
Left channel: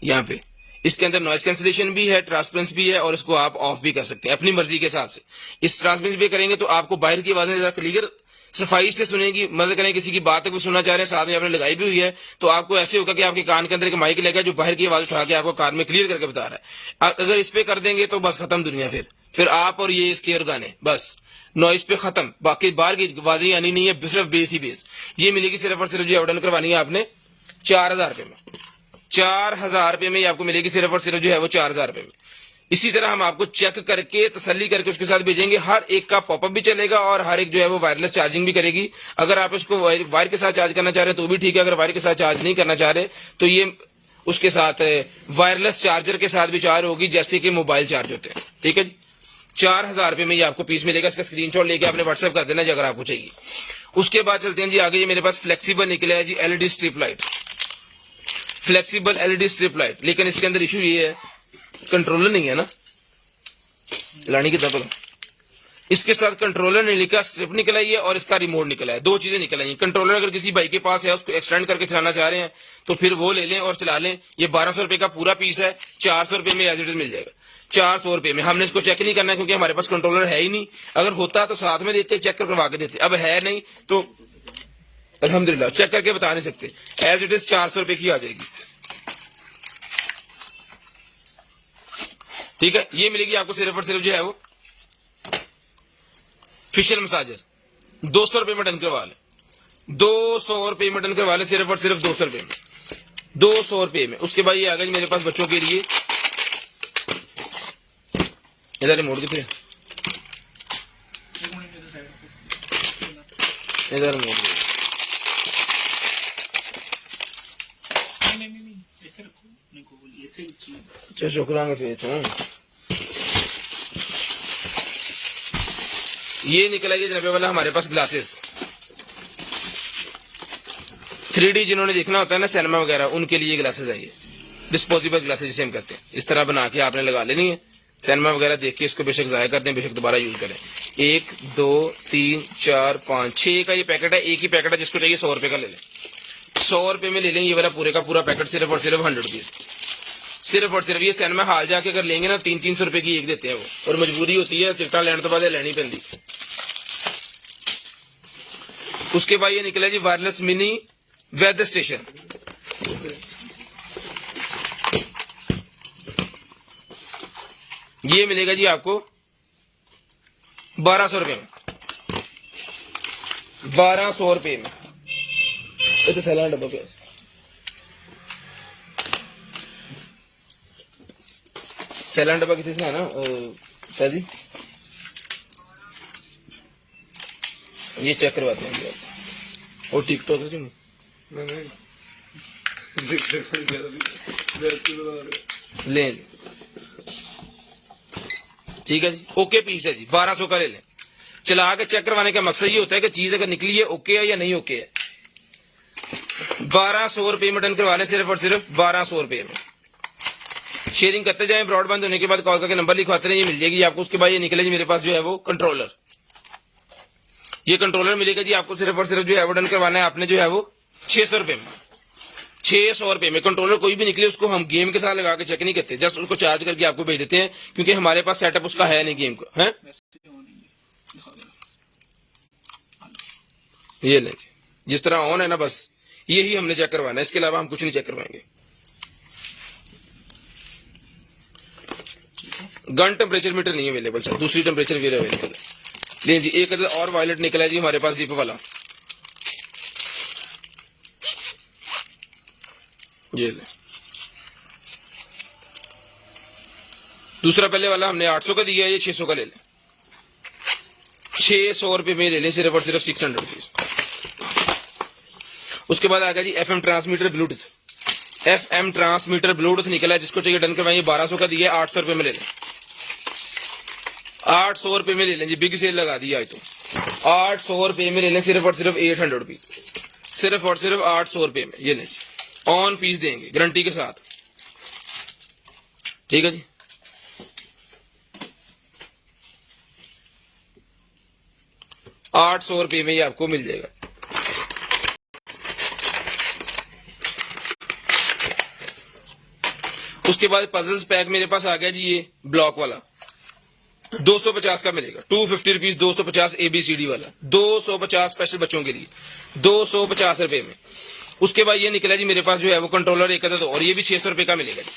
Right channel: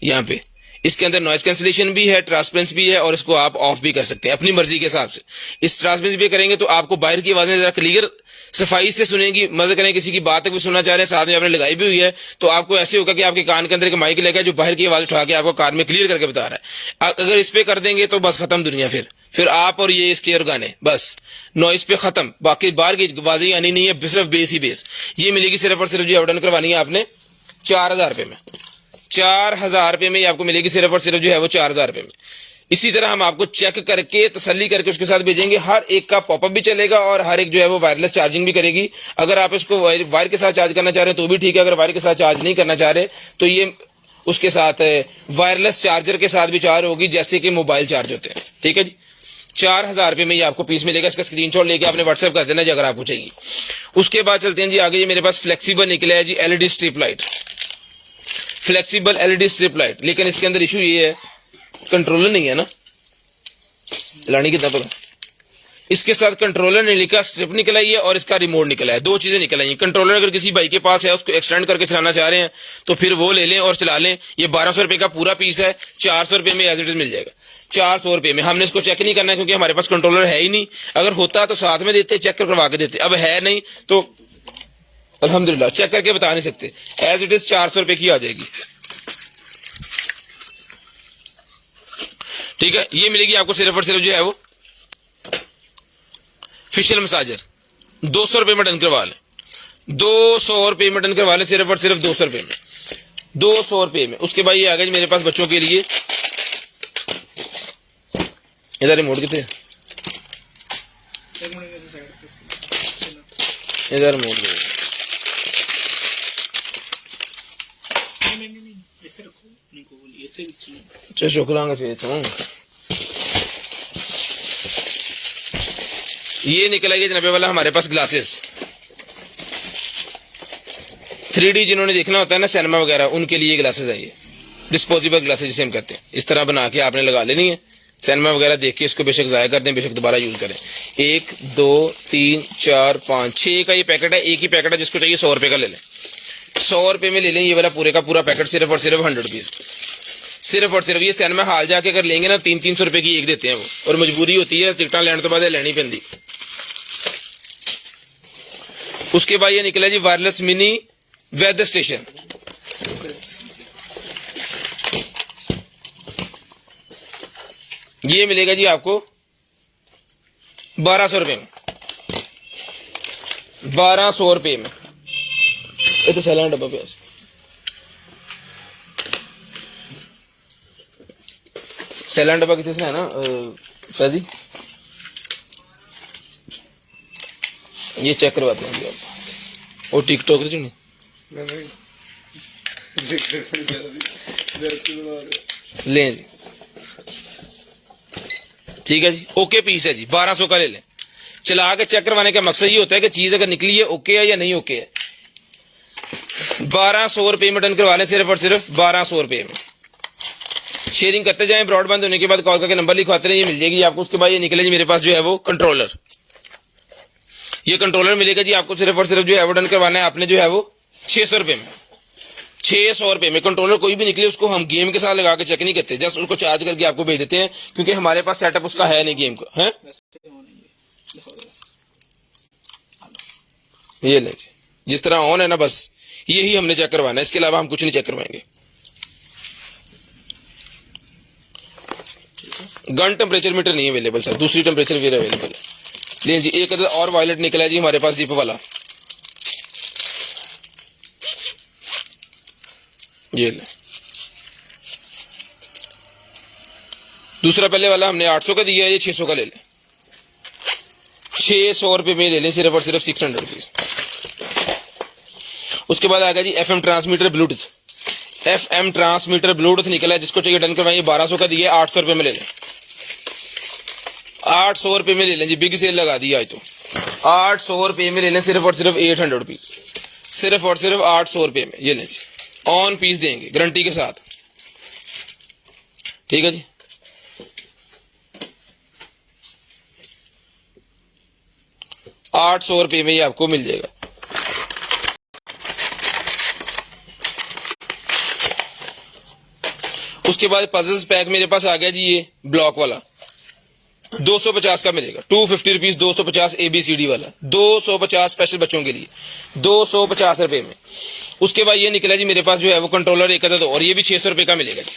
यहाँ पे इसके अंदर नॉइज कैंसिलेशन भी है, ट्रांसपेरेंसी भी है, और इसको आप ऑफ भी कर सकते हैं अपनी मर्जी के हिसाब से। इस ट्रांसपेरेंसी भी करेंगे तो आपको बाहर की आवाजें जरा क्लियर सफाई से सुनेगी। मजे करें, किसी की बात भी सुनना चाह रहे हैं, साथ में आपने लगाई भी हुई है, तो आपको ऐसे होगा कि आपके कान के अंदर एक माइक लगा जो बाहर की आवाज उठा के आपको कार में क्लियर करके बता रहा है। अगर इस पे कर देंगे तो बस खत्म दुनिया, फिर आप और ये इसके और गाने, बस नॉइस पे खत्म। बाकी बाहर की आवाजें आनी नहीं है, सिर्फ बेस ही बेस। ये मिलेगी सिर्फ और सिर्फ जो ऑर्डर करवानी है आपने 4000 रुपए में, 4000 रुपए में आपको मिलेगी सिर्फ और सिर्फ जो है वो 4000 रुपए में। इसी तरह हम आपको चेक करके तसल्ली करके उसके साथ भेजेंगे। हर एक का पॉपअप भी चलेगा और हर एक जो है वो वायरलेस चार्जिंग भी करेगी। अगर आप इसको वायर के साथ चार्ज करना चाह रहे हैं तो भी ठीक है, अगर वायर के साथ चार्ज नहीं करना चाह रहे तो ये उसके साथ वायरलेस चार्जर के साथ भी चार्ज होगी, जैसे कि मोबाइल चार्ज होते हैं, ठीक है जी। 4000 रुपए में ये आपको पीस मिलेगा। इसका स्क्रीनशॉट लेके आपने व्हाट्सएप कर देना जी अगर आपको चाहिए। उसके बाद चलते हैं जी आगे। जी मेरे पास फ्लेक्सिबल निकला है जी LED strip light, flexible LED strip light, लेकिन इसके अंदर इशू ये है कंट्रोलर नहीं है ना, लानी की तब इसके साथ कंट्रोलर नहीं लिखा, स्ट्रिप निकल आई है और इसका रिमोट निकला है, दो चीजें निकल आई हैं। कंट्रोलर अगर किसी भाई के पास है, उसको एक्सटेंड करके चलाना चाह रहे हैं तो फिर वो ले लें और चला लें। ये 1200 रुपए का पूरा पीस है, 400 रुपए में एज इट इज मिल जाएगा। 400 रुपए में हमने इसको चेक नहीं करना है क्योंकि हमारे पास कंट्रोलर है ही नहीं। अगर होता तो साथ में देते, चेक करवा के देते, अब है नहीं तो अल्हम्दुलिल्लाह चेक करके बता नहीं सकते। एज इट इज 400 रुपए की आ जाएगी। ठीक है, ये मिलेगी आपको सिर्फ और सिर्फ जो है वो फेशियल मसाजर 200 रुपए में डन करवा लें। 200 रुपए में डन करवा लें, सिर्फ और सिर्फ 200 रुपए में, 200 रुपए में। उसके बाद ये आ गया जी मेरे पास बच्चों के लिए, इधर रिमोट कितने, एक मिनट इधर साइड इधर रिमोट दे। नहीं इधर रखो, नहीं को बोलिए इधर भी अच्छा शुक्राना फिर तो ये निकला गया जनाबे वाला हमारे पास ग्लासेस 3D जिन्होंने देखना होता है ना सिनेमा वगैरह, उनके लिए ग्लासेस है ये डिस्पोजेबल ग्लासेस जिसे हम कहते हैं। इस तरह बना के आपने लगा लेनी है, सिनेमा वगैरह देख के इसको बेशक ज़ाया कर दें, बेशक दोबारा यूज करें। 1 2 3 4 5 6 का ये पैकेट है, एक ही पैकेट है, जिसको चाहिए 100 रुपए का ले लें। 100 रुपए में ले लें ये वाला पूरे का पूरा पैकेट, सिर्फ और सिर्फ 100 पीस, सिर्फ और सिर्फ। ये सिनेमा हाल जाके अगर लेंगे ना 300-300 रुपए की एक देते हैं वो, और मजबूरी होती है टिकटा लेने तो बाद लेनी पैंदी। उसके बाद ये निकला जी वायरलेस मिनी वेदर स्टेशन, ये मिलेगा जी आपको 1200 रुपए में, 1200 रुपए में। ये तो सैलान डब्बा पे सैलान डब्बा कितने से है ना जी, ये चेक करवाते हैं आप। और टिकटॉक जो नहीं लें जी, ठीक है जी, ओके पीस है जी, 1200 का ले लें। चला के चेक करवाने का मकसद ये होता है कि चीज अगर निकली है ओके है या नहीं ओके है। 1200 रुपए में डन करवा लें, सिर्फ और सिर्फ 1200 रुपए में। शेयरिंग करते जाएं, ब्रॉडबैंड होने के बाद कॉल करके नंबर लिखवाते रहिए, मिल जाएगी आपको। उसके बाद ये निकले जी मेरे पास जो है वो कंट्रोलर, ये कंट्रोलर मिलेगा जी आपको सिर्फ और सिर्फ जो है वो डन करवाना है आपने जो है वो 600 रुपए में, 600 रुपए में। कंट्रोलर कोई भी निकले उसको हम गेम के साथ लगा के चेक नहीं करते, जस्ट उसको चार्ज करके आपको भेज देते हैं क्योंकि हमारे पास सेटअप उसका है नहीं गेम का है। ये लें, जिस तरह ऑन है ना बस यही हमने चेक करवाना है, इसके अलावा हम कुछ नहीं चेक करवाएंगे। गन टेम्परेचर मीटर नहीं अवेलेबल सर, दूसरी टेम्परेचर मीटर अवेलेबल है। ले जी एक अदर और वायलेट निकला है जी हमारे पास जिप वाला, ये ले। दूसरा पहले वाला हमने 800 का दिया, ये 600 का ले लें, 600 रुपए में ले लें, सिर्फ और सिर्फ 600 रुपीज। उसके बाद आ गया जी FM transmitter Bluetooth, FM transmitter Bluetooth निकला है, जिसको चाहिए डन करवाइए। 1200 का दिया, 800 रुपए में ले लें, 800 रुपए में ले लें जी, बिग सेल लगा दी आज तो। 800 रुपए में ले लें, सिर्फ और सिर्फ 800 रुपीज, सिर्फ और सिर्फ 800 रुपए में ये लें जी। ऑन पीस देंगे गारंटी के साथ, ठीक है जी। ₹800 में ये आपको मिल जाएगा। उसके बाद पजल्स पैक मेरे पास आ गया जी, ये ब्लॉक वाला 250 का मिलेगा, 250 रुपीज, 250 ABCD वाला, 250 स्पेशल बच्चों के लिए, 250 रुपए में। उसके बाद ये निकला जी मेरे पास जो है वो कंट्रोलर एक अदद, और ये भी 600 रुपए का मिलेगा जी।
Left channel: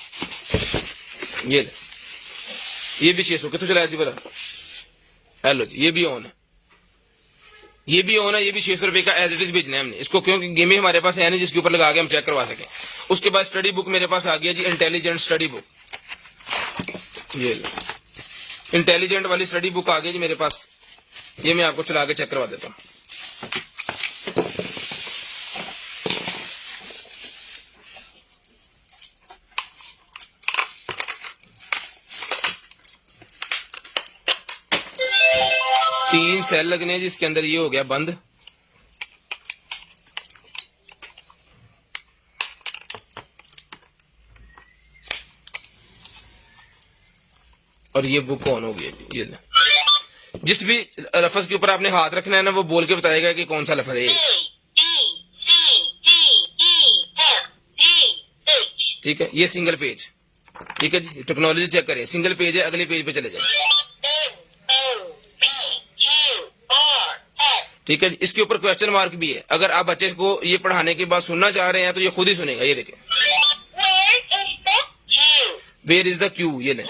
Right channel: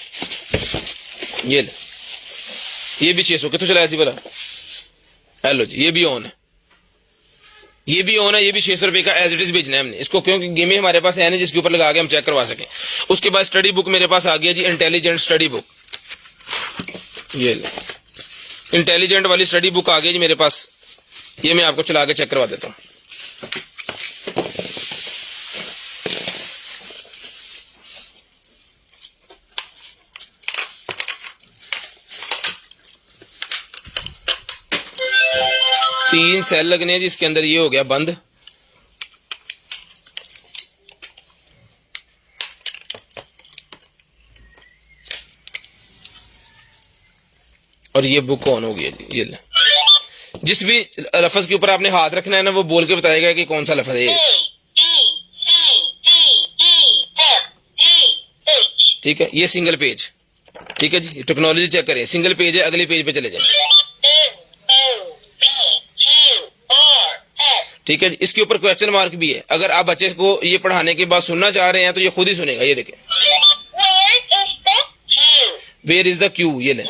ये ले, ये भी 600, कितने चलाया जी बड़ा, हेलो जी, ये भी ऑन है, ये भी ऑन है, ये भी 600 रुपए का एज इट इज भेजना है हमने इसको, क्योंकि गेमें हमारे पास है नहीं जिसके ऊपर लगा के हम चेक करवा सकें। उसके बाद स्टडी बुक मेरे पास आ गया जी, इंटेलिजेंट स्टडी बुक, ये ले, इंटेलिजेंट वाली स्टडी बुक आ गई जी मेरे पास, ये मैं आपको चला के चेक करवा देता हूँ। तीन सेल लगने हैं जी इसके अंदर, ये हो गया बंद। और ये बुक ऑन हो गई है जी, ये ले, जिस भी लफ्ज के ऊपर आपने हाथ रखना है ना, वो बोल के बताएगा कि कौन सा लफ्ज है। ठीक है, ये सिंगल पेज। ठीक है जी, टेक्नोलॉजी चेक करें, सिंगल पेज है, अगले पेज पे चले जाए। ठीक है जी, इसके ऊपर क्वेश्चन मार्क भी है। अगर आप बच्चे को ये पढ़ाने के बाद सुनना चाह रहे हैं तो ये खुद ही सुनेगा। ये देखिए, वेयर इज द क्यू, ये लें।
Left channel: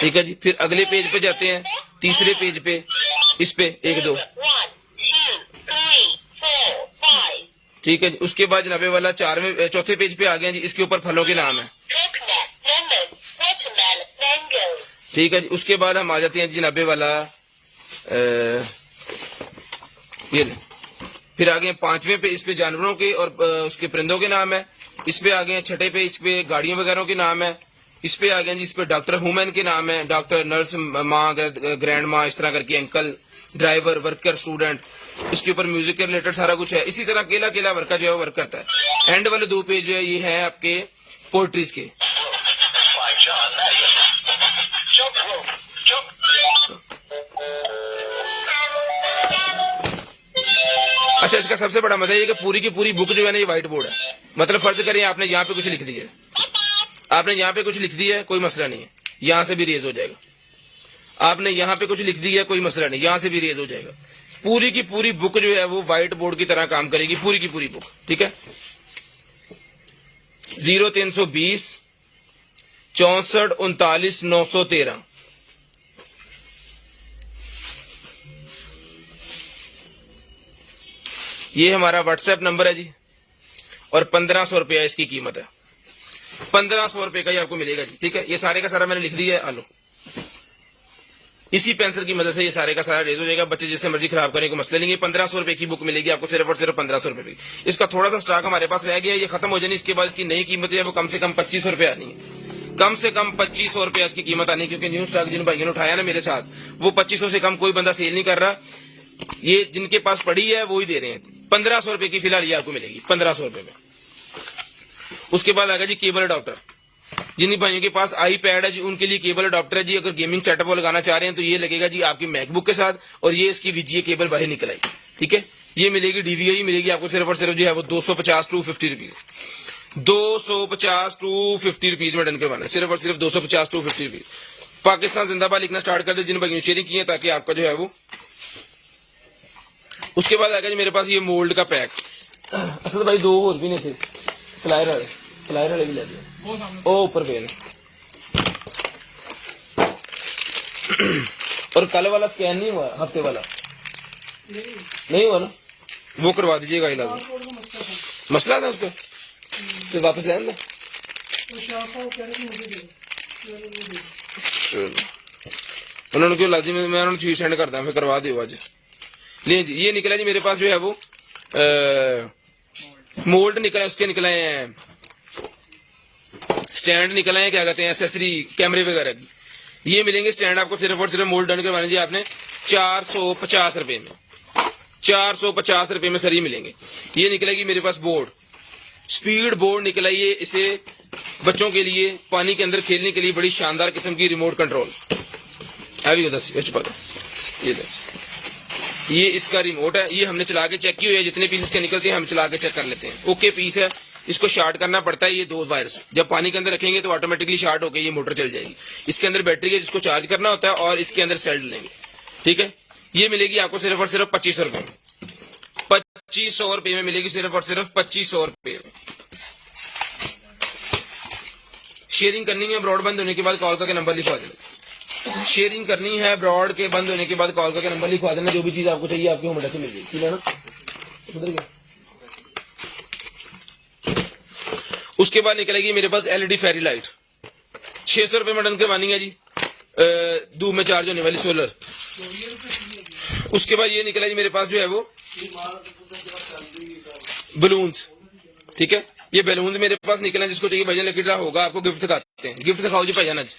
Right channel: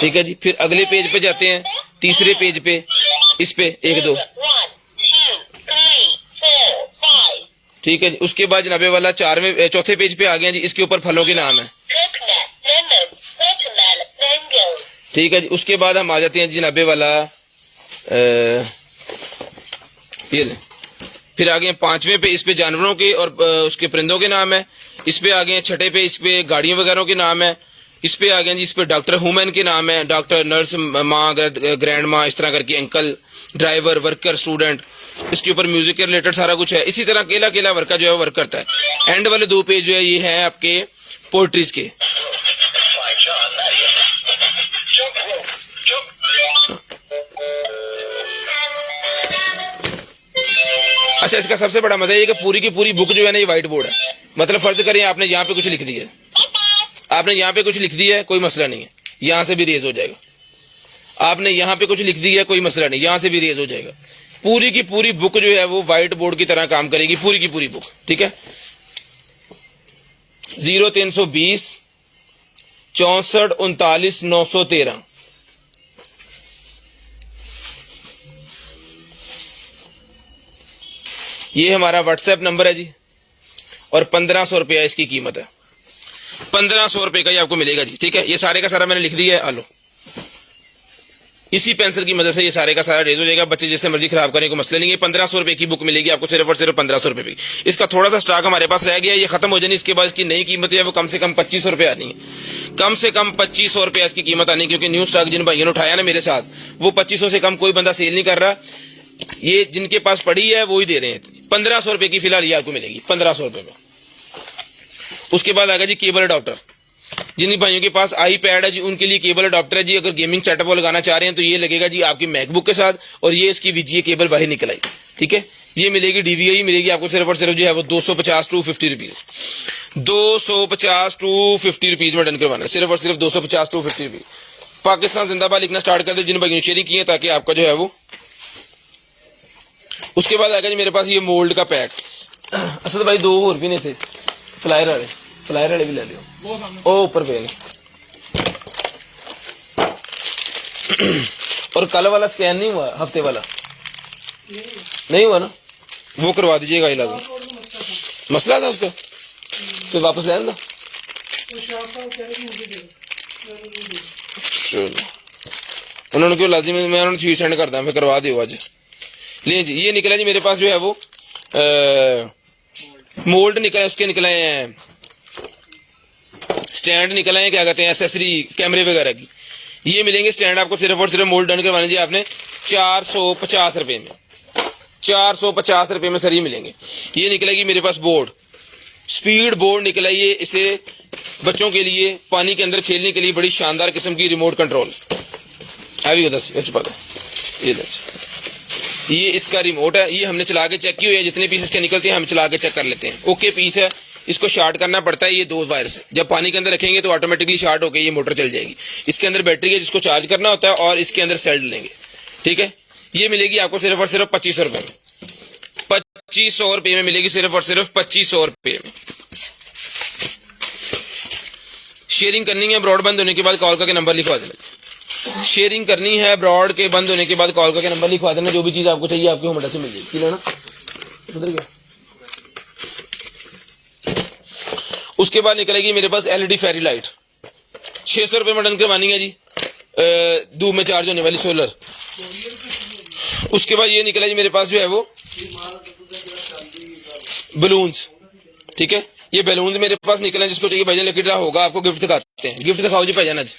ठीक है जी, फिर अगले पेज पे जाते हैं, तीसरे पेज पे, इस पे 1 2। ठीक है जी, उसके बाद जनाबे वाला चौथे पेज पे आ गए जी, इसके ऊपर फलों के नाम है। ठीक है जी, उसके बाद हम आ जाते हैं जनाबे वाला ये ले। फिर आ गए 5वें पे, इस पे जानवरों के और उसके परिंदों के नाम है। इस पे आ गए 6ठे पे, इस पे गाड़ियों वगैरह के नाम है। इस पे आ गए जी, इस पे डॉक्टर हुमन के नाम है, डॉक्टर, नर्स, माँ, ग्रैंड माँ, इस तरह करके, अंकल, ड्राइवर, वर्कर, स्टूडेंट। इसके ऊपर म्यूजिक के रिलेटेड सारा कुछ है। इसी तरह अकेला अकेला वर्कर जो है वर्क करता है। एंड वाले 2 पेज जो है ये है आपके पोएट्रीज के। अच्छा, इसका सबसे बड़ा मजा ये कि पूरी की पूरी बुक जो है ना ये व्हाइट बोर्ड है। मतलब फर्ज करिए आपने यहाँ पे कुछ लिख दिया, आपने यहाँ पे कुछ लिख दिया है, कोई मसला नहीं है, यहाँ से भी रेज हो जाएगा। आपने यहाँ पे कुछ लिख दिया है, कोई मसला नहीं, यहाँ से भी रेज हो जाएगा। पूरी की पूरी बुक जो है वो व्हाइट बोर्ड की तरह काम करेगी, पूरी की पूरी बुक। ठीक है, 0320 64 39 913। ये हमारा व्हाट्सएप नंबर है जी, और 1500 रुपया इसकी कीमत है। 1500 रुपए का ये आपको मिलेगा जी। ठीक है, ये सारे का सारा मैंने लिख दिया है। आलो, इसी पेंसिल की मदद से ये सारे का सारा रेज हो जाएगा। बच्चे जिससे मर्जी खराब करने को मसले नहीं है। 1500 रुपए की बुक मिलेगी आपको, सिर्फ और सिर्फ 1500 रुपए की। इसका थोड़ा सा स्टॉक हमारे पास रह गया, ये खत्म हो जानी। इसके बाद इसकी नई कीमत है वो कम से कम 2500 रुपए आनी है। कम से कम 2500 रुपया इसकी कीमत आनी, क्योंकि न्यू स्टॉक जिन भाइयों ने उठाया ना मेरे साथ, वो 2500 से कम कोई बंदा सेल नहीं कर रहा। ये जिनके पास पड़ी है वो ही दे रहे हैं। 1500 रुपए की फिलहाल ये आपको मिलेगी, 1500 रुपए में। उसके बाद आ गया जी केबल अडॉप्टर। जिन भाइयों के पास आईपैड है जी, उनके लिए केबल अडॉप्टर है जी। अगर गेमिंग सेटअप वो लगाना चाह रहे हैं तो ये लगेगा जी आपकी मैकबुक के साथ, और ये इसकी वीजीए केबल बाहर निकल आई। ठीक है, ये मिलेगी डीवीआई मिलेगी आपको सिर्फ और सिर्फ जो है वो 250 टू 50 रुपीज। 250 टू 50 रुपीज में डन करवाना है, सिर्फ और सिर्फ 250 टू 50 रुपीज। पाकिस्तान जिंदाबाद लिखना स्टार्ट कर दे जिन भाइयों ने शेयरिंग की है, ताकि आपका जो है वो। उसके बाद आ गया जी मेरे पास ये मोल्ड का पैक। असल भाई 2 और भी नहीं थे, फ्लायर वाले भी ले लियो। ओ ऊपर पे और कल वाला स्कैन नहीं हुआ, हफ्ते वाला नहीं हुआ ना, वो करवा दीजिएगा इलाज। मसला था उसका, फिर वापस ले आना। उन्होंने क्यों लाजी, मैं उन्होंने चीज सेंड करता, मैं करवा दियो आज। ले जी, ये निकला जी मेरे पास जो है वो मोल्ड निकला, उसके निकले हैं स्टैंड निकला है, क्या कहते हैं, एसेसरी कैमरे वगैरह की। ये मिलेंगे स्टैंड आपको सिर्फ और सिर्फ मोल्ड डन करवानी चाहिए आपने 450 रुपए में। 450 रुपए में सर ये मिलेंगे। ये निकलेगी मेरे पास बोर्ड, स्पीड बोर्ड निकला। ये इसे बच्चों के लिए पानी के अंदर खेलने के लिए बड़ी शानदार किस्म की रिमोट कंट्रोल अभी 10 ये इसका रिमोट है। ये हमने चला के चेक किया है, जितने पीस इसके निकलते हैं हम चला के चेक कर लेते हैं। ओके पीस है, इसको शार्ट करना पड़ता है ये 2 वायर से। जब पानी के अंदर रखेंगे तो ऑटोमेटिकली शार्ट होकर ये मोटर चल जाएगी। इसके अंदर बैटरी है जिसको चार्ज करना होता है, और इसके अंदर सेल लेंगे। ठीक है, ये मिलेगी आपको सिर्फ और सिर्फ 2500 रुपए में। 2500 रुपए में मिलेगी, सिर्फ और सिर्फ 2500 रुपए में। शेयरिंग करनी है, ब्रॉड बंद होने के बाद कॉल करके नंबर लिखवा देना। शेयरिंग करनी है, ब्रॉड के बंद होने के बाद कॉल करके नंबर लिखवा देना। जो भी चीज आपको चाहिए आपके होम एड्रेस से मिल जाएगी। लेना उधर गया। उसके बाद निकलेगी मेरे पास एलईडी फेरी लाइट, 600 रुपए में डन करवानी है जी, धूप में चार्ज होने वाली सोलर। उसके बाद ये निकला जी मेरे पास जो है वो बलून्स। ठीक है, ये बैलून्स मेरे पास निकला, जिसको चाहिए भजन लकी ड्रा होगा, आपको गिफ्ट दिखाते हैं। गिफ्ट दिखाओ जी भजन। आज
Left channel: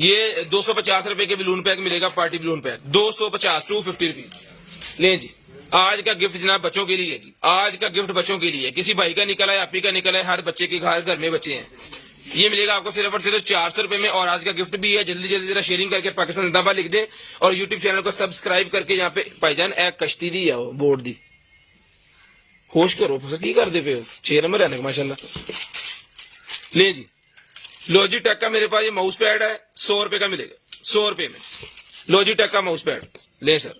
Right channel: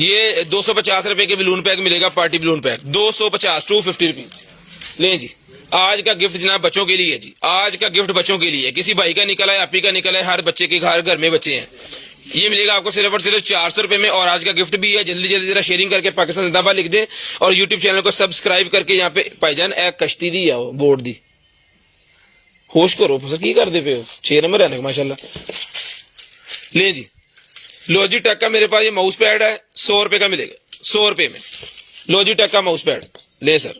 ये 250 रुपए के बलून पैक मिलेगा, party balloon pack 250 two 50 rupees. लें जी, आज का गिफ्ट जनाब बच्चों के लिए है जी। आज का गिफ्ट बच्चों के लिए, किसी भाई का निकला है, आपी का निकला है, हर बच्चे के घर में बच्चे हैं। ये मिलेगा आपको सिर्फ और सिर्फ 400 रुपए में। और आज का गिफ्ट भी है, जल्दी जल्दी जरा शेयरिंग करके पाकिस्तान जिंदाबाद लिख दे और यूट्यूब चैनल को सब्सक्राइब करके यहाँ पे भाईजान एक कश्ती दी है बोर्ड दी होश करो सर की कर दे पे 6 नंबर है माशाल्लाह। ले जी लॉजिटेक का मेरे पास ये माउस पैड है 100 रुपए का मिलेगा 100 रुपए में लॉजिटेक का माउस पैड ले सर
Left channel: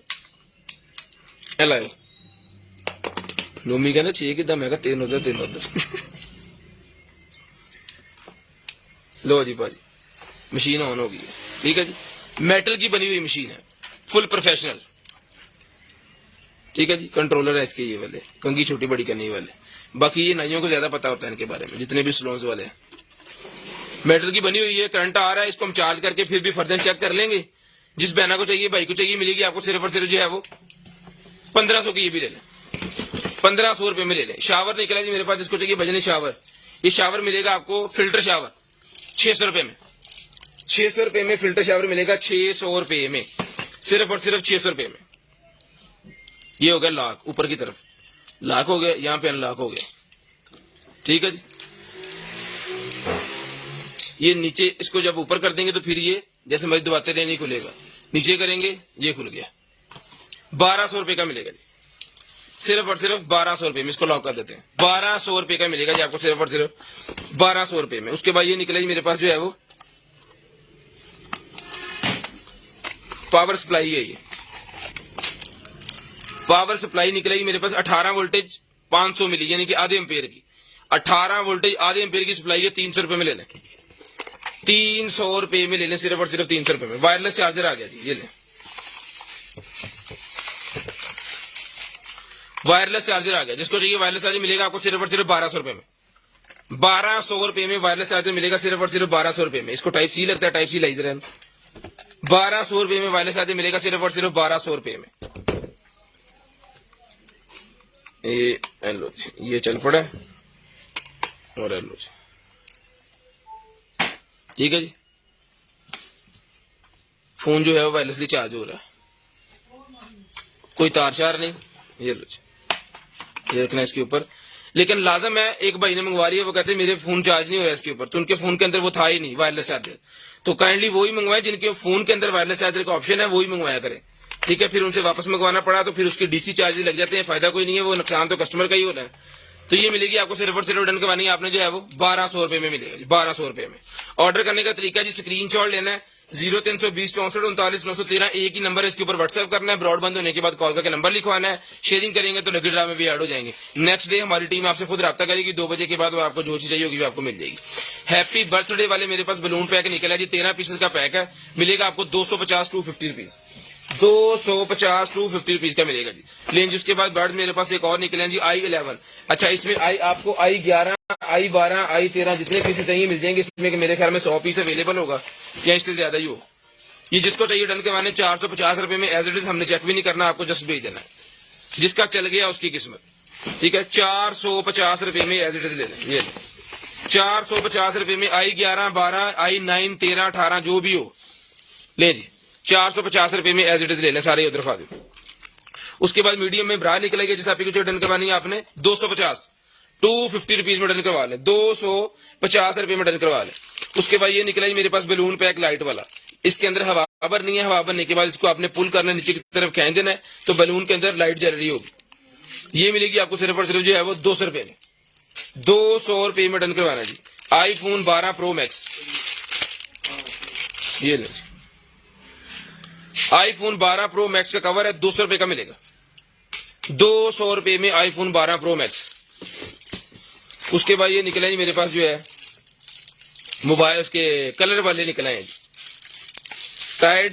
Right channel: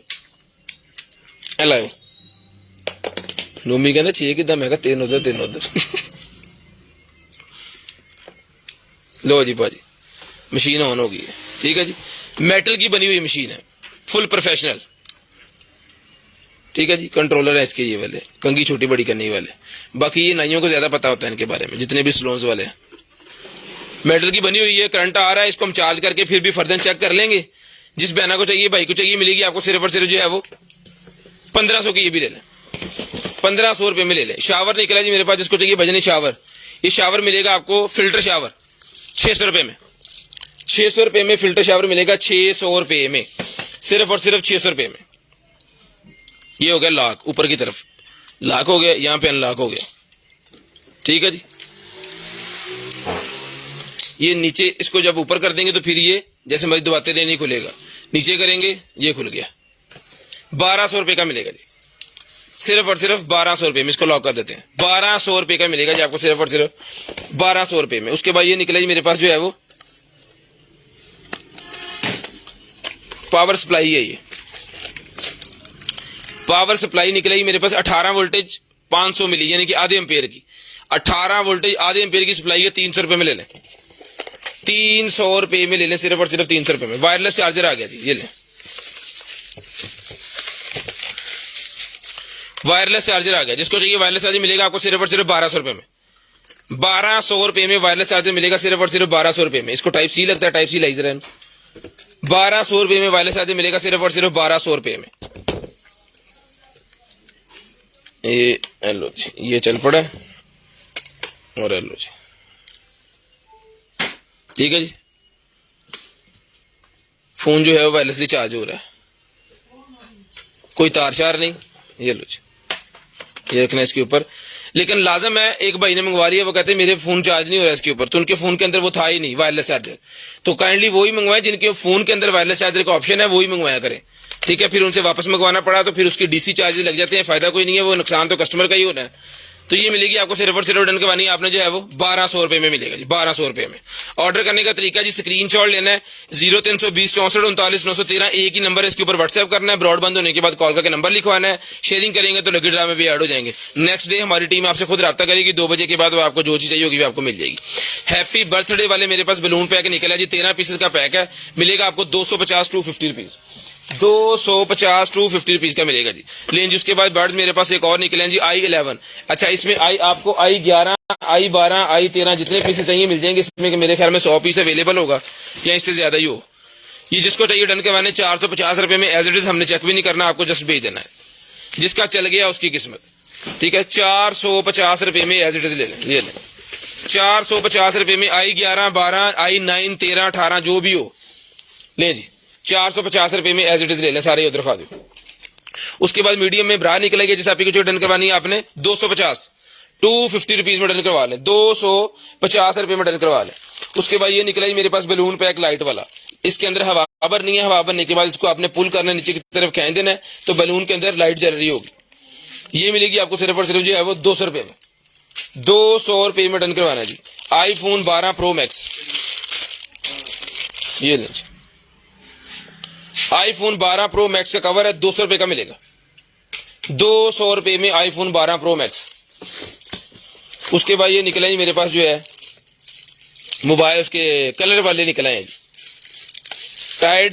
लाओ नोमी कहते 6 किदा मैं 3 उधर लो जी भाजी मशीन ऑन हो गई है ठीक है जी। मेटल की बनी हुई मशीन है फुल प्रोफेशनल ठीक है जी। कंट्रोलर है इसके ये वाले कंघी छोटी बड़ी करने वाले। बाकी ये नाइयों को ज्यादा पता होता है इनके बारे में जितने भी सलोन्स वाले हैं। मेटल की बनी हुई है करंट आ रहा है इसको हम चार्ज करके फिर भी फर्दर चेक कर लेंगे। जिस बहना को चाहिए भाई को चाहिए मिलेगी आपको सिर्फ और सिर्फ जो है वो 1500 की। ये भी ले लें 1500 रुपए में ले लें। शावर निकला जी मेरे पास जिसको चाहिए भजनी शावर ये शावर मिलेगा आपको फिल्टर शावर 600 रुपए में 600 रुपए में फिल्टर शावर मिलेगा 600 रुपए में सिर्फ और सिर्फ 600 रुपए में। ये हो गया लॉक ऊपर की तरफ लॉक हो गया यहाँ पे अनलॉक हो गया ठीक है जी। ये नीचे इसको जब ऊपर कर देंगे तो फिर ये जैसे मैं दबाते रहे नहीं खुलेगा नीचे करेंगे ये खुल गया 1200 रुपए का मिलेगा जी सिर्फ और सिर्फ 1200 रुपए में। इसको लॉक कर देते हैं 1200 रुपए का मिलेगा जी आपको सिर्फ और सिर्फ 1200 रुपए में। उसके बाद ये निकला जी मेरे पास जो है वो पावर सप्लाई है। ये पावर सप्लाई निकलेगी मेरे पास 18 वोल्टेज 500 मिली यानी कि आधे एम्पेयर की 18 वोल्टेज आधे एम्पेयर की सप्लाई है 300 रुपए में ले लें 300 रुपए में ले लें सिर्फ और सिर्फ 300 रुपए में। वायरलेस चार्जर आ गया जी ये लें वायरलेस चार्जर आ गया। जिसको चाहिए वायरलेस चार्जर मिलेगा आपको सिर्फ और सिर्फ 1200 रुपए में 1200 रुपए में वायरलेस चार्जर मिलेगा सिर्फ और सिर्फ 1200 रुपए में। इसको टाइप सी लगता है टाइप सी लाइजर है 1200 रुपए में वायरलेस चार्जर मिलेगा सिर्फ और सिर्फ 1200 रुपए में। ये लो जी ये चल पड़ा और लो जी ठीक है जी। फोन जो है वो वायरलेसली चार्ज हो रहा है कोई तार शार नहीं। ये लो जी ये रखना इसके ऊपर। लेकिन लाजम है एक भाई ने मंगवा लिया वो कहते हैं मेरे फोन चार्ज नहीं हो रहा इसके ऊपर तो उनके फोन के अंदर वो था ही नहीं वायरलेस चार्जर तो काइंडली वही मंगवाए जिनके फोन के अंदर वायरलेस चार्जर का ऑप्शन है वही मंगवाया करें ठीक है। फिर उनसे वापस मंगवाना पड़ा तो फिर उसकी डीसी चार्जेस लग जाते हैं फायदा कोई नहीं है वो नुकसान तो कस्टमर का ही होना है। तो ये मिलेगी आपको सिर्फ और सिर्फ डन करवानी आपने जो है वो 1200 रुपए में मिलेगा जी 1200 रुपए में। ऑर्डर करने का तरीका जी स्क्रीनशॉट लेना है 0320 64 39 913 एक ही नंबर है इसके ऊपर व्हाट्सएप करना है। ब्रॉड बंद होने के बाद कॉल करके नंबर लिखवाना है शेयरिंग करेंगे तो लकी ड्रा में भी ऐड हो जाएंगे। नेक्स्ट डे हमारी टीम आपसे खुद रब्ता करेगी 2 बजे के बाद वो आपको जो चीज चाहिए होगी आपको मिल जाएगी। हैप्पी बर्थडे वाले मेरे पास बलून पैक निकला जी 13 पीसेस का पैक है मिलेगा आपको 250 टू 50 रुपीज 250 टू 50 रुपीज का मिलेगा जी। लेकिन जी उसके बाद बर्ड्स मेरे पास एक और निकले हैं जी i11 अच्छा इसमें आपको i11 i12 i13 जितने पीसेस चाहिए मिल जाएंगे। इसमें मेरे ख्याल में 100 पीस अवेलेबल होगा या इससे ज्यादा ही हो। ये जिसको चाहिए डन करवाने 450 रुपए में एज इट इज हमने चेक भी नहीं करना आपको जस्ट भेज देना है। जिसका चल गया उसकी किस्मत ठीक है 450 रुपए में एज इट इज ले लें। ये लें 450 रुपए में i11 12 i9 13 18 जो भी हो ले जी 450 रुपए में एज इट इज ले लें सारे उधर खा दो। उसके बाद मीडियम में ब्रा निकलेगी जिस आपकी जो डन करवानी है आपने 250 टू 50 रुपीज में डन करवा लें 250 रुपए में डन करवा लें। उसके बाद ये निकला मेरे पास बलून पैक लाइट वाला इसके अंदर हवा भरनी है। हवा भरने के बाद इसको आपने पुल करना नीचे की तरफ खींच देना है तो बलून के अंदर लाइट जल रही होगी। ये मिलेगी आपको सिर्फ और सिर्फ जो है वो 200 रुपए में 200 रुपए में डन करवाना जी। आईफोन 12 प्रो मैक्स ये ले आईफोन 12 प्रो मैक्स का कवर है 200 रुपए का मिलेगा 200 रुपए में आईफोन 12 प्रो मैक्स। उसके बाद ये निकले जी मेरे पास जो है मोबाइल उसके कलर वाले निकले हैं tie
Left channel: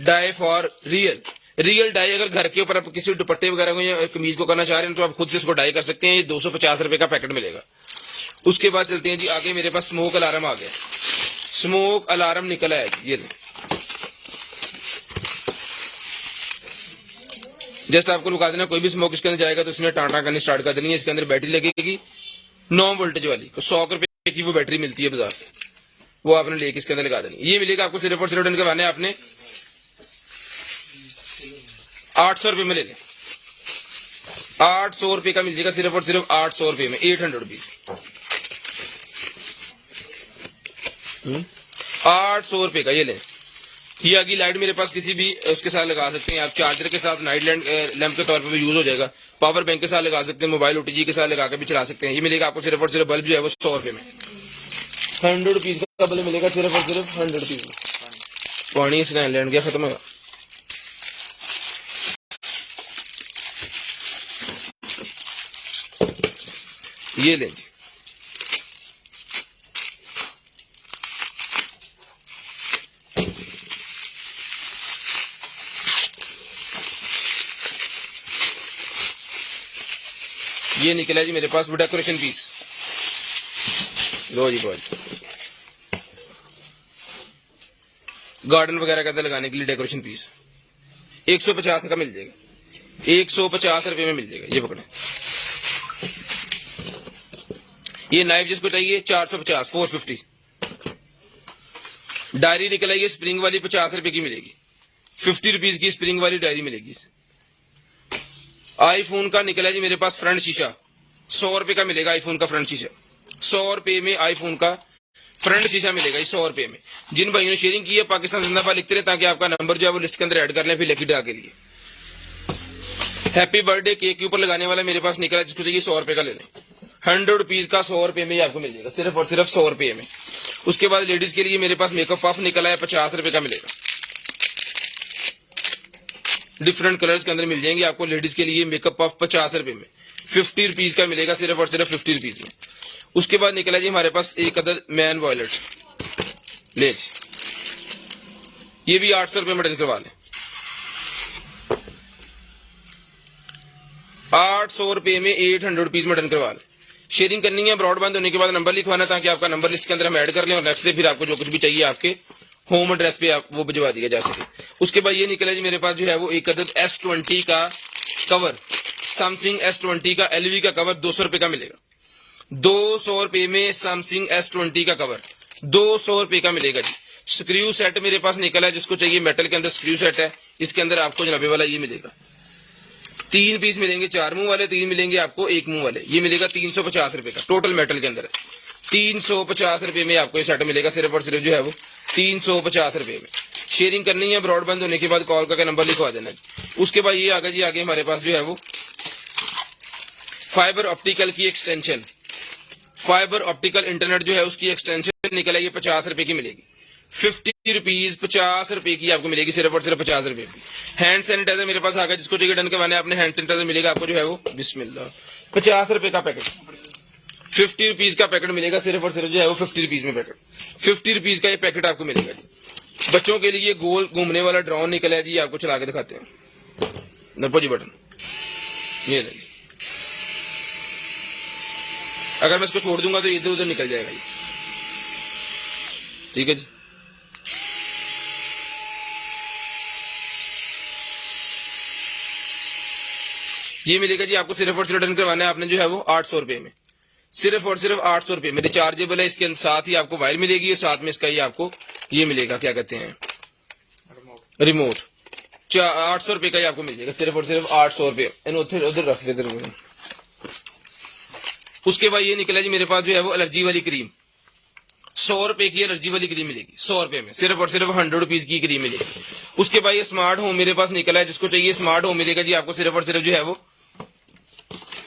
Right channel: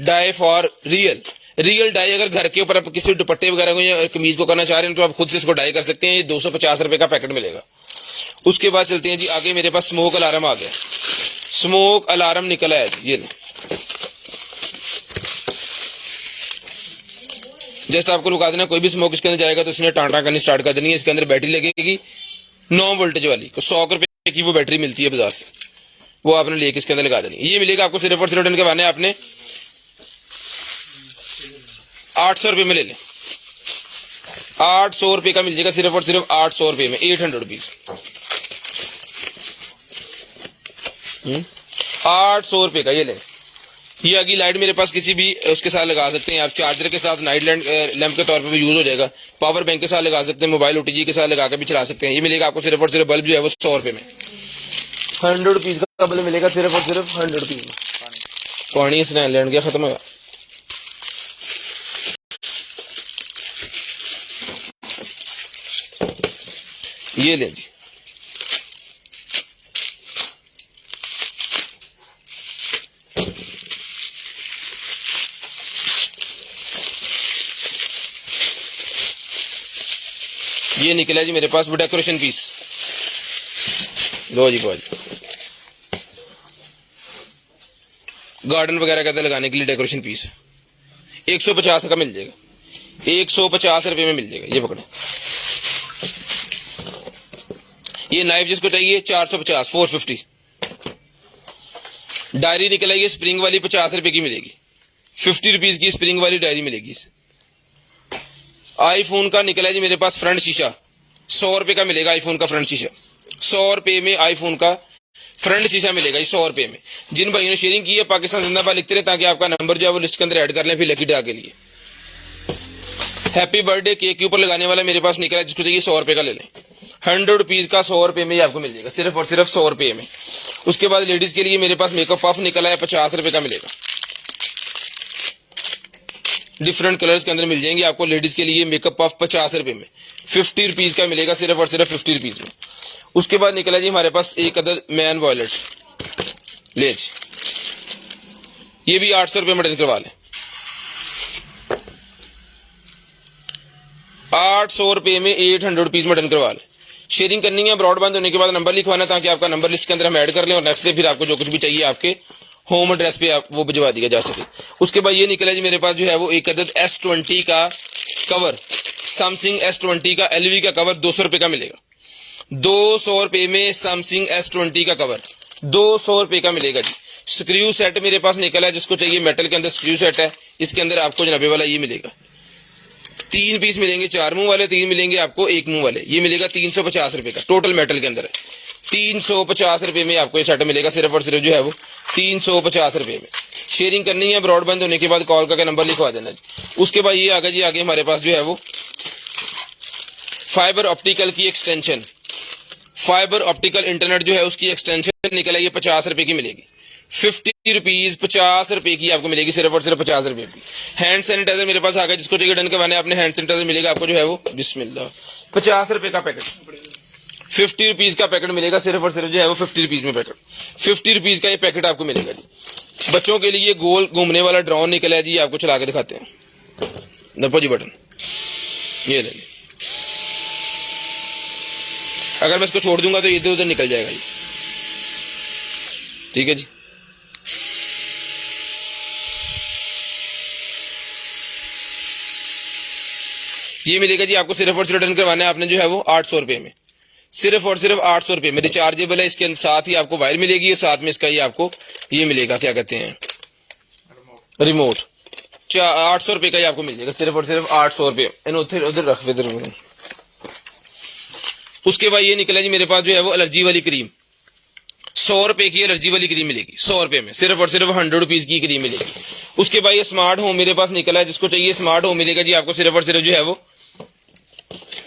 dye for real dye. अगर घर के ऊपर आप किसी दुपट्टे वगैरह को या कमीज को करना चाह रहे हैं तो आप खुद से इसको डाई कर सकते हैं। ये 250 रुपए का पैकेट मिलेगा। उसके बाद चलते हैं जी आगे मेरे पास स्मोक अलार्म आ गया स्मोक अलार्म निकला है ये लो जस्ट आपको रुका देना कोई भी स्मोक इसके अंदर जाएगा तो इसने टाटा करनी स्टार्ट कर देनी है। इसके अंदर बैटरी लगेगी 9 वोल्टेज वाली 100 रुपए की वो बैटरी मिलती है बाजार से वो आपने लेके इसके अंदर लगा देनी। ये मिलेगा आपको सिर्फ और सिर्फ डन के बाने आपने 800 रुपए में ले लें 800 रुपए का मिल जाएगा सिर्फ और सिर्फ 800 रुपए में 800 रुपीज। 800 रुपये का, ये लें। ये आगे लाइट मेरे पास किसी भी उसके साथ लगा सकते हैं आप, चार्जर के साथ नाइट लैंप के तौर पर भी यूज हो जाएगा, पावर बैंक के साथ लगा सकते हैं, मोबाइल OTG के साथ लगा के भी चला सकते हैं। ये मिलेगा आपको सिर्फ और सिर्फ बल्ब जो है वो 100 रुपये में, 100 रुपीज़ का बल्ब मिलेगा सिर्फ और सिर्फ 100 रुपीज़ में। पानी इसने लैंड गया, खत्म होगा। ये लें जी, ये निकला जी मेरे पास डेकोरेशन पीस। लो जी बहुत, गार्डन वगैरह कहते लगाने के लिए डेकोरेशन पीस 150 का मिल जाएगा, 150 रुपये में मिल जाएगा। ये पकड़े, ये नाइफ जिसको चाहिए 450, 450। डायरी निकला ये स्प्रिंग वाली 50 रुपए की मिलेगी, 50 रुपीज की स्प्रिंग वाली डायरी मिलेगी। आईफोन का निकला जी मेरे पास फ्रंट शीशा, 100 रुपए का मिलेगा आईफोन का फ्रंट शीशा, 100 रुपए में आईफोन का फ्रंट शीशा मिलेगा 100 रुपए में। जिन भाइयों ने शेयरिंग की है पाकिस्तान जिंदाबाद लिखते रहे ताकि आपका नंबर जो है वो लिस्ट के अंदर ऐड कर लें फिर लकी ड्रा के लिए। हैप्पी बर्थडे केक के ऊपर लगाने वाला मेरे पास निकला, जिसको चाहिए 100 रुपए का ले लें, 100 रुपीज का 100 रुपए में ही आपको मिल जाएगा, सिर्फ और सिर्फ 100 रुपए में। उसके बाद लेडीज के लिए मेरे पास मेकअप पफ निकला है, 50 रुपए का मिलेगा, डिफरेंट कलर्स के अंदर मिल जाएंगे आपको। लेडीज के लिए मेकअप पफ 50 रुपए में, 50 रुपीज का मिलेगा, सिर्फ और सिर्फ 50 रुपीज में। उसके बाद निकला जी हमारे पास एक अदद मैन वॉयलेट लेज, ये भी 800 रुपये में डन करवा लें, 800 रुपये में 800 रुपीज में डन करवा लें। शेयरिंग करनी है, ब्रॉडबैंड होने के बाद नंबर लिखवाना ताकि आपका नंबर लिस्ट के अंदर हम ऐड कर लें और नेक्स्ट डे फिर आपको जो कुछ भी चाहिए आपके होम एड्रेस पे आप वो भिजवा दिया जा सके। उसके बाद ये निकला जी मेरे पास जो है वो एक अदद S20 का कवर, सैमसंग S20 का LV का कवर 200 रुपये का मिलेगा, 200 रुपये में सैमसंग S20 का कवर 200 रुपये का मिलेगा जी। स्क्रू सेट मेरे पास निकला है, जिसको चाहिए मेटल के अंदर स्क्रू सेट है, इसके अंदर आपको जनाबे वाला ये मिलेगा, 3 पीस मिलेंगे, 4 मुंह वाले, 3 मिलेंगे आपको 1 मुंह वाले। ये मिलेगा 350 रुपये का, टोटल मेटल के अंदर है, 350 रुपये में आपको ये सेट मिलेगा, सिर्फ और सिर्फ जो है वो 350 रुपये में। शेयरिंग करनी है, ब्रॉडबैंड होने के बाद कॉल करके नंबर लिखवा देना जी। उसके बाद ये आगे जी, आगे हमारे पास जो है वो फाइबर ऑप्टिकल की एक्सटेंशन, फाइबर ऑप्टिकल इंटरनेट जो है उसकी एक्सटेंशन निकला, ये 50 रुपये की मिलेगी, 50 रुपीज 50 रुपये की आपको मिलेगी, सिर्फ और सिर्फ 50 रुपये की। हैंड सैनिटाइजर मेरे पास आ गया, जिसको चाहिए डन करवाने आपने हैंड सैनिटाइजर मिलेगा आपको जो है वो बिस्मिल्लाह 50 रुपये का पैकेट, 50 रुपीज का पैकेट मिलेगा, सिर्फ और सिर्फ जो है वो 50 रुपीज में पैकेट, 50 रुपीज का ये पैकेट आपको मिलेगा जी। बच्चों के लिए गोल घूमने वाला ड्रोन निकला है जी, आपको चला के दिखाते हैं, दबो जी बटन, ये नहीं, अगर मैं इसको छोड़ दूंगा तो इधर उधर निकल जाएगा, ठीक है जी। ये मिलेगा जी आपको, सिर्फ और सिर्फ डन करवाना है आपने जो है वो 800 रुपये में, सिर्फ और सिर्फ 800 रुपये में। रिचार्जेबल है, इसके साथ ही आपको वायर मिलेगी और साथ में इसका ही आपको ये मिलेगा, क्या कहते हैं, रिमोट। 800 रुपये का ही आपको मिल जाएगा, सिर्फ और सिर्फ 800 रुपये। उधर रख इधर। उसके बाद ये निकला जी मेरे पास जो है वो एलर्जी वाली क्रीम, 100 रुपये की एलर्जी वाली क्रीम मिलेगी, 100 रुपये में, सिर्फ और सिर्फ 100 रुपीज की क्रीम मिलेगी। उसके बाद ये स्मार्ट होम मेरे पास निकला है, जिसको चाहिए स्मार्ट होम मिलेगा जी आपको सिर्फ और सिर्फ जो है वो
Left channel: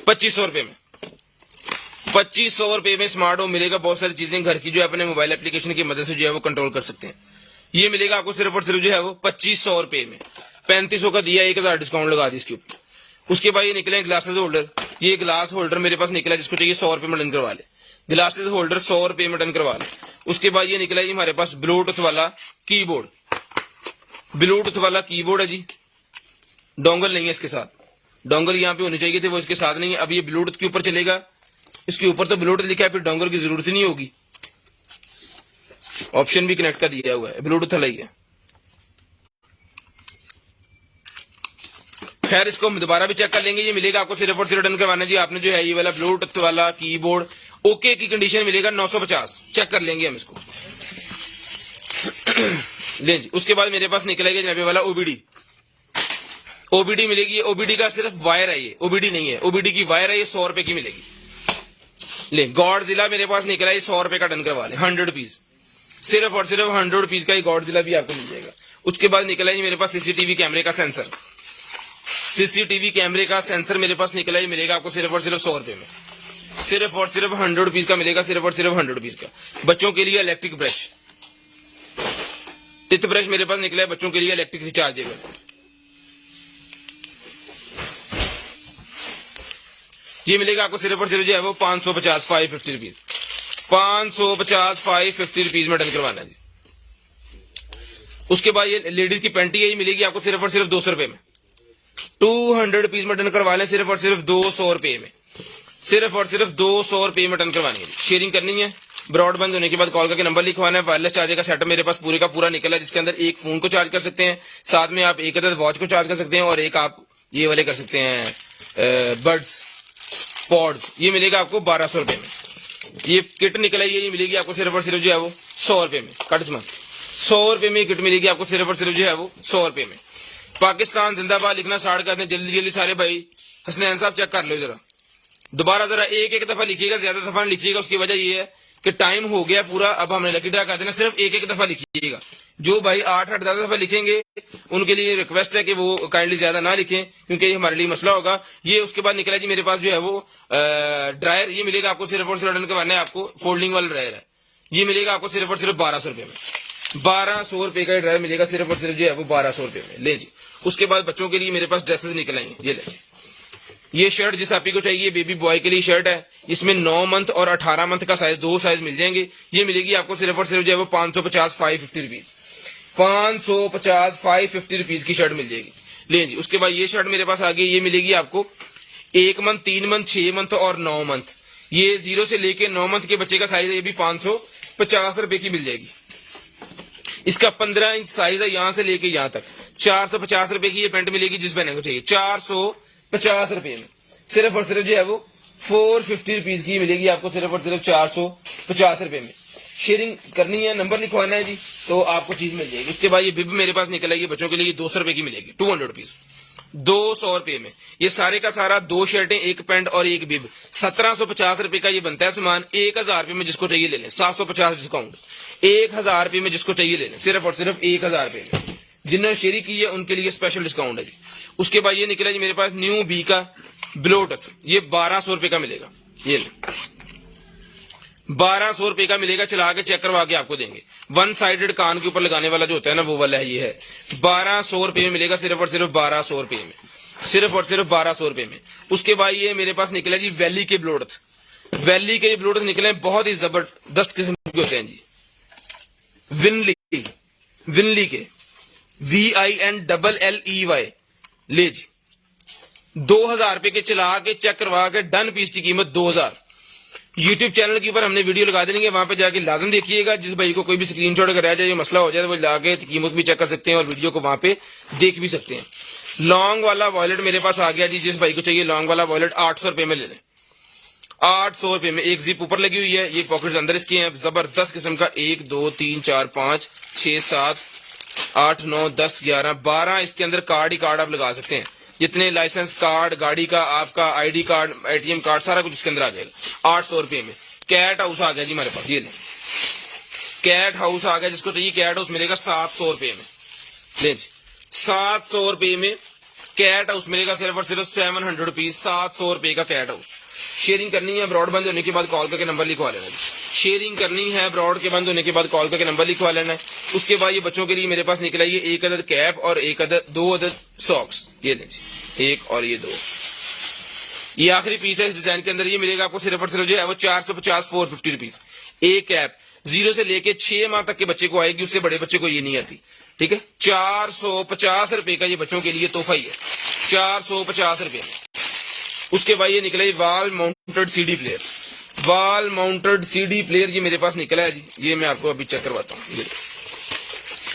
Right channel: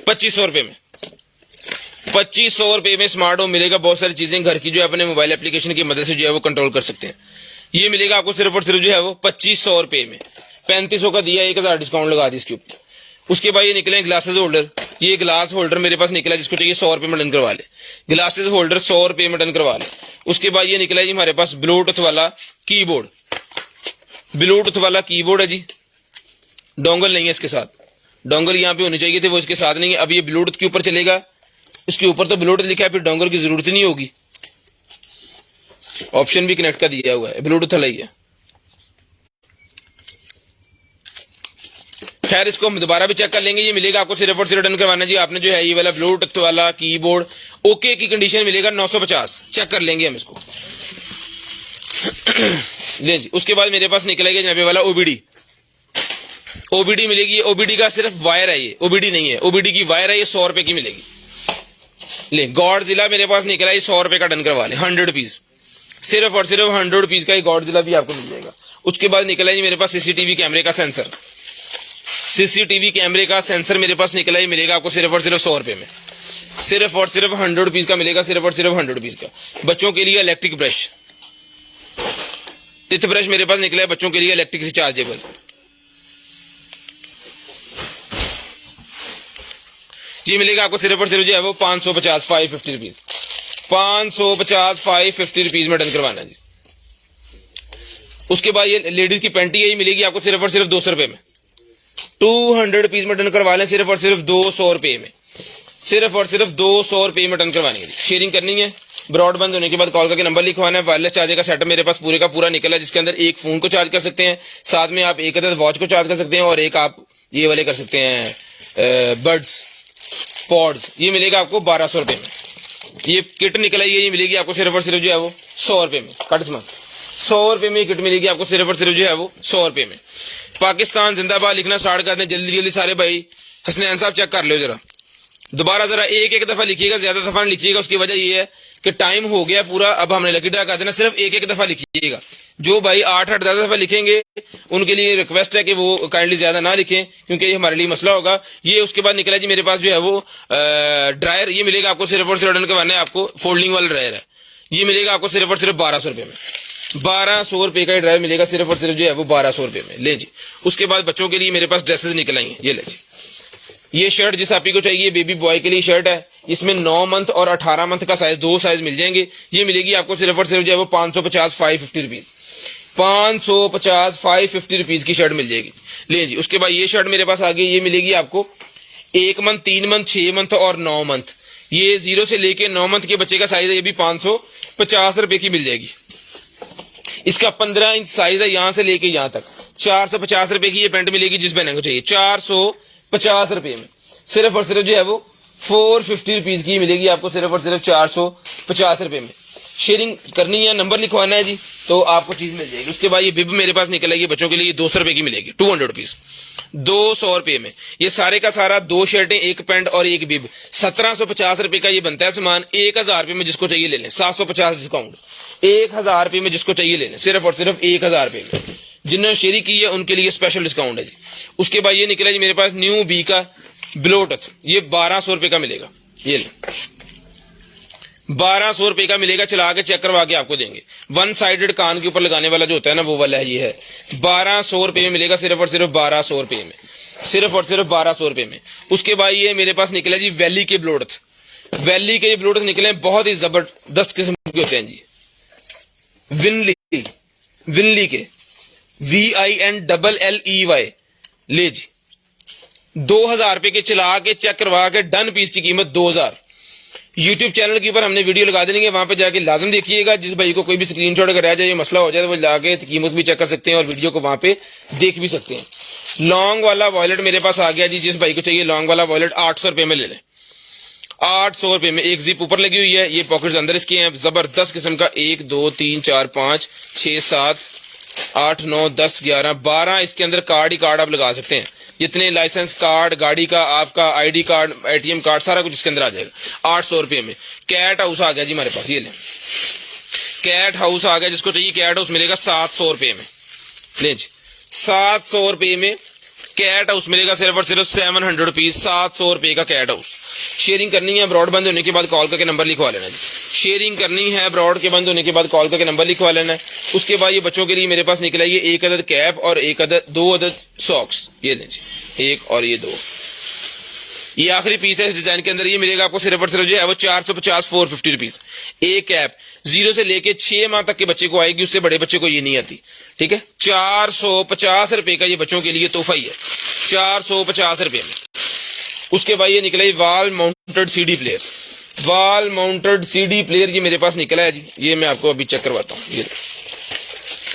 2500 रुपये में, 2500 रुपये में स्मार्ट होम मिलेगा। बहुत सारी चीजें घर की जो है अपने मोबाइल एप्लीकेशन की मदद से जो है वो कंट्रोल कर सकते हैं। ये मिलेगा आपको सिर्फ और सिर्फ जो है वो 2500 रुपये में, 3500 का दिया, 1000 डिस्काउंट लगा दी इसके ऊपर। उसके बाद ये निकले ग्लासेस होल्डर, ये ग्लास होल्डर मेरे पास निकला, जिसको चाहिए 100 रुपये में डन करवा ले, ग्लासेस होल्डर 100 रुपये में डन करवा ले। उसके बाद ये निकला जी हमारे पास ब्लूटूथ वाला कीबोर्ड, ब्लूटूथ वाला कीबोर्ड है जी, डोंगल नहीं है इसके साथ, डोंगल यहाँ पे होनी चाहिए थे वो इसके साथ नहीं है। अब ये ब्लूटूथ के ऊपर चलेगा, उसके ऊपर तो ब्लूटूथ लिखा है, फिर डोंगल की जरूरत ही नहीं होगी, ऑप्शन भी कनेक्ट का दिया हुआ है, ब्लूटूथ वाला ही है। खैर इसको हम दोबारा भी चेक कर लेंगे। ये मिलेगा आपको सिर्फ और सिर्फ डन करवाना जी आपने जो है ये वाला ब्लूटूथ वाला कीबोर्ड, ओके की कंडीशन मिलेगा 950, चेक कर लेंगे हम इसको ले जी। उसके बाद मेरे पास निकलेगा जनाबे वाला ओबीडी मिलेगी, ओबीडी का सिर्फ वायर है, ये ओबीडी नहीं है, ओबीडी की वायर है, ये 100 रुपए की मिलेगी। ले गॉड जिला मेरे पास निकला, ये 100 रुपए का डन करवा ले, 100 पीस सिर्फ और सिर्फ 100 रुपीज का गॉडजिला भी आपको मिल जाएगा। उसके बाद निकला जी मेरे पास सीसीटीवी कैमरे का सेंसर। सीसीटीवी कैमरे का सेंसर मेरे पास निकला ही मिलेगा आपको सिर्फ और सिर्फ 100 रुपए में। सिर्फ और सिर्फ 100 रुपीज का मिलेगा, सिर्फ और सिर्फ 100 रुपीज का। बच्चों के लिए इलेक्ट्रिक ब्रश, टिथ ब्रश मेरे पास निकला है बच्चों के लिए इलेक्ट्रिक रिचार्जेबल। ये मिलेगा आपको सिर्फ और सिर्फ जो है वो 550 550 रुपीज, 550 550 रुपीज में डन करवाना जी। उसके बाद ये लेडीज की पैंटी है, ये मिलेगी आपको सिर्फ और सिर्फ 200 रुपए में। 200 रुपीज में डन करवा लें, सिर्फ और सिर्फ 200 रुपए में, सिर्फ और सिर्फ 200 रुपए में डन करवाने की। शेयरिंग करनी है, ब्रॉडबैंड होने के बाद कॉल करके नंबर लिखवाना है। वायरलेस चार्जर का सेटअप मेरे पास पूरे का पूरा निकला है, जिसके अंदर एक फोन को चार्ज कर सकते हैं, साथ में आप एक अदर वॉच को चार्ज कर सकते हैं, और एक आप ये वाले कर सकते हैं बड्स पॉड्स। ये मिलेगा आपको 1200 रुपए में। ये किट निकला है, ये मिलेगी आपको सिर्फ और सिर्फ जो है वो 100 रुपए में। कट 100 रुपए में किट मिलेगी आपको सिर्फ और सिर्फ जो है वो 100 रुपए में। पाकिस्तान जिंदाबाद लिखना स्टार्ट कर दें जल्दी जल्दी सारे भाई। हसनैन साहब चेक कर लो जरा, दोबारा जरा एक दफा लिखिएगा, ज्यादा दफा नहीं लिखिएगा। उसकी वजह ये है कि टाइम हो गया पूरा, अब हमने लकी ड्रा कर देना। सिर्फ एक दफा लिखिएगा। जो भाई 8-8 10 दफा लिखेंगे उनके लिए रिक्वेस्ट है कि वो काइंडली ज्यादा ना लिखें, क्योंकि ये हमारे लिए मसला होगा। ये उसके बाद निकला जी मेरे पास जो है वो ड्रायर। ये मिलेगा आपको सिर्फ और सिर्फ डन करवाना है, आपको फोल्डिंग वाला ड्रायर है। ये मिलेगा आपको सिर्फ और सिर्फ 1200 रुपए में। 1200 रुपए का ड्रायर मिलेगा सिर्फ और सिर्फ जो है वो 1200 रुपए में। ले जी। उसके बाद बच्चों के लिए मेरे पास ड्रेसेस निकल आई हैं, ये ले जी। ये शर्ट जिस आपी को चाहिए, बेबी बॉय के लिए शर्ट है। इसमें 9 मंथ और 18 मंथ का साइज, 2 साइज मिल जाएंगे। ये मिलेगी आपको सिर्फ और सिर्फ जो है वो 550 550 रुपीज, 550 550 रुपीज की शर्ट मिल जाएगी। ले जी। उसके बाद ये शर्ट मेरे पास आ गई, ये मिलेगी आपको 1 मंथ 3 मंथ 6 मंथ और 9 मंथ। ये 0 से लेके 9 मंथ के बच्चे का साइज है, ये भी 550 रुपए की मिल जाएगी। इसका 15 इंच साइज है, यहां से लेके यहां तक। 450 रुपए की ये पैंट मिलेगी जिस बहन को चाहिए, 450 रुपए में। सिर्फ और सिर्फ जो है वो 450 रुपीज की मिलेगी आपको सिर्फ और सिर्फ 450 रुपए में। शेयरिंग करनी है, नंबर लिखवाना है जी, तो आपको चीज मिल जाएगी। उसके बाद ये बिब मेरे पास निकलेगी बच्चों के लिए 200 रुपए की मिलेगी, 200 रुपीज, 200 रुपए में। ये सारे का सारा 2 शर्टें, 1 पैंट और 1 बिब, 1750 रुपए का ये बनता है सामान। 1000 रुपए में जिसको चाहिए ले लें, 750 डिस्काउंट। 1000 रुपए में जिसको चाहिए ले लें, सिर्फ और सिर्फ 1000 रुपए में। जिन्होंने शेयरिंग की है उनके लिए स्पेशल डिस्काउंट है जी। उसके बाद ये निकला जी मेरे पास न्यू बी का ब्लोटथ, ये 1200 रुपए का मिलेगा। ये ले 1200 रुपए का मिलेगा, चला के चेक करवा के आपको देंगे। 1 साइडेड कान के ऊपर लगाने वाला जो होता है ना, वो वाला ये है। 1200 रुपए में मिलेगा, सिर्फ और सिर्फ 1200 रुपए में, सिर्फ और सिर्फ 1200 रुपए में। उसके बाद ये मेरे पास निकला जी वैली के ब्लोटथ। वैली के ब्लोटथ निकले बहुत ही जबरदस्त किस्म के होते हैं जी। विनली के VINLLEY। ले जी। 2000 रुपए के चला के चेक करवा के डन पीस की कीमत 2000। यूट्यूब चैनल के ऊपर हमने वीडियो लगा देंगे, वहां पे जाके लाजम देखिएगा। जिस भाई को कोई भी स्क्रीनशॉट अगर आ जाए, मसला हो जाए, तो वो जाके कीमत भी चेक कर सकते हैं और वीडियो को वहां पे देख भी सकते हैं। लॉन्ग वाला वॉलेट मेरे पास आ गया जी, जिस भाई को चाहिए लॉन्ग वाला वॉलेट 800 रुपए में ले लें, 800 रुपए में। एक जिप ऊपर लगी हुई है, ये पॉकेट्स अंदर इसके हैं, जबरदस्त किस्म का। 1 2 3 4 5 6 7 8 9 10 11 12 इसके अंदर कार्ड ही कार्ड आप लगा सकते हैं। जितने लाइसेंस कार्ड, गाड़ी का, आपका आईडी कार्ड, ATM कार्ड, सारा कुछ इसके अंदर आ जाएगा 800 रुपए में। कैट हाउस आ गया जी हमारे पास, ये ले कैट हाउस आ गया। जिसको चाहिए कैट हाउस मिलेगा 700 रुपए में। ले जी। 700 रुपए में कैट हाउस मिलेगा, सिर्फ और सिर्फ 700 रुपीज, 700 रुपए का कैट हाउस। शेयरिंग करनी है, ब्रॉड बंद होने के बाद कॉल करके नंबर लिखवा लेना जी। शेयरिंग करनी है, ब्रॉड के बंद होने के बाद कॉल करके नंबर लिखवा लेना है। उसके बाद ये बच्चों के लिए मेरे पास निकला ये 1 अदद कैप और 2 अदद सॉक्स। ये ले जी, 1 और ये 2। ये आखिरी पीस है इस डिजाइन के अंदर। ये मिलेगा आपको सिर्फ और सिर्फ जो है वो 450 450 रुपीज। एक कैप 0 से लेके 6 माह तक के बच्चे को आएगी, उससे बड़े बच्चे को ये नहीं आती। ठीक है, 450 रुपए का ये बच्चों के लिए तोहफा ही है, 450 रुपए में। उसके बाद ये निकला wall mounted CD player. Wall mounted CD player ये मेरे पास निकला है जी। ये मैं आपको अभी चेक करवाता हूँ। ये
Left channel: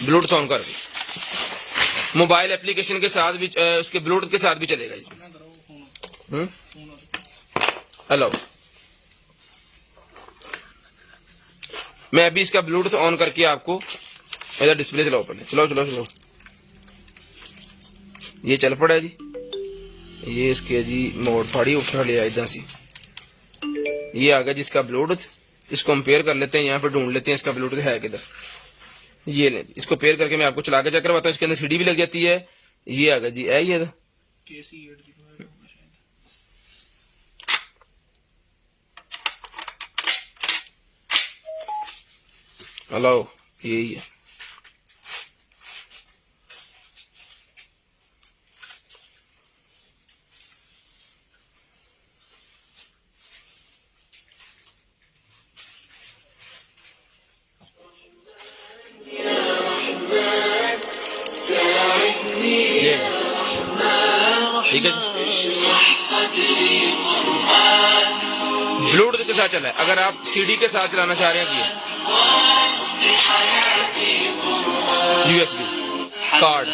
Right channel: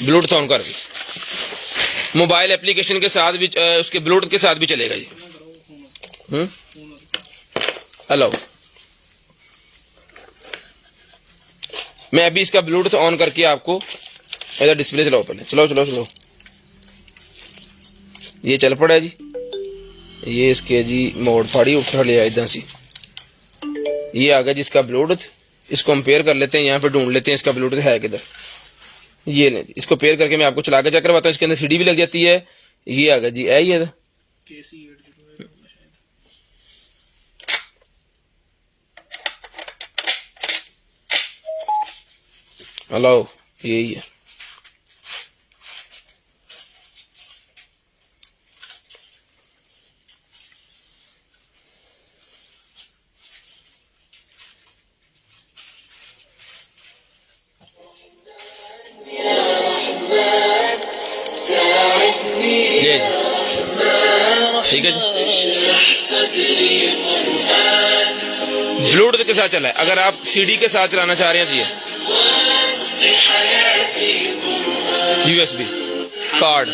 ब्लूटूथ ऑन करके मोबाइल एप्लीकेशन के साथ भी, उसके ब्लूटूथ के साथ भी चलेगा जी। हेलो, मैं अभी इसका ब्लूटूथ ऑन करके आपको डिस्प्ले चलाओ पहले। चलो ये चल पड़ा है जी। ये इसके जी मोड फाड़ी उठा लिया इधर से। ये आ गया जिसका ब्लूटूथ। इसको हम पेयर कर लेते हैं, यहाँ पे ढूंढ लेते हैं इसका ब्लूटूथ है किधर। ये लें जी, इसको पेयर करके मैं आपको चला के चेक करवाता हूँ। इसके अंदर सीडी भी लग जाती है। ये आ गया जी, है ये KC 805 होगा शायद। हेलो, यही है। ये जी, ठीक है जी, ब्लूटूथ के साथ चला है। अगर आप सीडी के साथ चलाना चाह रहे हैं जी, USB card,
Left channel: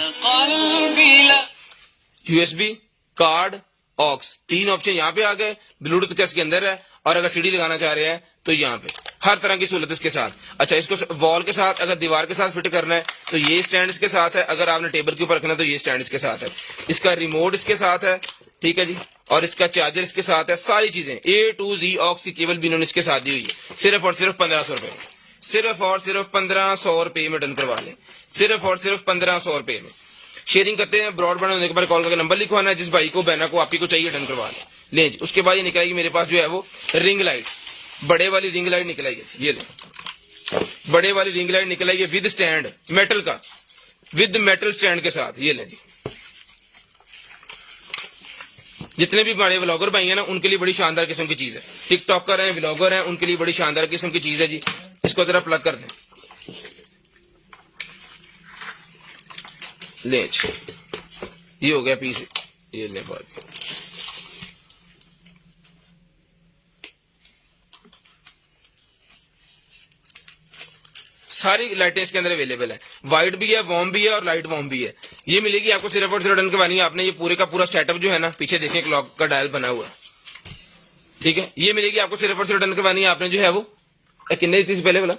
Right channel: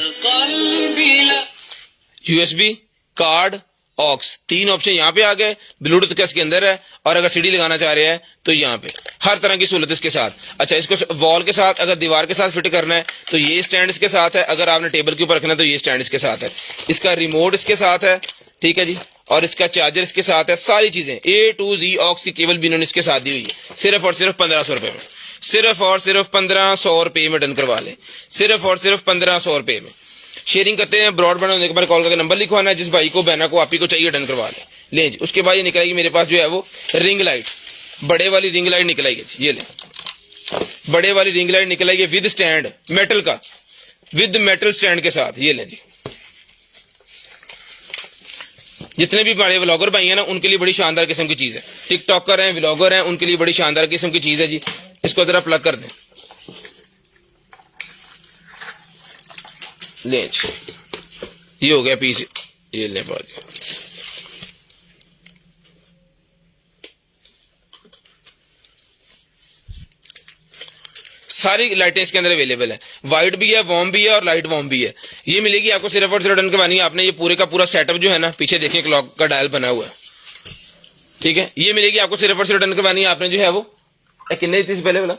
USB card, aux, 3 option यहाँ पे आ गए। ब्लूटूथ का इसके अंदर है, और अगर सीडी लगाना चाह रहे हैं तो यहाँ पे हर तरह की सहूलत इसके साथ। अच्छा, इसको वॉल के साथ, अगर दीवार के साथ फिट करना है तो ये स्टैंड इसके साथ है। अगर आपने टेबल के ऊपर रखना है तो ये स्टैंड इसके साथ है। इसका रिमोट इसके साथ है, ठीक है जी, और इसका चार्जर इसके साथ है। सारी चीजें A to Z ऑक्स की केबल भी इन्होंने इसके साथ दी हुई है। सिर्फ और सिर्फ 1500 रुपए में, सिर्फ और सिर्फ 1500 रुपए में डन करवा लें, सिर्फ और सिर्फ 1500 रुपए में। शेयरिंग करते हैं, ब्रॉडबैंड होने के बाद कॉल करके नंबर लिखवाना है, जिस भाई को बहना को आप ही को चाहिए डन करवा लें जी। उसके बाद ये निकलेगी मेरे पास जो है वो रिंग लाइट, बड़े वाली रिंग लाइट निकल आएगी। ये ले, बड़े वाली रिंग लाइट निकल आएगी विद स्टैंड, मेटल का, विद मेटल स्टैंड के साथ। ये ले जी, जितने भी बड़े व्लॉगर भाई हैं ना, उनके लिए बड़ी शानदार किस्म की चीज है। टिकटॉकर हैं, व्लॉगर हैं, उनके लिए बड़ी शानदार किस्म की चीज है जी। इसको जरा प्लग कर दें, ले, ये हो गया पीस। ये ले बात, सारी लाइटें इसके अंदर अवेलेबल है। वाइट भी है, वार्म भी है, और लाइट वार्म भी है। ये मिलेगी आपको सिर्फ और सिर्फ डन करवानी है आपने। ये पूरे का पूरा सेटअप जो है ना, पीछे देखिए क्लॉक का डायल बना हुआ है, ठीक है। ये मिलेगी आपको सिर्फ और सिर्फ डन करवानी है आपने जो है वो, कितने दी थी पहले वाला,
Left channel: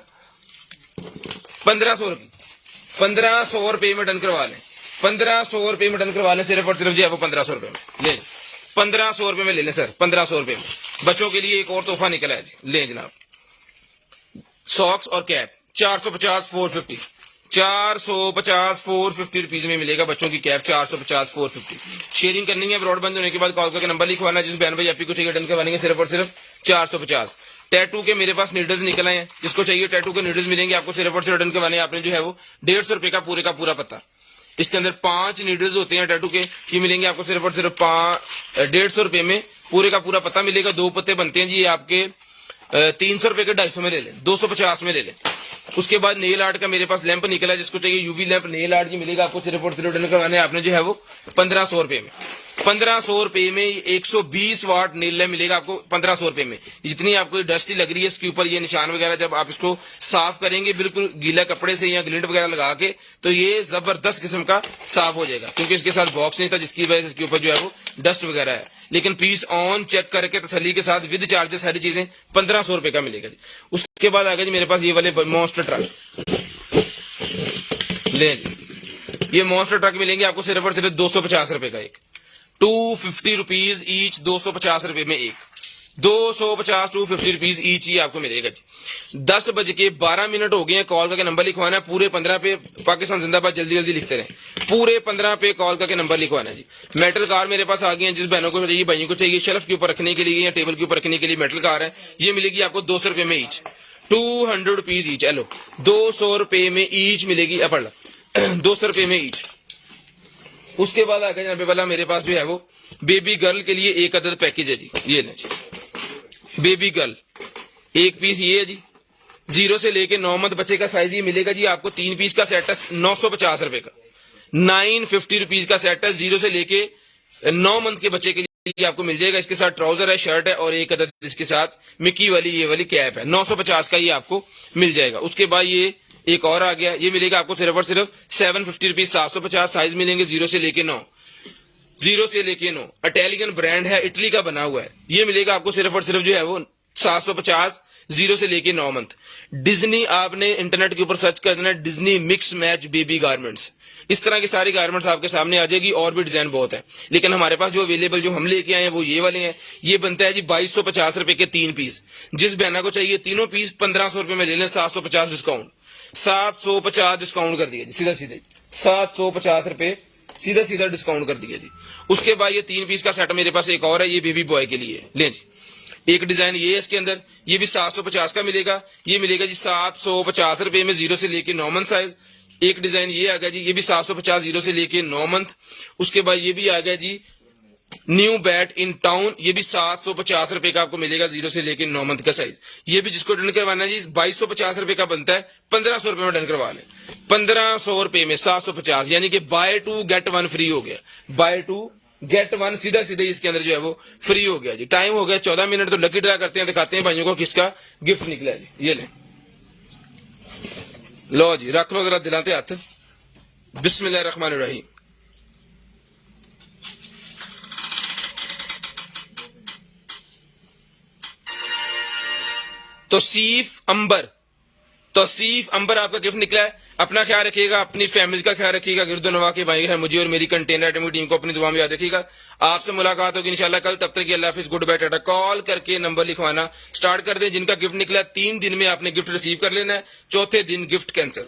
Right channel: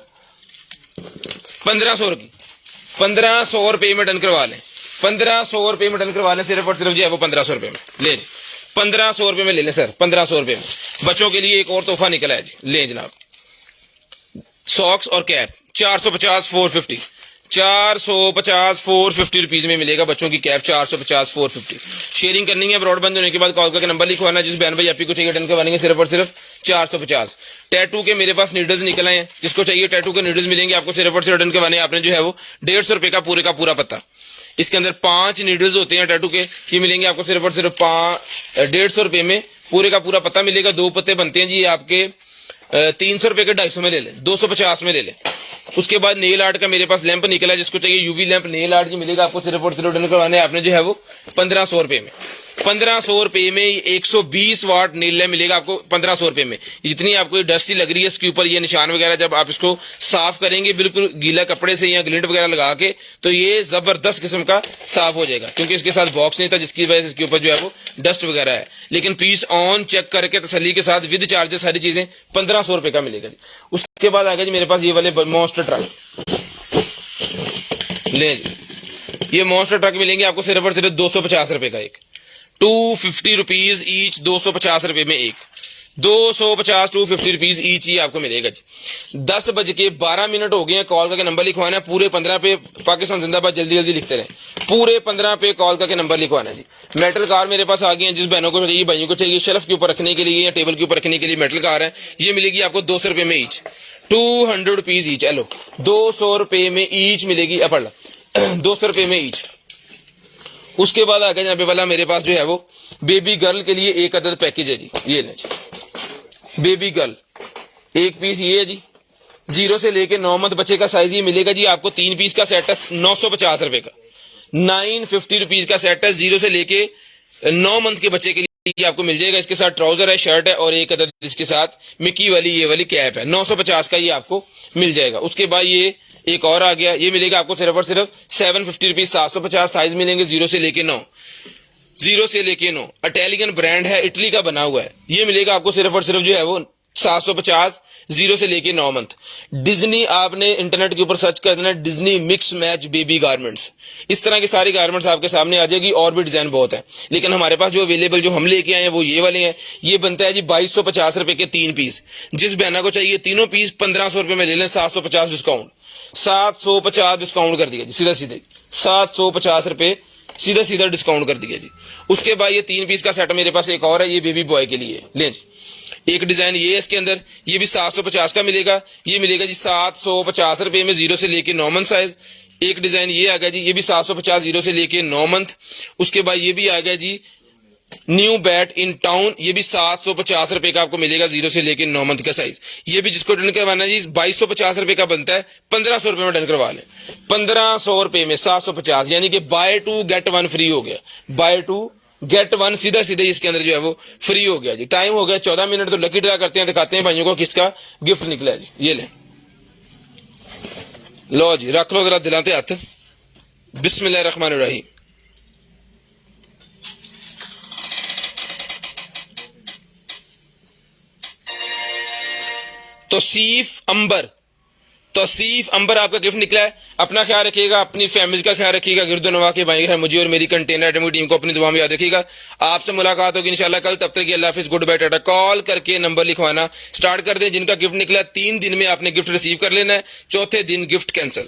1500 की, 1500 रुपए में डन करवा लें, 1500 रुपए में डन करवा लें, सिर्फ और सिर्फ जो है वो 1500 रुपए में। ले जी, 1500 रुपए में ले लें सर, 1500 रुपए में। बच्चों के लिए एक और तोहफा निकला है जी, ले जनाब, सॉक्स और कैप, 450 450, 450 450 रुपीज में मिलेगा बच्चों की कैप, 450 450। शेयरिंग करनी है, ब्रॉडबैंड होने के बाद कॉल करके नंबर लिखवाना, जिस बहन भाई आप ही को चाहिए डन करवाने सिर्फ और सिर्फ 450। टैटू के मेरे पास नीडल्स निकल आए हैं, जिसको चाहिए टैटू के नीडल्स मिलेंगे आपको सिर्फ और सिर्फ डन करवाने। आपने जो है वो 150 रुपए का पूरे का पूरा पत्ता, इसके अंदर 5 नीडल्स होते हैं टैटू के, ये मिलेंगे आपको सिर्फ और सिर्फ 150 रुपए में पूरे का पूरा पत्ता मिलेगा। 2 पत्ते बनते हैं जी आपके 300 रुपए के, 250 में ले लें, 250 में ले लें। उसके बाद नेल आर्ट का मेरे पास लैंप निकला है, जिसको चाहिए यूवी लैंप नेल आर्ट की मिलेगा आपको सिर्फ और सिर्फ डन करवाने आपने जो है वो 1500 रुपए में। 1500 रुपए में 120 वाट नेल लैंप मिलेगा आपको 1500 रुपए में। जितनी आपको डस्टी लग रही है इसके ऊपर ये निशान वगैरह, जब आप इसको साफ करेंगे बिल्कुल गीला कपड़े से या ग्लिंट वगैरह लगा के, तो ये जबरदस्त किस्म का साफ हो जाएगा, क्योंकि इसके साथ बॉक्स नहीं था, जिसकी वजह से इसके ऊपर जो है वो डस्ट वगैरह है। लेकिन पीस ऑन चेक करके तसल्ली के साथ विद चार्जेस सारी चीजें 1500 रुपए का मिलेगा जी। उसके बाद आ गया जी मेरे पास ये वाले मॉन्स्टर ट्रक, ले जी, ये मॉन्स्टर ट्रक मिलेंगे आपको सिर्फ और सिर्फ 250 रुपए का एक, 250 रुपीज ईच, 250 रुपए में एक, 250 250 रुपीज ईच ही आपको मिलेगा जी। 10:12 हो गए हैं, कॉल करके नंबर लिखवाना है। पूरे 15 पे पाकिस्तान जिंदाबाद जल्दी जल्दी लिखते रहे, पूरे 15 पे कॉल करके नंबर लिखवाना है जी। मेटल कार मेरे पास आ गई है, जिस बहनों को चाहिए, भाइयों को चाहिए शेल्फ के ऊपर रखने के लिए या टेबल के ऊपर रखने के लिए मेटल कार है, ये मिलेगी आपको 200 रुपए में ईच, 200 रुपीज ईच। हेलो, 200 रुपए में ईच मिलेगी, पढ़ लो 200 रुपए में ईच। उसके बाद आ गया जनाबे वाला मेरे पास जो है वो बेबी गर्ल के लिए एक अदद पैकेज है जी। ये लें जी, बेबी गर्ल एक पीस ये है जी, 0 से लेके 9 मंथ बच्चे का साइज ये मिलेगा जी आपको। 3 पीस का सेट है 950 रुपए का, 950 रुपीज का सेट है। 0 से लेके 9 मंथ के बच्चे के लिए आपको मिल जाएगा। इसके साथ ट्राउजर है, शर्ट है, और एक अदद इसके साथ मिक्की वाली ये वाली कैप है। 950 का ये आपको मिल जाएगा। उसके बाद ये एक और आ गया, ये मिलेगा आपको सिर्फ और सिर्फ 750 रुपीज, 750 साइज मिलेंगे 0 से लेके 9, 0 से लेके 9। इटालियन ब्रांड है, इटली का बना हुआ है, ये मिलेगा आपको सिर्फ और सिर्फ जो है वो 750 0 से लेके 9 मंथ। डिज्नी आपने इंटरनेट के ऊपर सर्च कर देना, Disney mix match baby garments, इस तरह की सारी गारमेंट्स आपके सामने आ जाएगी। और भी डिजाइन बहुत है, लेकिन हमारे पास जो अवेलेबल जो हम लेके आए हैं वो ये वाले हैं। ये बनता है जी 2250 रुपए के 3 पीस। जिस बहना को चाहिए तीनों पीस 1500 रुपए में ले लें, 750 डिस्काउंट, 750 डिस्काउंट कर दिया जी, सीधा सीधे 750 रुपए सीधा सीधा डिस्काउंट कर दिया जी। उसके बाद ये 3 पीस का सेट मेरे पास एक और है, ये बेबी बॉय के लिए लें जी। एक डिजाइन ये है इसके अंदर, ये भी 750 का मिलेगा। ये मिलेगा जी 750 रुपए में 0 से लेके 9 मंथ साइज। एक डिजाइन ये आ गया जी, ये भी 750 0 से लेके 9 मंथ। उसके बाद ये भी आ गया जी न्यू बैट इन टाउन, ये भी 750 रुपए का आपको मिलेगा 0 से लेके 9 मंथ का साइज। ये भी जिसको डन करवाना जी 2250 रुपए का बनता है, 1500 रुपए में डन करवा लें। 1500 रुपए में 750, यानी कि बाय 2 गेट 1 फ्री हो गया। बाय 2 गेट 1 सीधा सीधे इसके अंदर जो है वो फ्री हो गया जी। टाइम हो गया 14 मिनट, तो लकी ड्रा करते हैं, दिखाते हैं भाइयों को किसका गिफ्ट निकला है जी। ये ले लो जी, रख लो जरा दिलाते हाथ। बिस्मिल्लाहिर्रहमानिर्रहीम। तौसीफ अंबर आपका गिफ्ट निकला है। अपना ख्याल रखिएगा, अपनी फैमिली का ख्याल रखिएगा, गिरदनवा के भाई है मुझे और मेरी कंटेनर आइटम टीम को अपनी दुआ में याद रखिएगा। आपसे मुलाकात होगी इंशाल्लाह कल, तब तक के अल्लाह हाफिज़, गुड बाय टाटा। कॉल करके नंबर लिखवाना स्टार्ट कर दें। जिनका गिफ्ट निकला 3 दिन में आपने गिफ्ट रिसीव कर लेना है, चौथे दिन गिफ्ट कैंसिल।